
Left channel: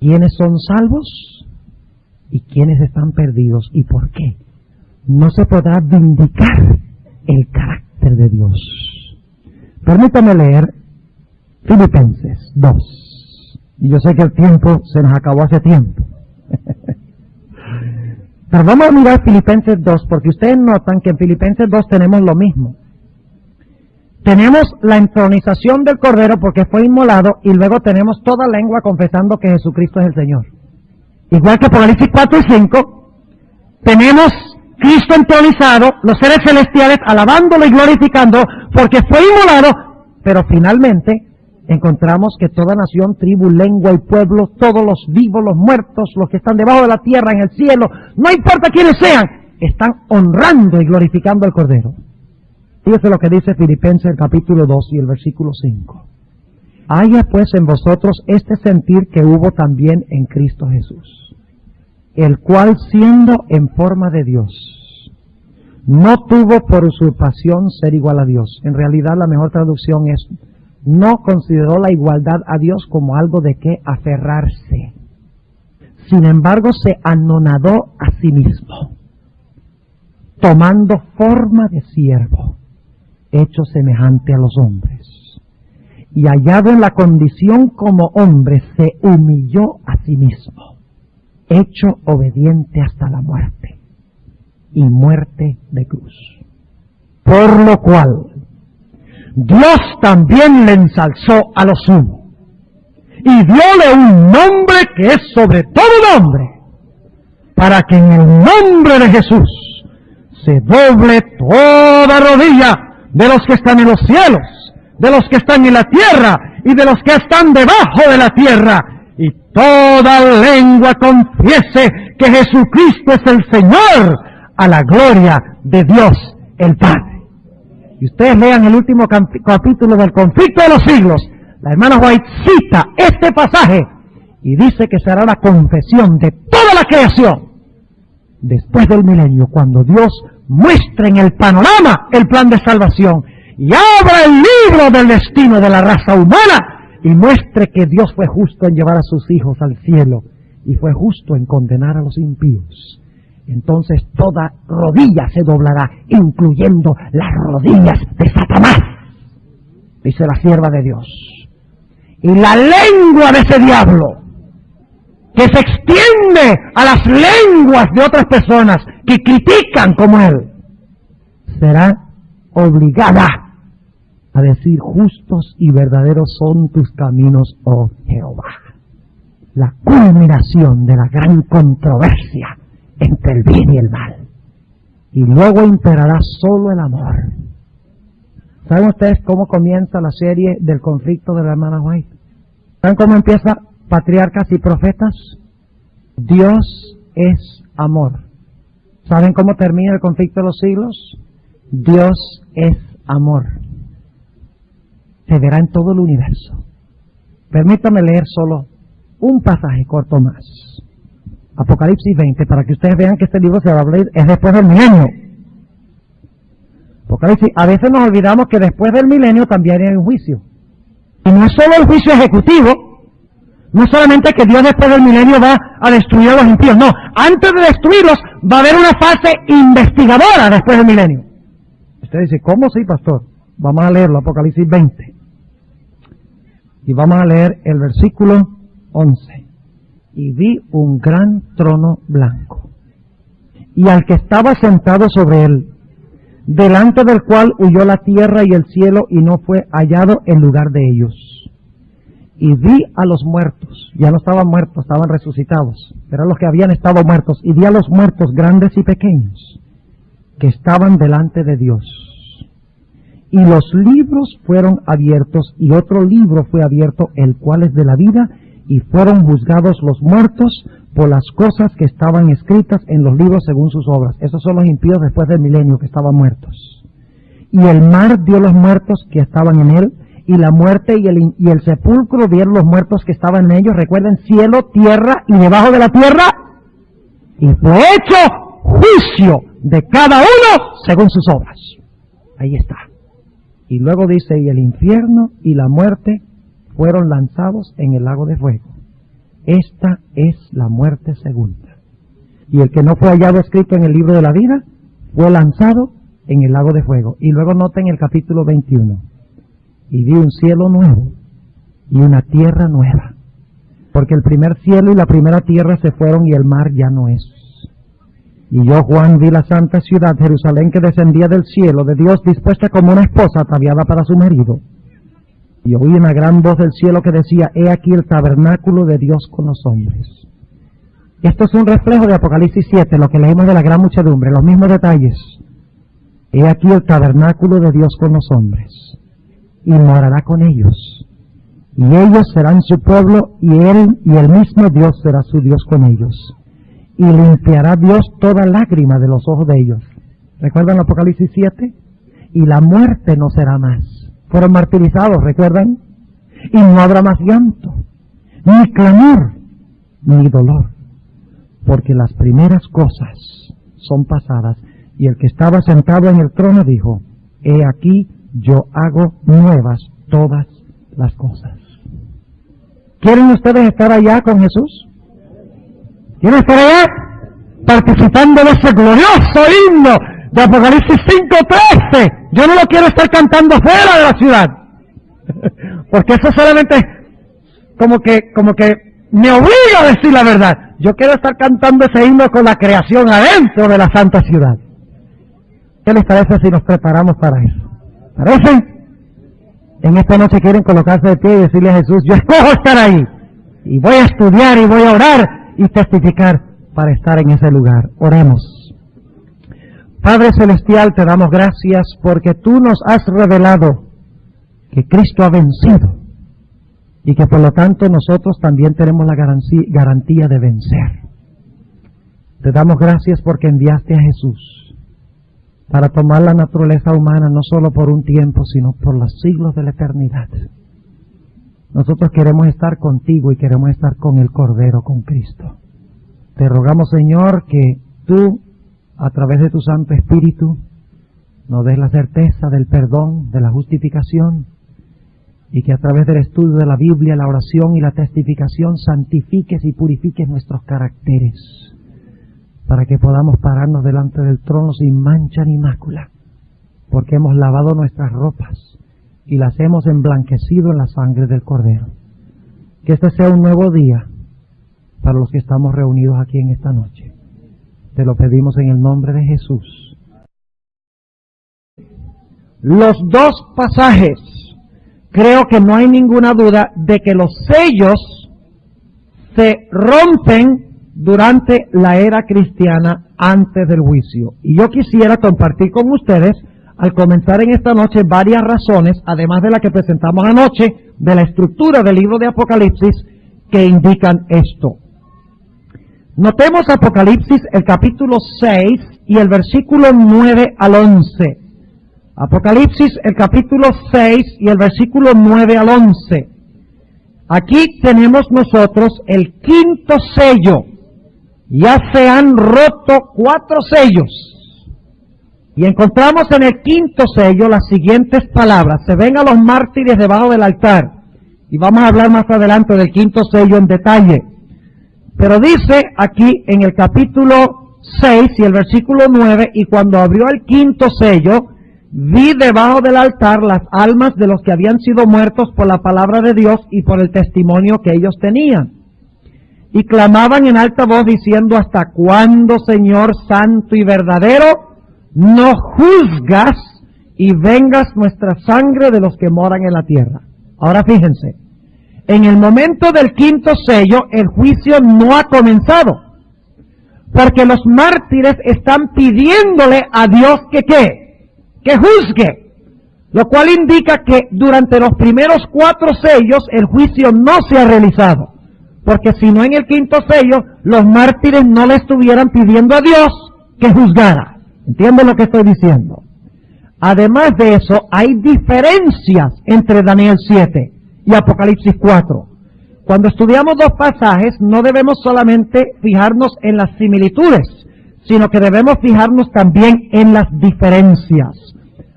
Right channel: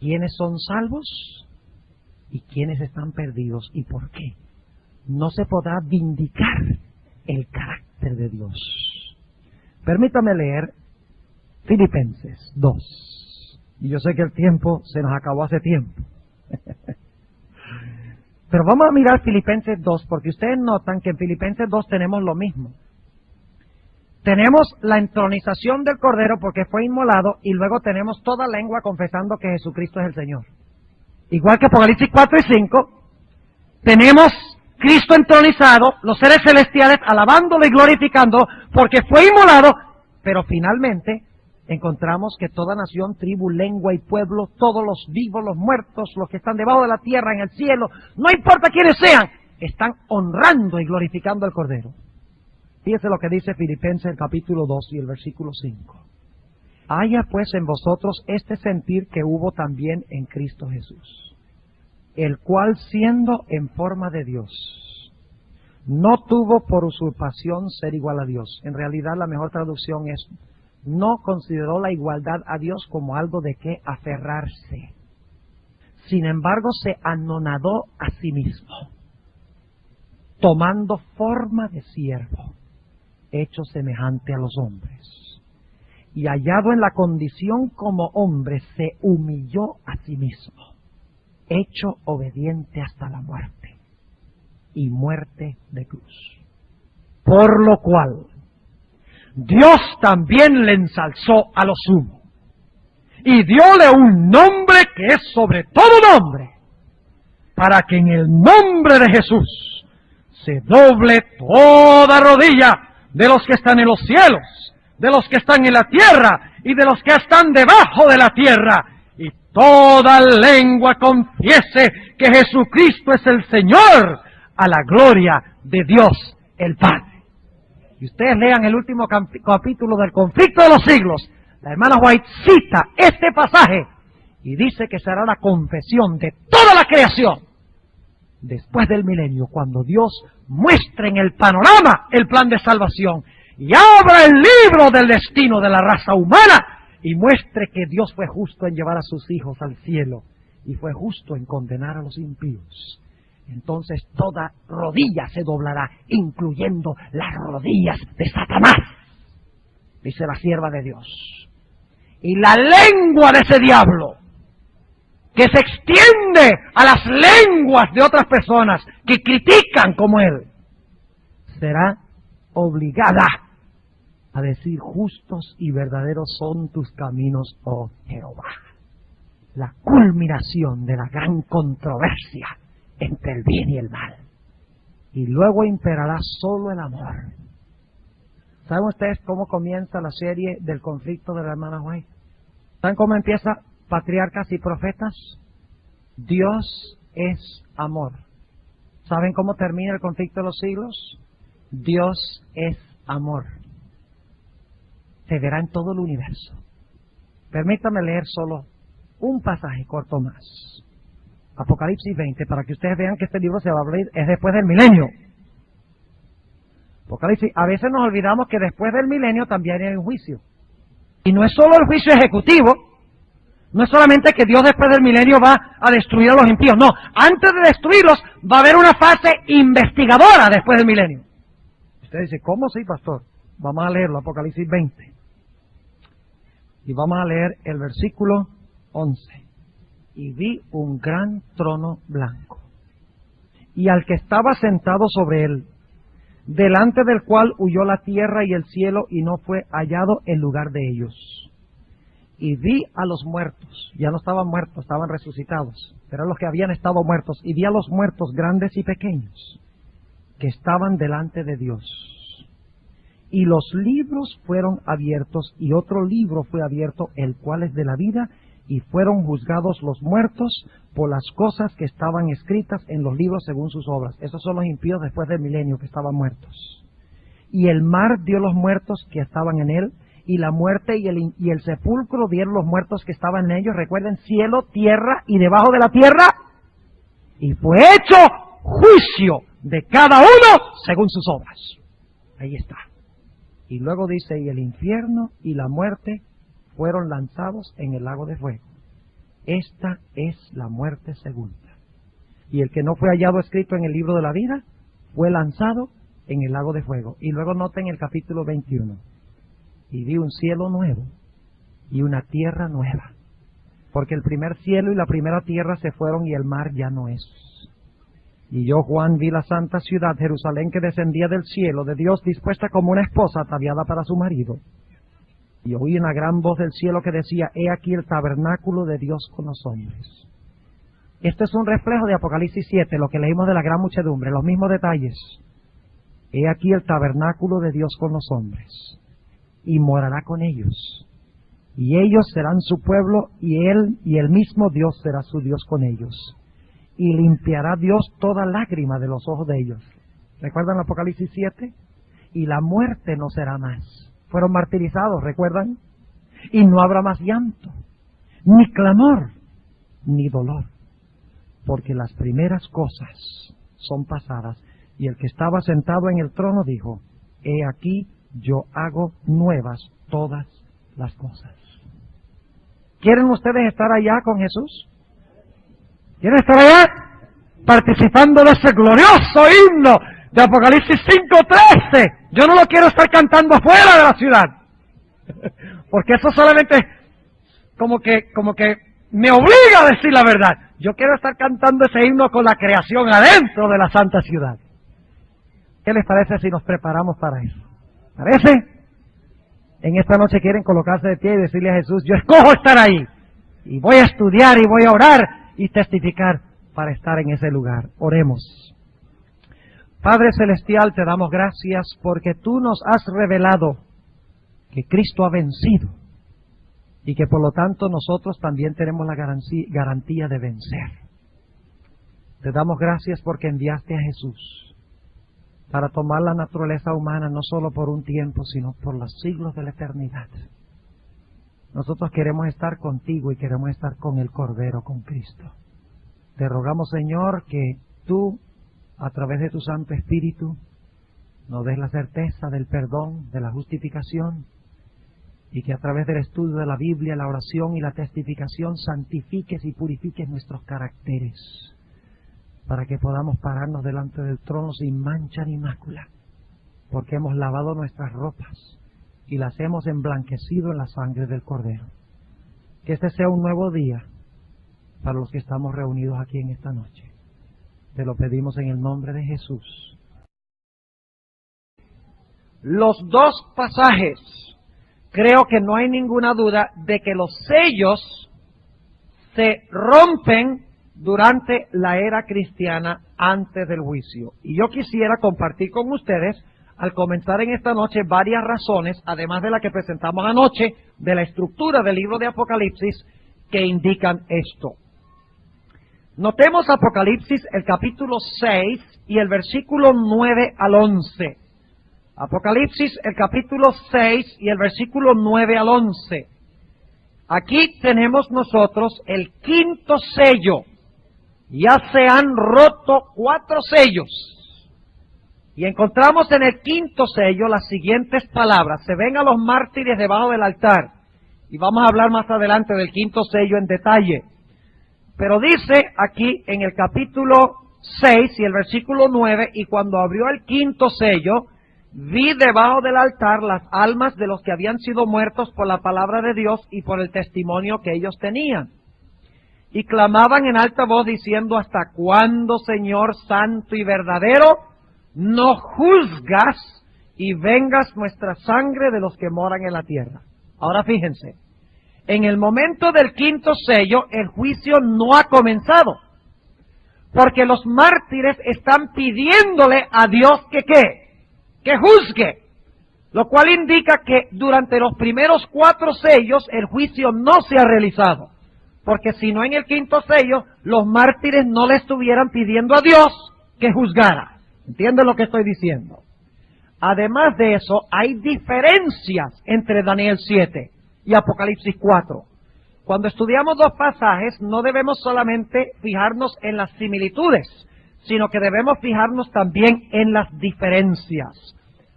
quiénes son salvos y quiénes están perdidos. ¿Y por qué? No se podrá vindicar el carácter de Dios. Permítame leer Filipenses 2. Y yo sé que el tiempo se nos acabó hace tiempo. Pero vamos a mirar Filipenses 2, porque ustedes notan que en Filipenses 2 tenemos lo mismo. Tenemos la entronización del Cordero porque fue inmolado, y luego tenemos toda lengua confesando que Jesucristo es el Señor. Igual que Apocalipsis 4 y 5, tenemos Cristo entronizado, los seres celestiales alabándolo y glorificándolo porque fue inmolado, pero finalmente encontramos que toda nación, tribu, lengua y pueblo, todos los vivos, los muertos, los que están debajo de la tierra, en el cielo, no importa quiénes sean, están honrando y glorificando al Cordero. Fíjese lo que dice Filipenses capítulo 2 y el versículo 5. Haya pues en vosotros este sentir que hubo también en Cristo Jesús, el cual siendo en forma de Dios, no tuvo por usurpación ser igual a Dios. En realidad la mejor traducción es: no consideró la igualdad a Dios como algo de que aferrarse. Sin embargo, se anonadó a sí mismo, tomando forma de siervo, hecho semejante a los hombres. Y hallado en la condición como hombre, se humilló a sí mismo, hecho obediente hasta la muerte, y muerte de cruz. Por lo cual Dios también le ensalzó a lo sumo, y dióle un nombre que es sobre todo nombre, para que en el nombre de Jesús se doble toda rodilla de los que están en los cielos, de los que están en la tierra y de los que están debajo de la tierra, y toda lengua confiese que Jesucristo es el Señor, a la gloria de Dios el Padre. Y ustedes lean el último capítulo del Conflicto de los Siglos, la hermana White cita este pasaje y dice que será la confesión de toda la creación después del milenio, cuando Dios muestre en el panorama el plan de salvación y abra el libro del destino de la raza humana y muestre que Dios fue justo en llevar a sus hijos al cielo y fue justo en condenar a los impíos. Entonces toda rodilla se doblará, incluyendo las rodillas de Satanás, dice la sierva de Dios. Y la lengua de ese diablo, que se extiende a las lenguas de otras personas que critican como él, será obligada a decir: justos y verdaderos son tus caminos, oh Jehová. La culminación de la gran controversia entre el bien y el mal. Y luego imperará solo el amor. ¿Saben ustedes cómo comienza la serie del conflicto de la hermana White? ¿Saben cómo empieza Patriarcas y Profetas? Dios es amor. ¿Saben cómo termina el conflicto de los siglos? Dios es amor. Se verá en todo el universo. Permítame leer solo un pasaje corto más. Apocalipsis 20, para que ustedes vean que este libro se va a abrir, es después del milenio. Apocalipsis, a veces nos olvidamos que después del milenio también hay un juicio. Y no es solo el juicio ejecutivo, no es solamente que Dios después del milenio va a destruir a los impíos, no, antes de destruirlos va a haber una fase investigadora después del milenio. Usted dice: ¿cómo sí, pastor? Vamos a leerlo, Apocalipsis 20. Y vamos a leer el versículo 11. Y vi un gran trono blanco, y al que estaba sentado sobre él, delante del cual huyó la tierra y el cielo, y no fue hallado en lugar de ellos. Y vi a los muertos, ya no estaban muertos, estaban resucitados, pero los que habían estado muertos, y vi a los muertos grandes y pequeños, que estaban delante de Dios. Y los libros fueron abiertos, y otro libro fue abierto, el cual es de la vida, y fueron juzgados los muertos por las cosas que estaban escritas en los libros según sus obras. Esos son los impíos después del milenio que estaban muertos. Y el mar dio los muertos que estaban en él, y la muerte y el sepulcro dieron los muertos que estaban en ellos. Recuerden, cielo, tierra, y debajo de la tierra, y fue hecho juicio de cada uno según sus obras. Ahí está. Y luego dice, y el infierno y la muerte fueron lanzados en el lago de fuego. Esta es la muerte segunda. Y el que no fue hallado escrito en el libro de la vida fue lanzado en el lago de fuego. Y luego noten el capítulo 21. Y vi un cielo nuevo y una tierra nueva, porque el primer cielo y la primera tierra se fueron y el mar ya no es. Y yo, Juan, vi la santa ciudad, Jerusalén, que descendía del cielo de Dios, dispuesta como una esposa ataviada para su marido. Y oí una gran voz del cielo que decía, he aquí el tabernáculo de Dios con los hombres. Esto es un reflejo de Apocalipsis 7, lo que leímos de la gran muchedumbre, los mismos detalles. He aquí el tabernáculo de Dios con los hombres, y morará con ellos. Y ellos serán su pueblo, y el mismo Dios será su Dios con ellos. Y limpiará Dios toda lágrima de los ojos de ellos. ¿Recuerdan Apocalipsis 7? Y la muerte no será más. Fueron martirizados, ¿recuerdan? Y no habrá más llanto, ni clamor, ni dolor, porque las primeras cosas son pasadas. Y el que estaba sentado en el trono dijo, he aquí, yo hago nuevas todas las cosas. ¿Quieren ustedes estar allá con Jesús? ¿Quieren estar allá participando de ese glorioso himno de Apocalipsis 5:13? Yo no lo quiero estar cantando fuera de la ciudad, porque eso solamente como que me obliga a decir la verdad. Yo quiero estar cantando ese himno con la creación adentro de la santa ciudad. ¿Qué les parece si nos preparamos para eso? ¿Parece? En esta noche quieren colocarse de pie y decirle a Jesús, yo escojo estar ahí, y voy a estudiar, y voy a orar, y testificar para estar en ese lugar. Oremos. Padre Celestial, te damos gracias porque tú nos has revelado que Cristo ha vencido, y que por lo tanto nosotros también tenemos la garantía de vencer. Te damos gracias porque enviaste a Jesús para tomar la naturaleza humana no solo por un tiempo, sino por los siglos de la eternidad. Nosotros queremos estar contigo y queremos estar con el Cordero, con Cristo. Te rogamos, Señor, que tú, a través de tu Santo Espíritu, nos des la certeza del perdón, de la justificación, y que a través del estudio de la Biblia, la oración y la testificación santifiques y purifiques nuestros caracteres, para que podamos pararnos delante del trono sin mancha ni mácula, porque hemos lavado nuestras ropas y las hemos emblanquecido en la sangre del Cordero. Que este sea un nuevo día para los que estamos reunidos aquí en esta noche. Te lo pedimos en el nombre de Jesús. Los dos pasajes, creo que no hay ninguna duda de que los sellos se rompen durante la era cristiana antes del juicio. Y yo quisiera compartir con ustedes, al comenzar en esta noche, varias razones, además de la que presentamos anoche, de la estructura del libro de Apocalipsis, que indican esto. Notemos Apocalipsis, el capítulo 6 y el versículo 9 al 11. Apocalipsis, el capítulo 6 y el versículo 9 al 11. Aquí tenemos nosotros el quinto sello. Ya se han roto 4 sellos. Y encontramos en el quinto sello las siguientes palabras. Se ven a los mártires debajo del altar. Y vamos a hablar más adelante del quinto sello en detalle. Pero dice aquí en el capítulo 6 y el versículo 9, y cuando abrió el quinto sello, vi debajo del altar las almas de los que habían sido muertos por la palabra de Dios y por el testimonio que ellos tenían. Y clamaban en alta voz diciendo: ¿hasta cuándo, Señor santo y verdadero, no juzgas y vengas nuestra sangre de los que moran en la tierra? Ahora fíjense, en el momento del quinto sello, el juicio no ha comenzado, porque los mártires están pidiéndole a Dios que juzgue, lo cual indica que durante los primeros 4 sellos el juicio no se ha realizado, porque si no, en el quinto sello los mártires no le estuvieran pidiendo a Dios que juzgara. ¿Entienden lo que estoy diciendo? Además de eso, hay diferencias entre Daniel 7 y Apocalipsis 4. Cuando estudiamos 2 pasajes, no debemos solamente fijarnos en las similitudes, sino que debemos fijarnos también en las diferencias.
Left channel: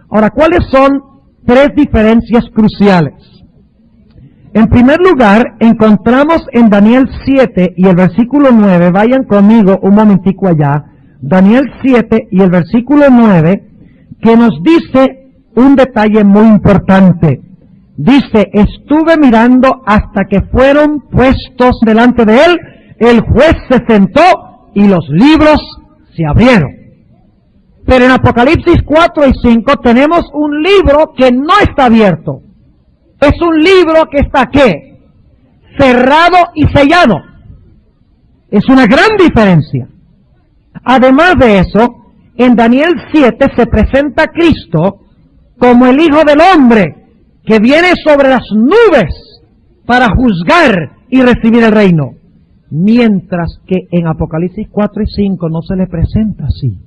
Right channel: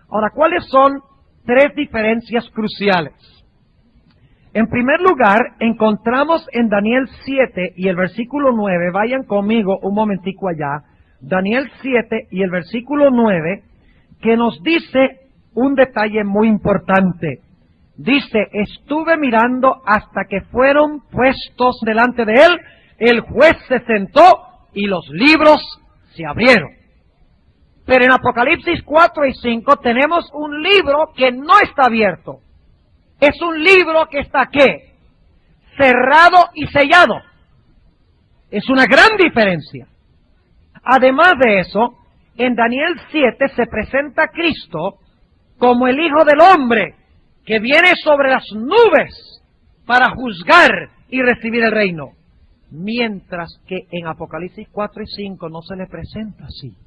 Ahora, ¿cuáles son 3 diferencias cruciales? En primer lugar, encontramos en Daniel 7 y el versículo 9, vayan conmigo un momentico allá, Daniel 7 y el versículo 9, que nos dice un detalle muy importante. Dice: estuve mirando hasta que fueron puestos delante de él, el juez se sentó y los libros se abrieron. Pero en Apocalipsis 4 y 5 tenemos un libro que no está abierto. Es un libro que está, ¿qué? Cerrado y sellado. Es una gran diferencia. Además de eso, en Daniel 7 se presenta a Cristo como el Hijo del Hombre, que viene sobre las nubes para juzgar y recibir el reino. Mientras que en Apocalipsis 4 y 5 no se le presenta así.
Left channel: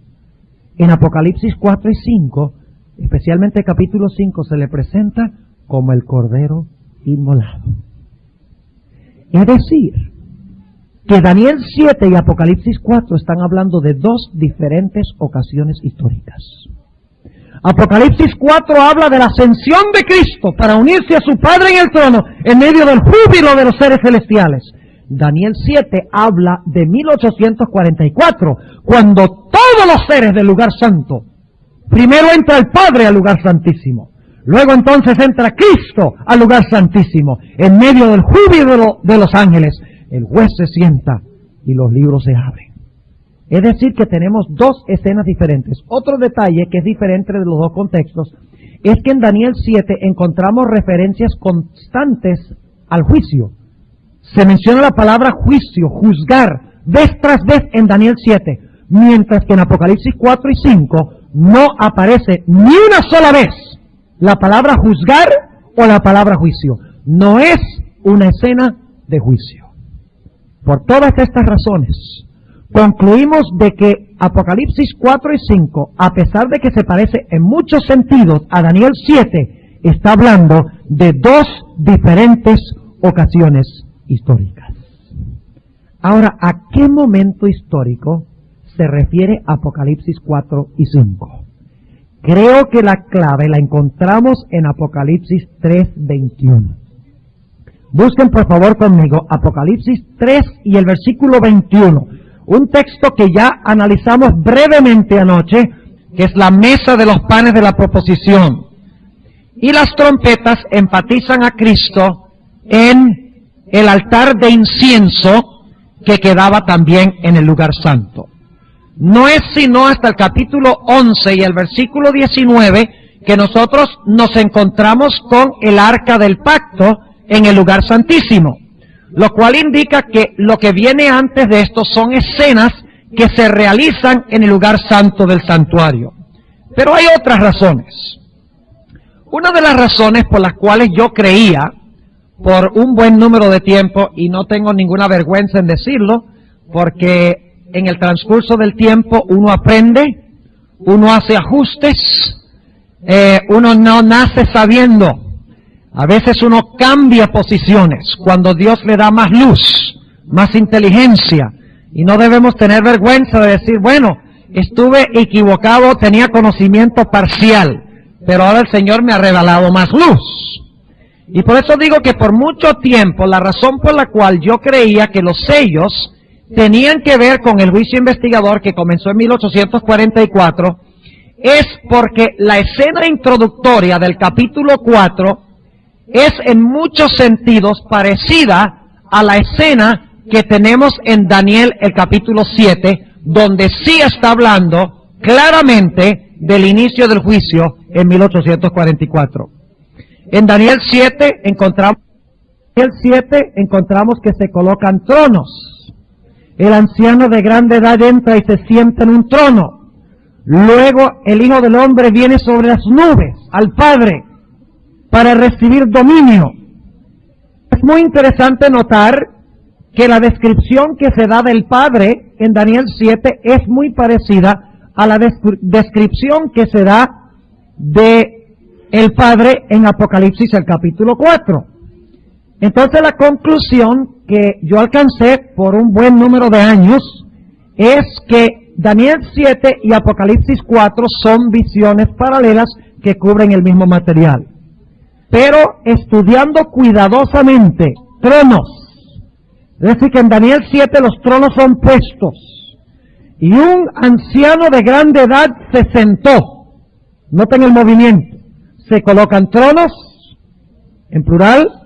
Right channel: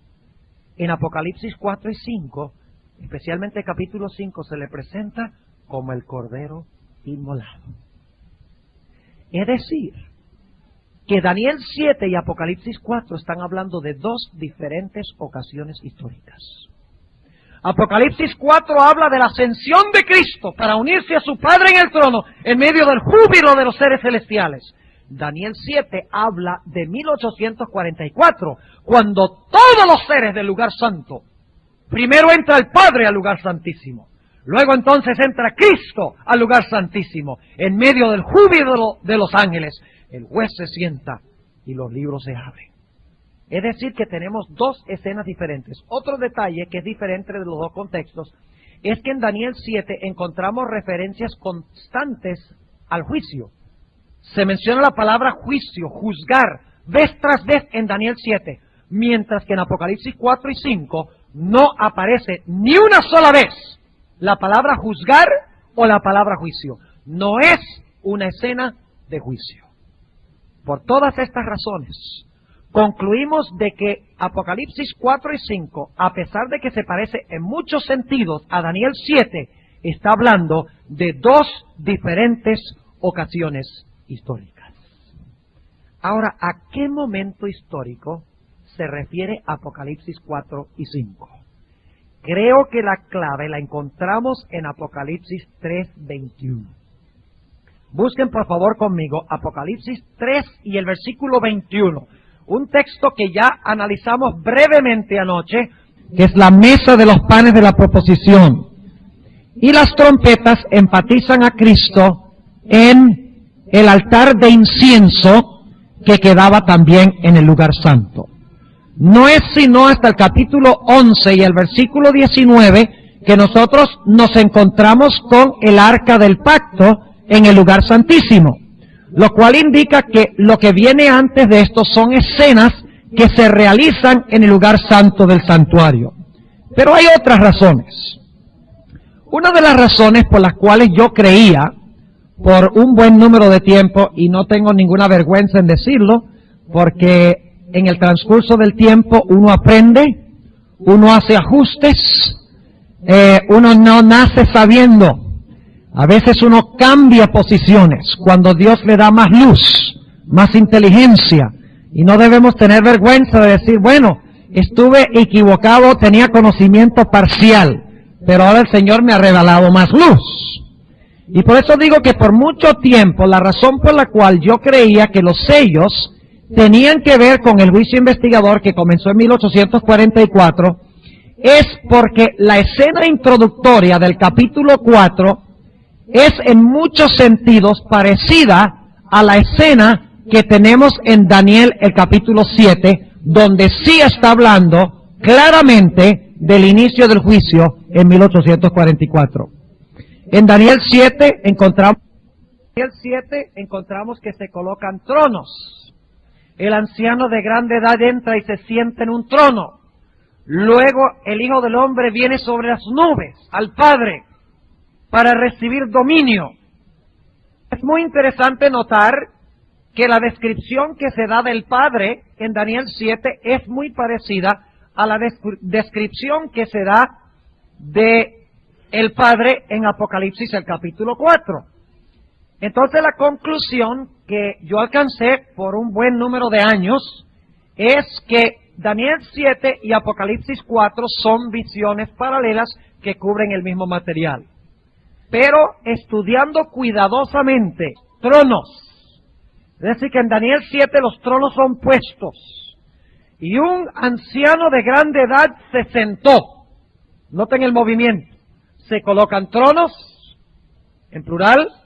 En Apocalipsis 4 y 5, especialmente el capítulo 5, se le presenta como el Cordero inmolado. Es decir, que Daniel 7 y Apocalipsis 4 están hablando de 2 diferentes ocasiones históricas. Apocalipsis 4 habla de la ascensión de Cristo para unirse a su Padre en el trono en medio del júbilo de los seres celestiales. Daniel 7 habla de 1844, cuando todos los seres del lugar santo, primero entra el Padre al lugar santísimo, luego entonces entra Cristo al lugar santísimo, en medio del júbilo de los ángeles, el juez se sienta y los libros se abren. Es decir, que tenemos 2 escenas diferentes. Otro detalle que es diferente de los 2 contextos es que en Daniel 7 encontramos referencias constantes al juicio. Se menciona la palabra juicio, juzgar, vez tras vez en Daniel 7, mientras que en Apocalipsis 4 y 5 no aparece ni una sola vez la palabra juzgar o la palabra juicio. No es una escena de juicio. Por todas estas razones, concluimos de que Apocalipsis 4 y 5, a pesar de que se parece en muchos sentidos a Daniel 7, está hablando de 2 diferentes ocasiones históricas. Ahora, ¿a qué momento histórico se refiere Apocalipsis 4 y 5? Creo que la clave la encontramos en Apocalipsis 3:21. Busquen por favor conmigo Apocalipsis 3 y el versículo 21. Un texto que ya analizamos brevemente anoche, que es la mesa de los panes de la proposición. Y las trompetas enfatizan a Cristo en el altar de incienso que quedaba también en el lugar santo. No es sino hasta el capítulo 11 y el versículo 19 que nosotros nos encontramos con el arca del pacto en el lugar santísimo, lo cual indica que lo que viene antes de esto son escenas que se realizan en el lugar santo del santuario. Pero hay otras razones. Una de las razones por las cuales yo creía, por un buen número de tiempo, y no tengo ninguna vergüenza en decirlo, porque en el transcurso del tiempo uno aprende, uno hace ajustes, uno no nace sabiendo. A veces uno cambia posiciones cuando Dios le da más luz, más inteligencia, y no debemos tener vergüenza de decir, bueno, estuve equivocado, tenía conocimiento parcial, pero ahora el Señor me ha revelado más luz. Y por eso digo que por mucho tiempo la razón por la cual yo creía que los sellos tenían que ver con el juicio investigador que comenzó en 1844 es porque la escena introductoria del capítulo 4 es en muchos sentidos parecida a la escena que tenemos en Daniel el capítulo 7, donde sí está hablando claramente del inicio del juicio en 1844. En Daniel 7 encontramos que se colocan tronos. El anciano de grande edad entra y se sienta en un trono. Luego el Hijo del Hombre viene sobre las nubes al Padre para recibir dominio. Es muy interesante notar que la descripción que se da del Padre en Daniel 7 es muy parecida a la descripción que se da de el Padre en Apocalipsis el capítulo 4. Entonces la conclusión que yo alcancé por un buen número de años es que Daniel 7 y Apocalipsis 4 son visiones paralelas que cubren el mismo material. Pero estudiando cuidadosamente tronos, es decir, que en Daniel 7 los tronos son puestos y un anciano de grande edad se sentó. Noten el movimiento. Se colocan tronos, en plural.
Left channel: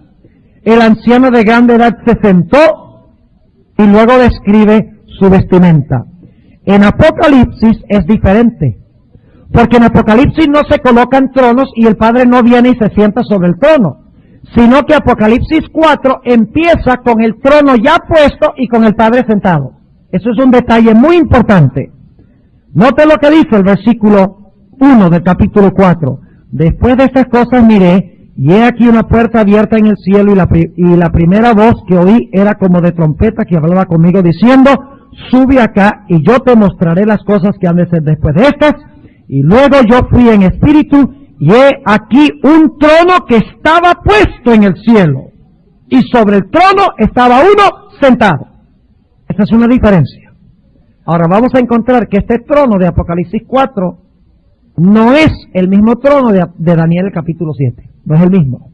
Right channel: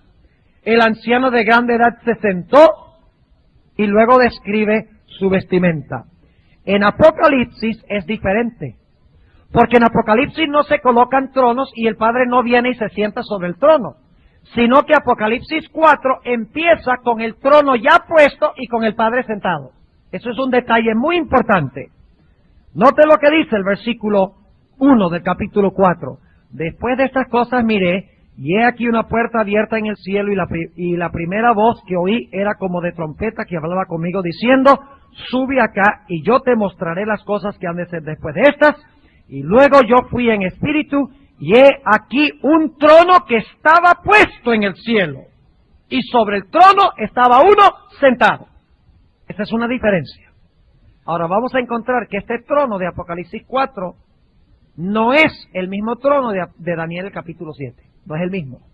El anciano de grande edad se sentó y luego describe su vestimenta. En Apocalipsis es diferente, porque en Apocalipsis no se colocan tronos y el Padre no viene y se sienta sobre el trono, sino que Apocalipsis 4 empieza con el trono ya puesto y con el Padre sentado. Eso es un detalle muy importante. Note lo que dice el versículo 1 del capítulo 4. Después de estas cosas miré, y he aquí una puerta abierta en el cielo, y la primera voz que oí era como de trompeta que hablaba conmigo diciendo, sube acá y yo te mostraré las cosas que han de ser después de estas. Y luego yo fui en espíritu, y he aquí un trono que estaba puesto en el cielo, y sobre el trono estaba uno sentado. Esa es una diferencia. Ahora vamos a encontrar que este trono de Apocalipsis 4 no es el mismo trono de Daniel el capítulo 7. No es el mismo.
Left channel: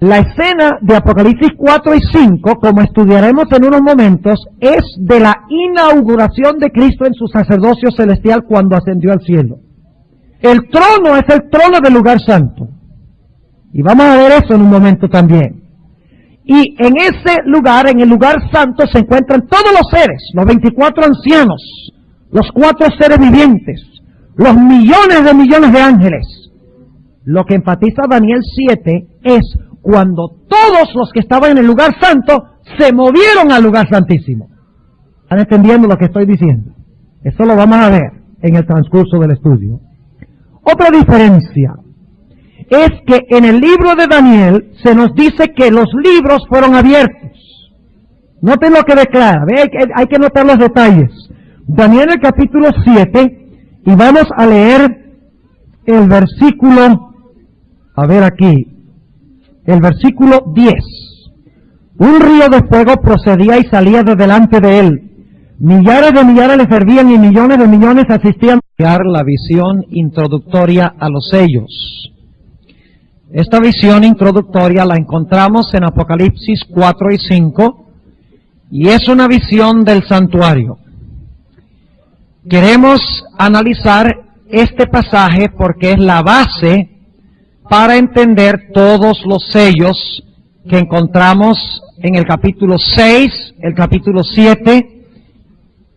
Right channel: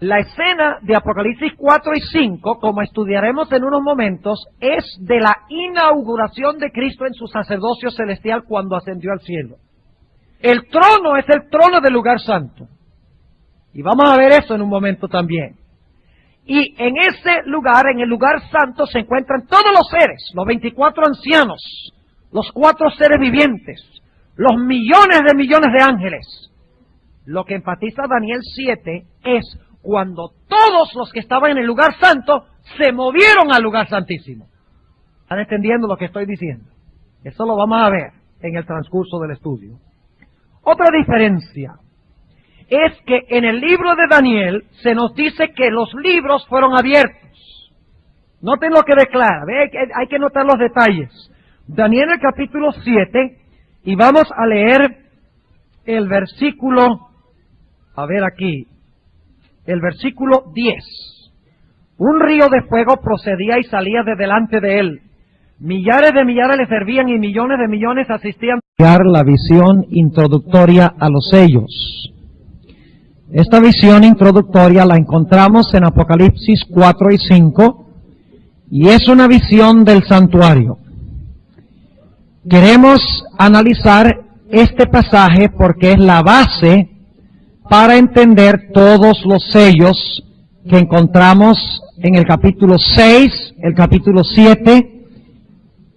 La escena de Apocalipsis 4 y 5, como estudiaremos en unos momentos, es de la inauguración de Cristo en su sacerdocio celestial cuando ascendió al cielo. El trono es el trono del lugar santo. Y vamos a ver eso en un momento también. Y en ese lugar, en el lugar santo, se encuentran todos los seres, los 24 ancianos, los 4 seres vivientes, los millones de ángeles. Lo que enfatiza Daniel 7 es cuando todos los que estaban en el lugar santo se movieron al lugar santísimo. ¿Están entendiendo lo que estoy diciendo? Eso lo vamos a ver en el transcurso del estudio. Otra diferencia es que en el libro de Daniel se nos dice que los libros fueron abiertos. Noten lo que declara, hay que notar los detalles. Daniel el capítulo 7, y vamos a leer el versículo, el versículo 10. Un río de fuego procedía y salía de delante de él. Millares de millares le servían y millones de millones asistían a la visión introductoria a los sellos. Esta visión introductoria la encontramos en Apocalipsis 4 y 5 y es una visión del santuario. Queremos analizar este pasaje porque es la base para entender todos los sellos que encontramos en el capítulo 6, el capítulo 7,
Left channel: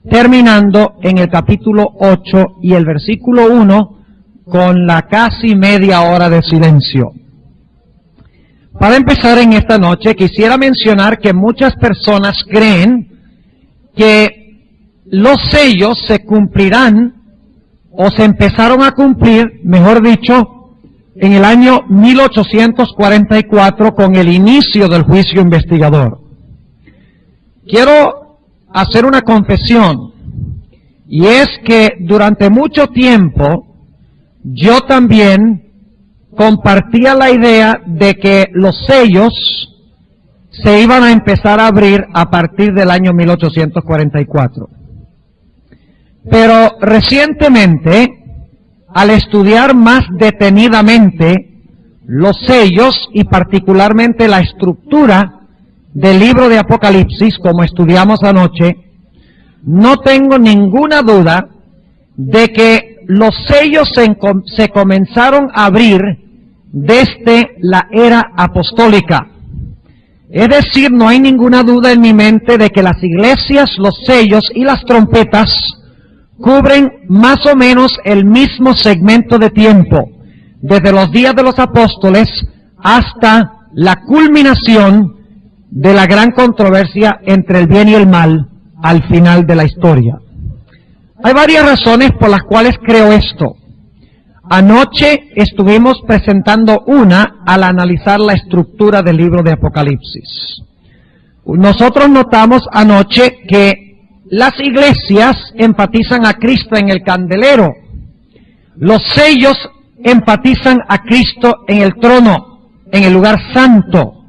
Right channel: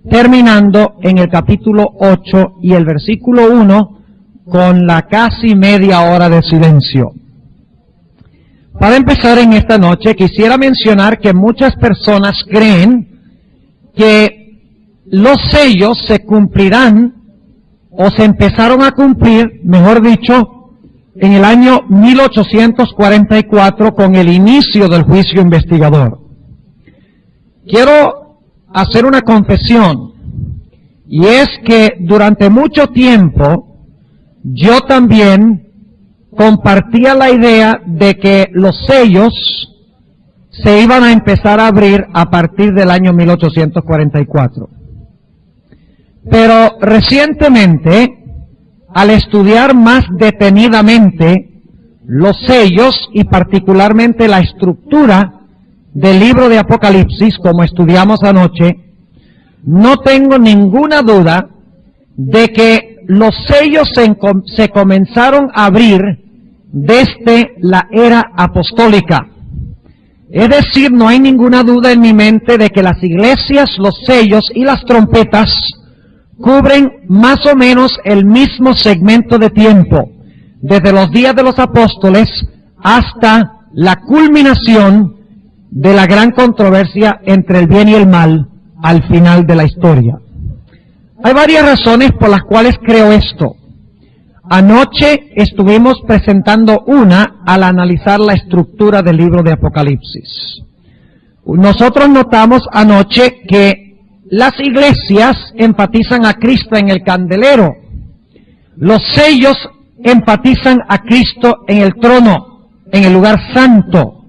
terminando en el capítulo 8 y el versículo 1 con la casi media hora de silencio. Para empezar en esta noche quisiera mencionar que muchas personas creen que los sellos se cumplirán o se empezaron a cumplir, mejor dicho, en el año 1844 con el inicio del juicio investigador. Quiero hacer una confesión, y es que durante mucho tiempo yo también compartía la idea de que los sellos se iban a empezar a abrir a partir del año 1844. Pero recientemente, al estudiar más detenidamente los sellos y particularmente la estructura del libro de Apocalipsis, como estudiamos anoche, no tengo ninguna duda de que los sellos se comenzaron a abrir desde la era apostólica. Es decir, no hay ninguna duda en mi mente de que las iglesias, los sellos y las trompetas cubren más o menos el mismo segmento de tiempo, desde los días de los apóstoles hasta la culminación de la gran controversia entre el bien y el mal al final de la historia. Hay varias razones por las cuales creo esto. Anoche estuvimos presentando una al analizar la estructura del libro de Apocalipsis. Nosotros notamos anoche que las iglesias enfatizan a Cristo en el candelero. Los sellos enfatizan a Cristo en el trono, en el lugar santo.